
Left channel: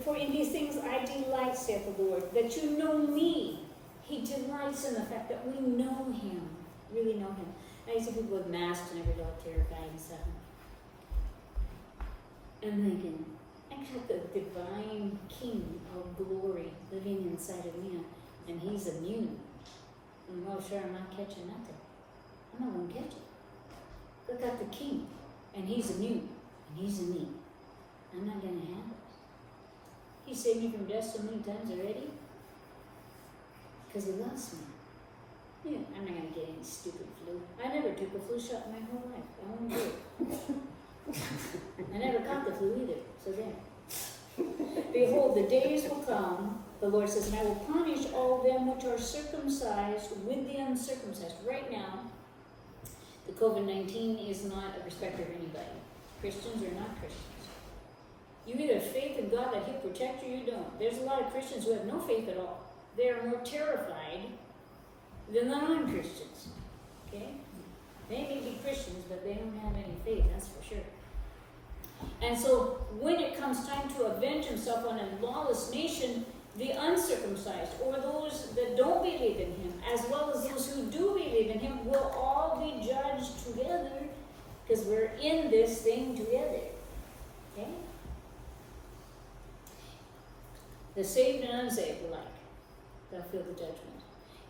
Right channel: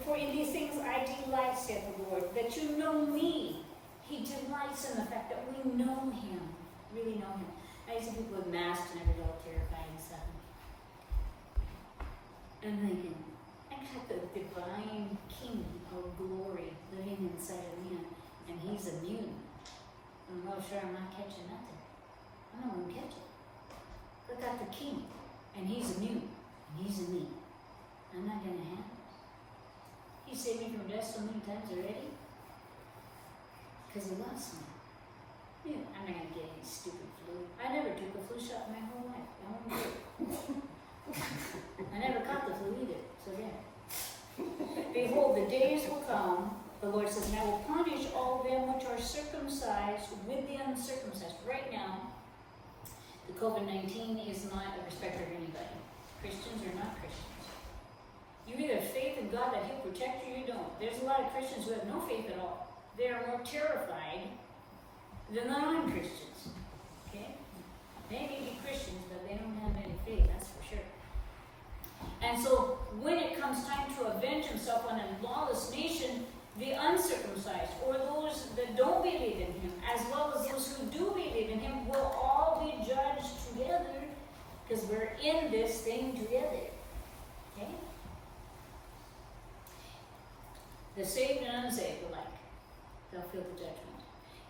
for in these things I delight, saith the Lord, that you know me. He delights in the fact that we know him, really know him. I see people with masks and everything all terrified and stuff. And I'm thinking, I got the divine King of glory living inside of me, and he's immune. I'm not sure I'm not catching nothing. I'm not gonna catch it. I got the King, and he's immune, and he's in me. I'm not gonna have it. He saved me from death so many times already, because he loves me. Yeah, I'm not gonna get any stupid flu. I never took a flu shot in my whole life. I won't do it. I never caught the flu either, so there. Behold, the days will come, the Lord says, and I will punish all them which are circumcised with the uncircumcised. Right now, the COVID-19 is not a respecter of anybody. Christians or not Christians. You either have faith in God that he'll protect you or you don't. There's a lot of Christians who have no faith at all. They are more terrified than the non-Christians. Okay? They may be Christians, but they don't have any faith, that's for sure. And so, when it comes time to avenge himself on a lawless nation, the uncircumcised, or those that don't believe in him, as well as those who do believe in him, will all be judged together, because we're in this thing together. Okay? The saved and unsaved alike, they'll feel the judgment.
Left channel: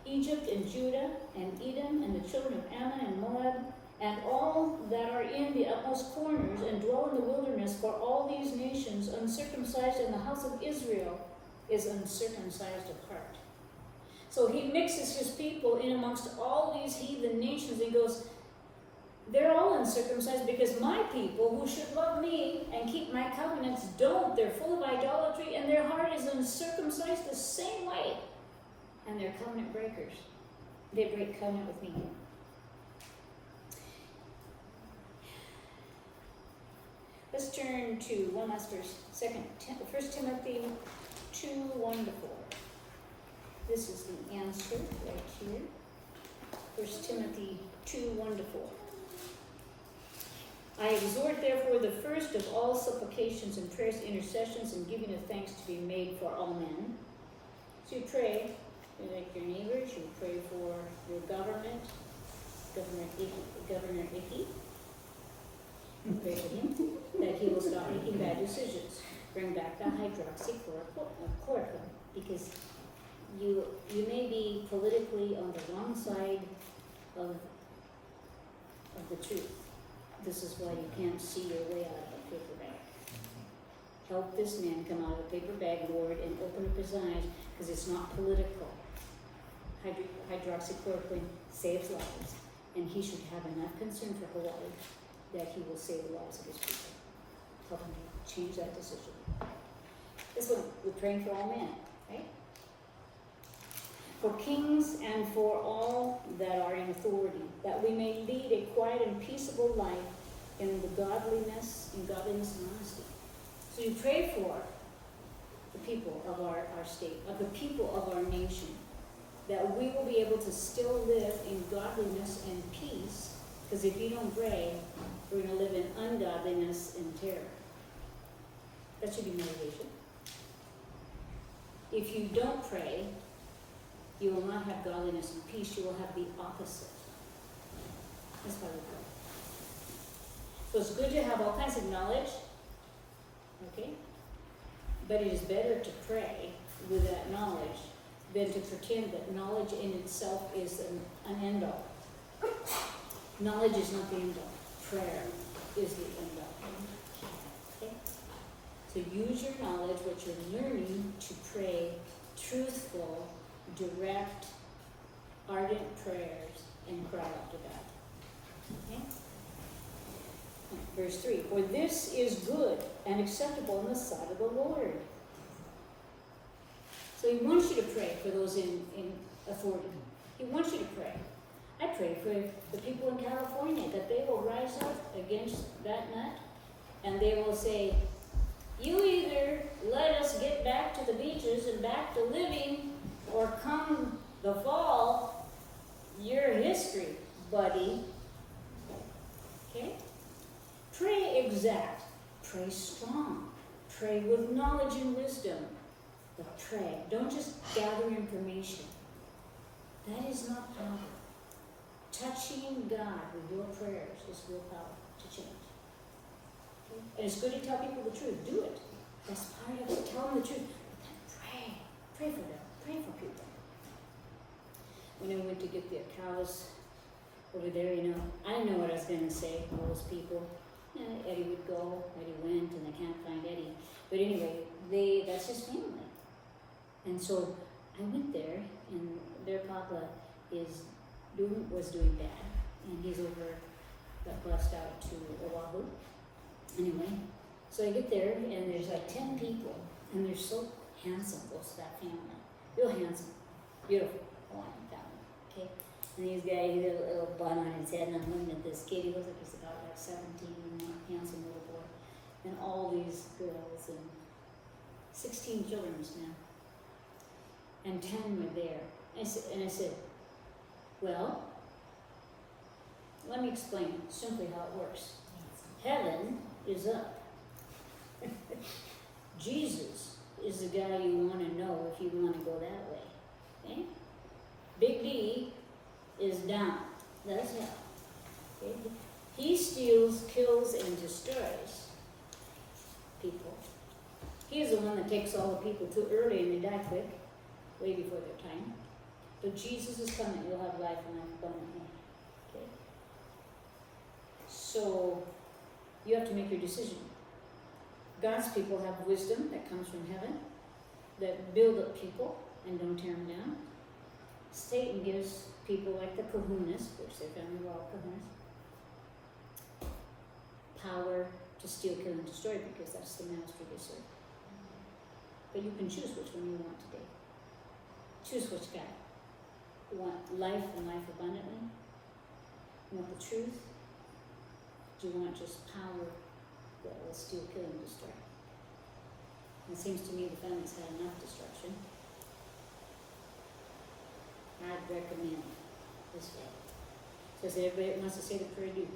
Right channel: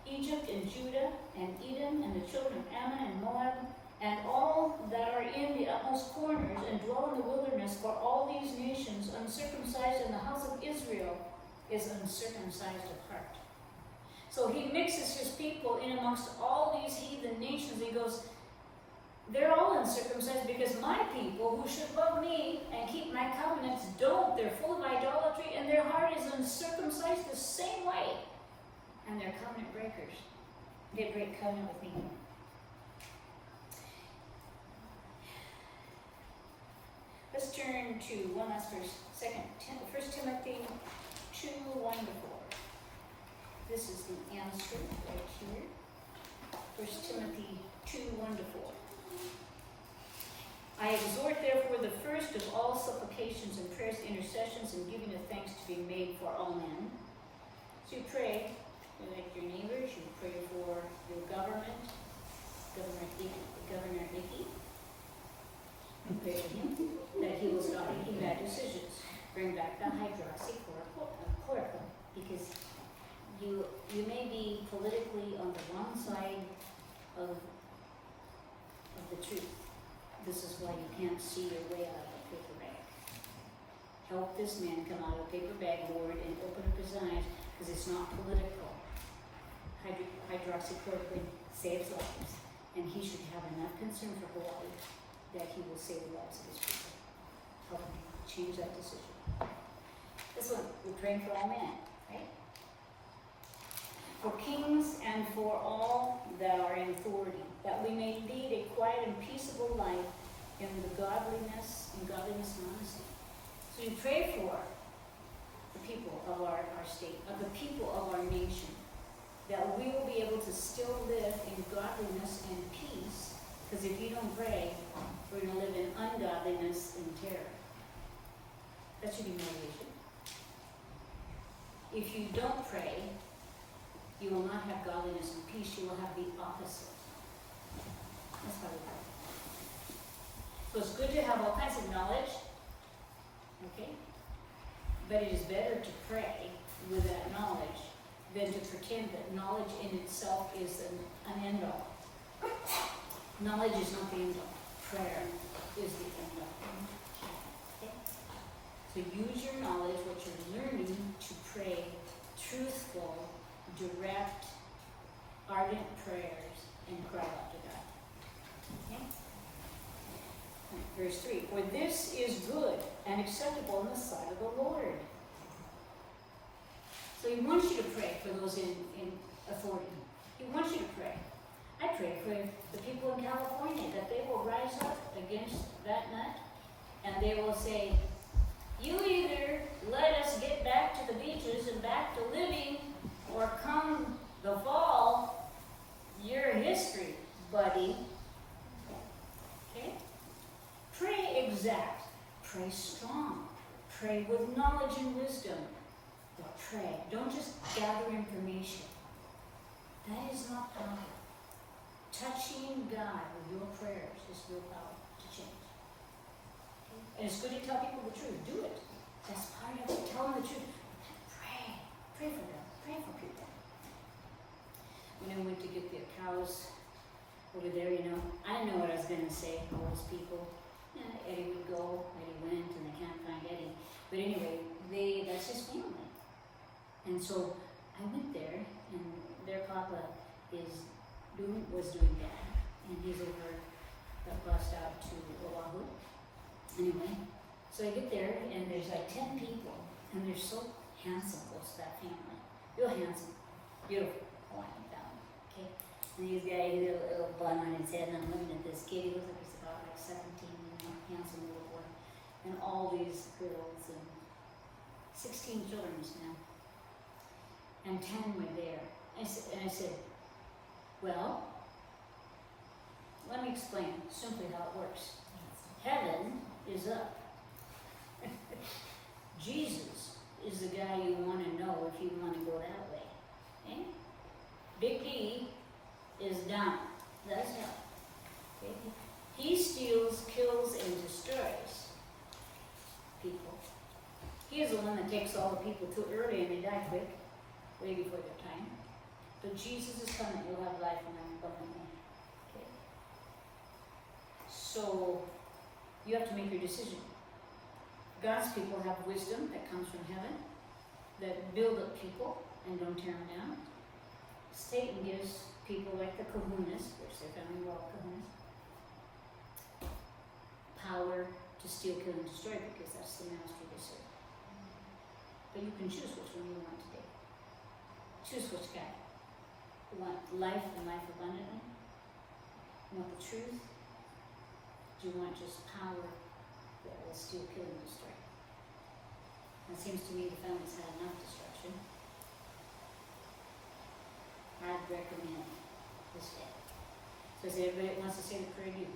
Egypt and Judah and Edom and the children of Ammon and Moab and all that are in the utmost corners and dwell in the wilderness, for all these nations uncircumcised, and the house of Israel is uncircumcised of heart. So he mixes his people in amongst all these heathen nations. He goes, they're all uncircumcised because my people who should love me and keep my covenants don't. They're full of idolatry and their heart is uncircumcised the same way. And they're covenant breakers. They break covenant with me. Let's turn to one last verse. 1 Timothy 2:1-4. This is the answer right here. 1 Timothy 2:1-4. I exhort therefore the first of all supplications and prayers, intercessions, and giving of thanks to be made for all men. So you pray. You like your neighbors, you pray for your government, Governor Icky. Pray for him that he will stop making bad decisions. Bring back the hydroxychloroquine, because you may be politically on the wrong side of the truth. This is why you can't see your way out of a paper bag. Help this man come out of the paper bag, Lord, and open up his eyes, because it's not political. Hydroxychloroquine saves lives, and he should have enough concern for Hawaii that he will save the lives of his people. Help him change that decision. That's what we're praying for all men, right? For kings and for all that are in authority, that we may lead a quiet and peaceable life in the godliness and honesty. So you pray for the people of our state, of the people of our nation, that we will be able to still live in godliness and peace, because if you don't pray, we're going to live in ungodliness and terror. That should be motivation. If you don't pray, you will not have godliness and peace, you will have the opposite. That's why we pray. So it's good to have all kinds of knowledge, okay? But it is better to pray with that knowledge than to pretend that knowledge in itself is an end-all. Knowledge is not the end-all. Prayer is the end-all. Okay? So use your knowledge, what you're learning, to pray truthful, direct, ardent prayers and cry out to God. Okay? Verse 3, for this is good and acceptable in the sight of the Lord. So he wants you to pray for those in authority. He wants you to pray. I pray for the people in California that they will rise up against that nut and they will say, you either let us get back to the beaches and back to living, or come the fall, you're history, buddy. Okay? Pray exact. Pray strong. Pray with knowledge and wisdom. But pray. Don't just gather information. That is not power. Touching God with your prayers is real power to change. And it's good to tell people the truth. Do it. That's part of it. Tell them the truth. But then pray. Pray for them. Pray for people. When I went to get the cows over there, I didn't know what I was going to say to those people. Eddie would go, Eddie went, and I can't find Eddie. But anyway, that's his family. And so I went there, and their papa was doing bad, and he's got bussed out to Oahu. Anyway, so I get there, and there's like 10 people, and they're so handsome, close to that family. Real handsome, beautiful Hawaiian family, okay? And these guys, he had a little bun on his head, and I'm looking at this kid, he looks like he's about like 17, handsome little boy. And all these girls, and 16 children this man. And 10 were there. I said, well, let me explain simply how it works. Heaven is up. Jesus is the guy you want to know if you want to go that way. Okay? Big D is down. That's hell. Okay? He steals, kills, and destroys people. He is the one that takes all the people too early and they die quick, way before their time. But Jesus is coming, you'll have life and life abundantly. Okay? So, you have to make your decision. God's people have wisdom that comes from heaven, that build up people and don't tear them down. Satan gives people like the kahunas, which their family were all kahunas, power to steal, kill, and destroy because that's the master they serve. But you can choose which one you want today. Choose which guy. You want life and life abundantly? You want the truth? Do you want just power that will steal, kill, and destroy? And it seems to me the family's had enough destruction. I'd recommend this day. So I say, everybody that wants to say the prayer, do.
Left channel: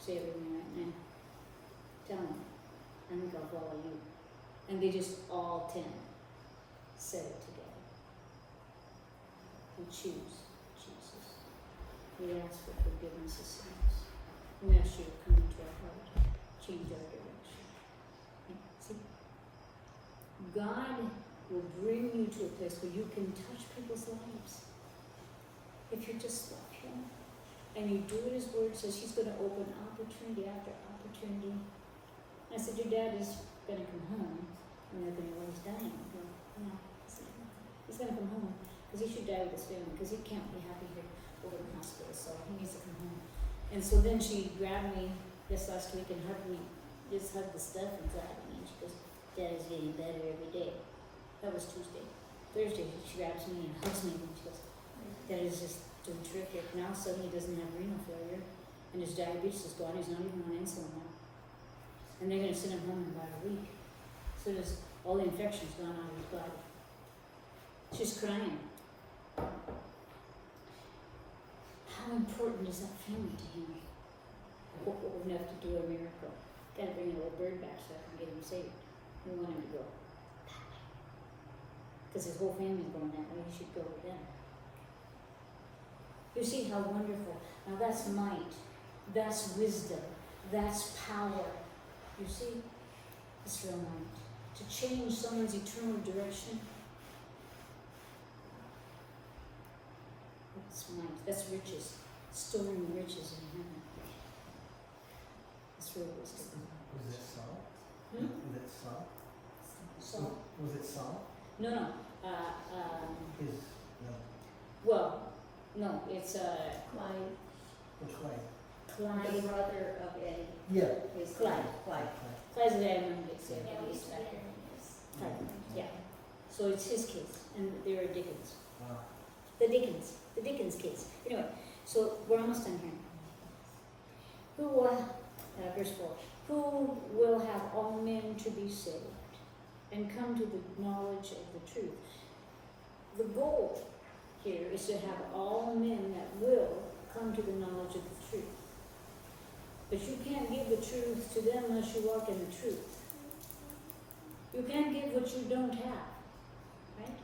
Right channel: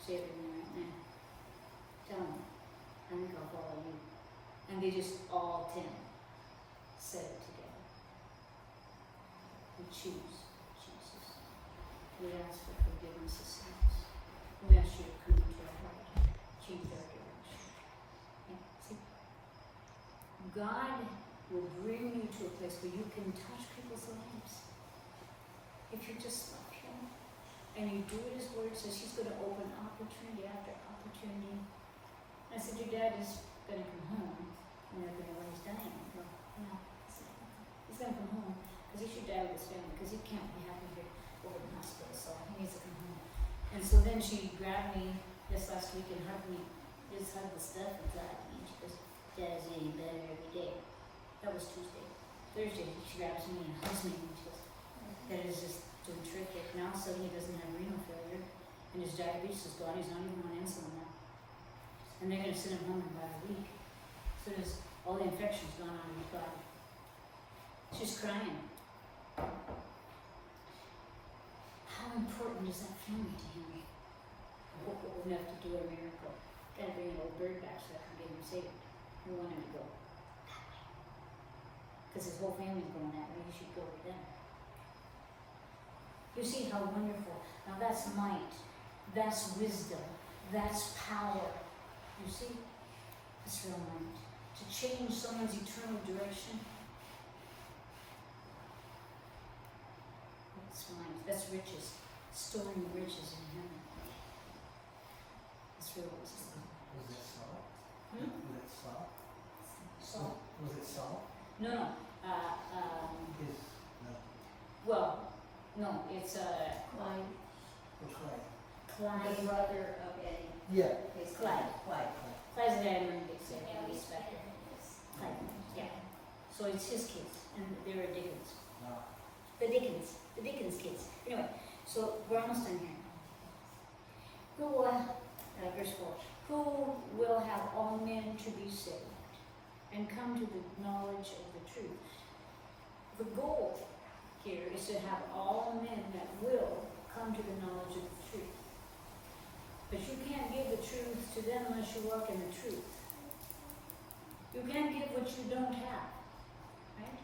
Say it with me right now. Tell them. I think I'll follow you. And they just all 10 said it together. We choose Jesus. We ask for forgiveness of sins. We ask you to come into our heart, change our direction. Okay? See? God will bring you to a place where you can touch people's lives. If you just love Him and you do what His Word says, He's going to open opportunity after opportunity. And I said, your dad is going to come home. And they're going to know he's dying. I go, yeah, he's going to come home because he should die with his family because he can't be happy here over in the hospital, so he needs to come home. And so then she grabbed me this last week and hugged me, just hugged the stuff inside me. And she goes, Dad is getting better every day. That was Tuesday. Thursday, she grabs me and hugs me and she goes, Dad is just doing terrific. Now suddenly he doesn't have renal failure and his diabetes is gone. He's not even on insulin now. And they're going to send him home in about a week. So there's all the infection's gone out of his body. She's crying. How important is that family to him? I hope we're enough to do a miracle. Gotta bring a little bird back so I can get him saved. We want him to go that way. Because his whole family's going that way, he should go with them. You see how wonderful. Now that's might. That's wisdom. That's power. You see? It's real might. To change someone's eternal direction. That's might. That's riches. Storing riches in heaven. It's real wisdom. Was it salt? Hmm? Was it Saul? Saul? Was it Saul? No, no. His, no, Well, no, it's Clyde, or Clay. the Clyde. brother of Eddie, Yeah. his Clyde. Clyde. Clyde's the guy running the city. Yeah, he's back there. Clyde, yeah. So it's his kids, and they're Dickens. Wow. The Dickens kids. Anyway, so we're almost done here. Who, verse 4, who will have all men to be saved and come to the knowledge of the truth. The goal here is to have all men that will come to the knowledge of the truth. But you can't give the truth to them unless you walk in the truth. You can't give what you don't have, right?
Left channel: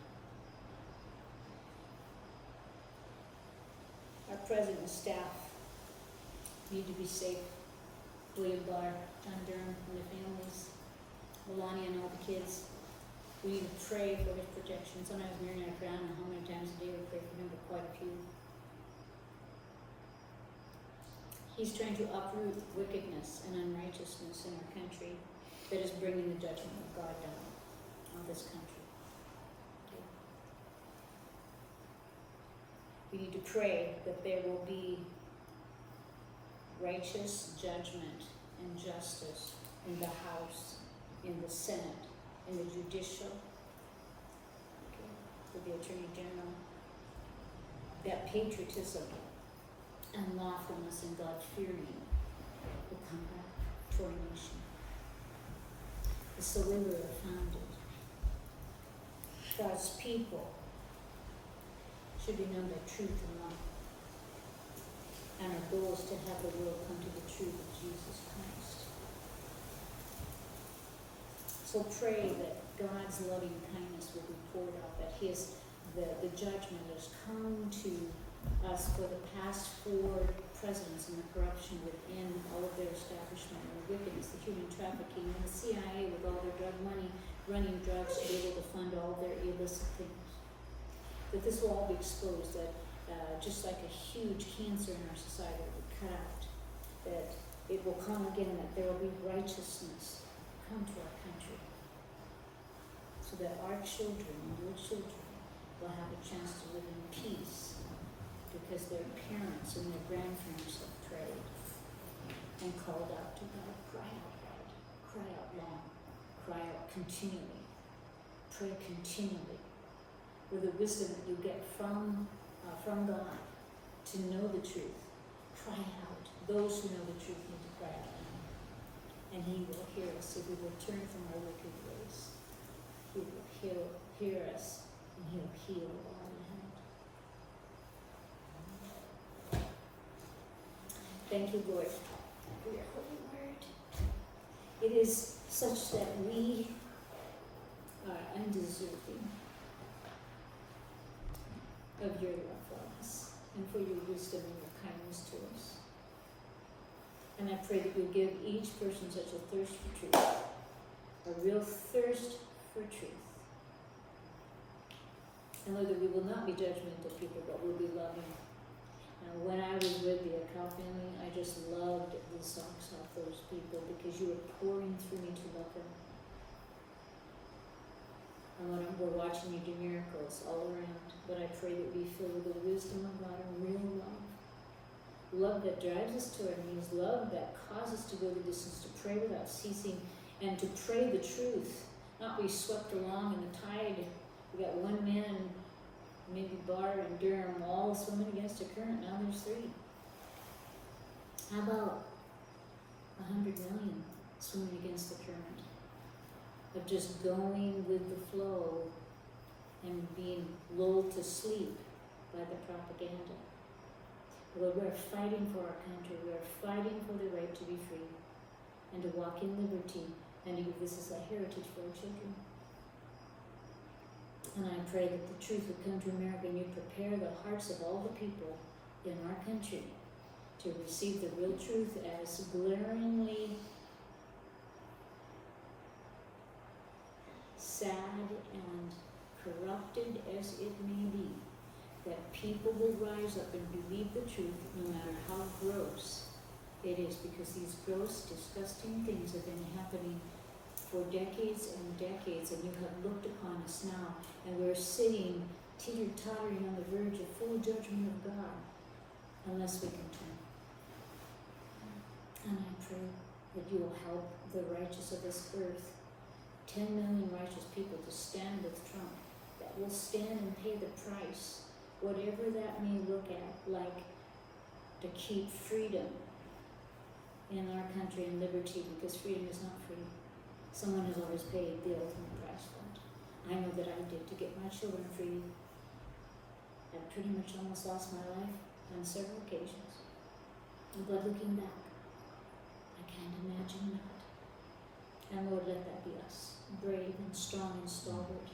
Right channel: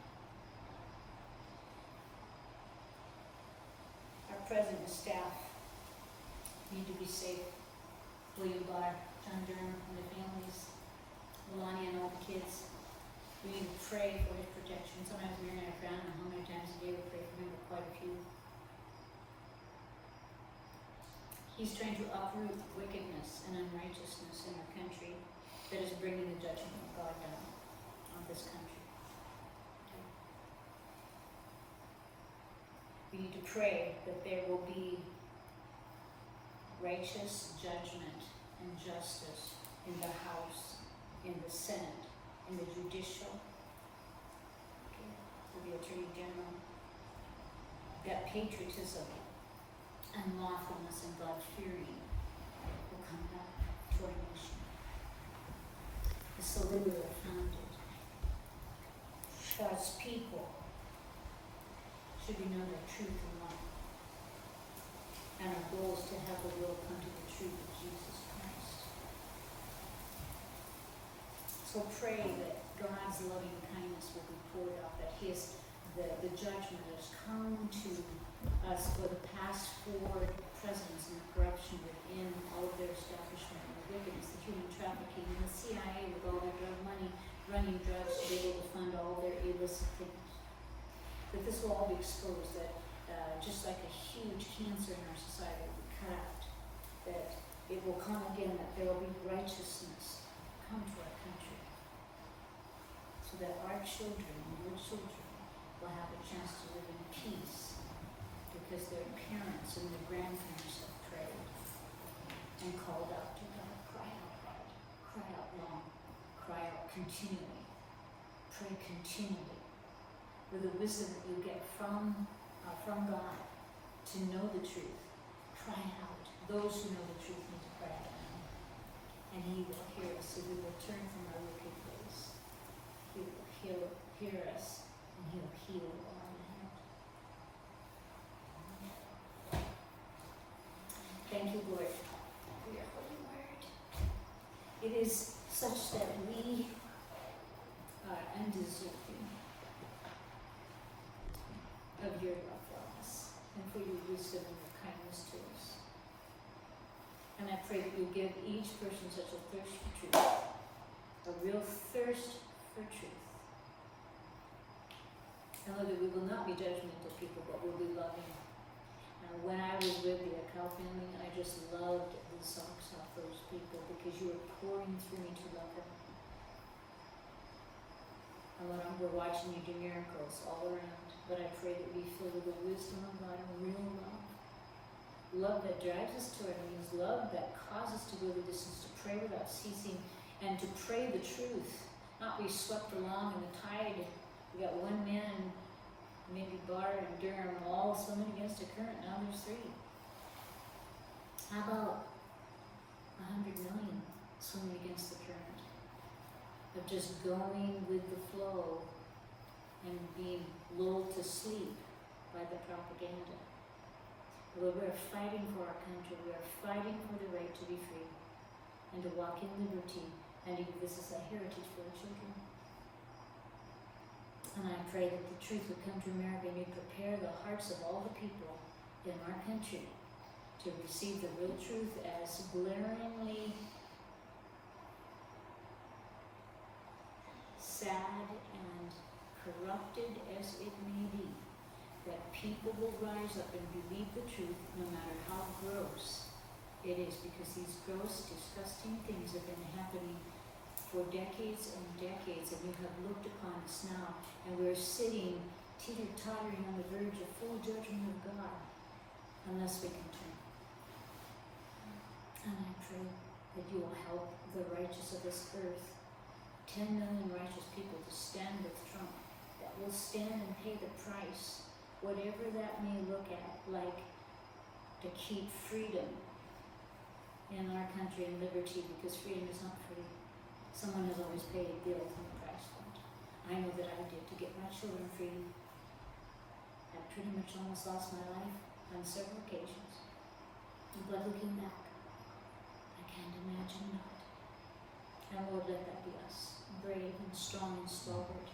Our president and staff need to be safe. William Barr, John Durham and their families, Melania and all the kids. We need to pray for his protection. Sometimes Mary and I frown on how many times a day we pray for him, but quite a few. He's trying to uproot wickedness and unrighteousness in our country that is bringing the judgment of God down on this country. Okay. We need to pray that there will be righteous judgment and justice in the House, in the Senate, in the judicial, for the Attorney General, that patriotism and lawfulness and God-fearing will come back to our nation. The Soliver are founded. God's people should be known by truth and love. And our goal is to have the world come to the truth of Jesus Christ. So pray that God's loving kindness will be poured out, that the judgment has come to us for the past 4 presidents and the corruption within all of their establishment, and the wickedness, the human trafficking, and the CIA with all the drug money, running drugs to be able to fund all their illicit things. That this will all be exposed, that just like a huge cancer in our society will be cut out, that it will come again, that there will be righteousness come to our country, so that our children and your children will have a chance to live in peace, because their parents and their grandparents have prayed and called out to God, cry out hard, cry out long, cry out continually, pray continually, with the wisdom that you get from God to know the truth. Cry out. Those who know the truth need to cry out now. And He will hear us if we return from our wicked ways. He'll hear us, and He'll heal our land. Thank you, Lord, for your holy word. It is such that we are undeserving of your love for us, and for your wisdom and your kindness to us. And I pray that you'll give each person such a thirst for truth, a real thirst for truth. And Lord, that we will not be judgmental people, but we'll be loving. Now, when I was with the Akal family, I just loved the socks off those people, because you were pouring through me to love them. And Lord, we're watching you do miracles all around, but I pray that we fill with the wisdom of God and real love. Love that drives us to our knees, love that causes us to go the distance, to pray without ceasing, and to pray the truth, not be swept along in the tide. We got one man, maybe Barr and Durham, all swimming against the current, now there's 3. How about 100 million swimming against the current? Of just going with the flow and being lulled to sleep by the propaganda. Lord, we are fighting for our country. We are fighting for the right to be free and to walk in liberty, and to give this as a heritage for our children. And I pray that the truth would come to America, and you prepare the hearts of all the people in our country to receive the real truth, as glaringly sad and corrupted as it may be, that people will rise up and believe the truth no matter how gross it is, because these gross, disgusting things have been happening for decades and decades, and you have looked upon us now, and we're sitting teeter-tottering on the verge of full judgment of God, unless we can turn. And I pray that you will help the righteous of this earth, 10 million righteous people, to stand with Trump, that will stand and pay the price, whatever that may look like, to keep freedom in our country and liberty, because freedom is not free. Someone has always paid the ultimate price for it. I know that I did, to get my children free. I pretty much almost lost my life on several occasions. But looking back, I can't imagine not. And Lord, let that be us, brave and strong and stalwart,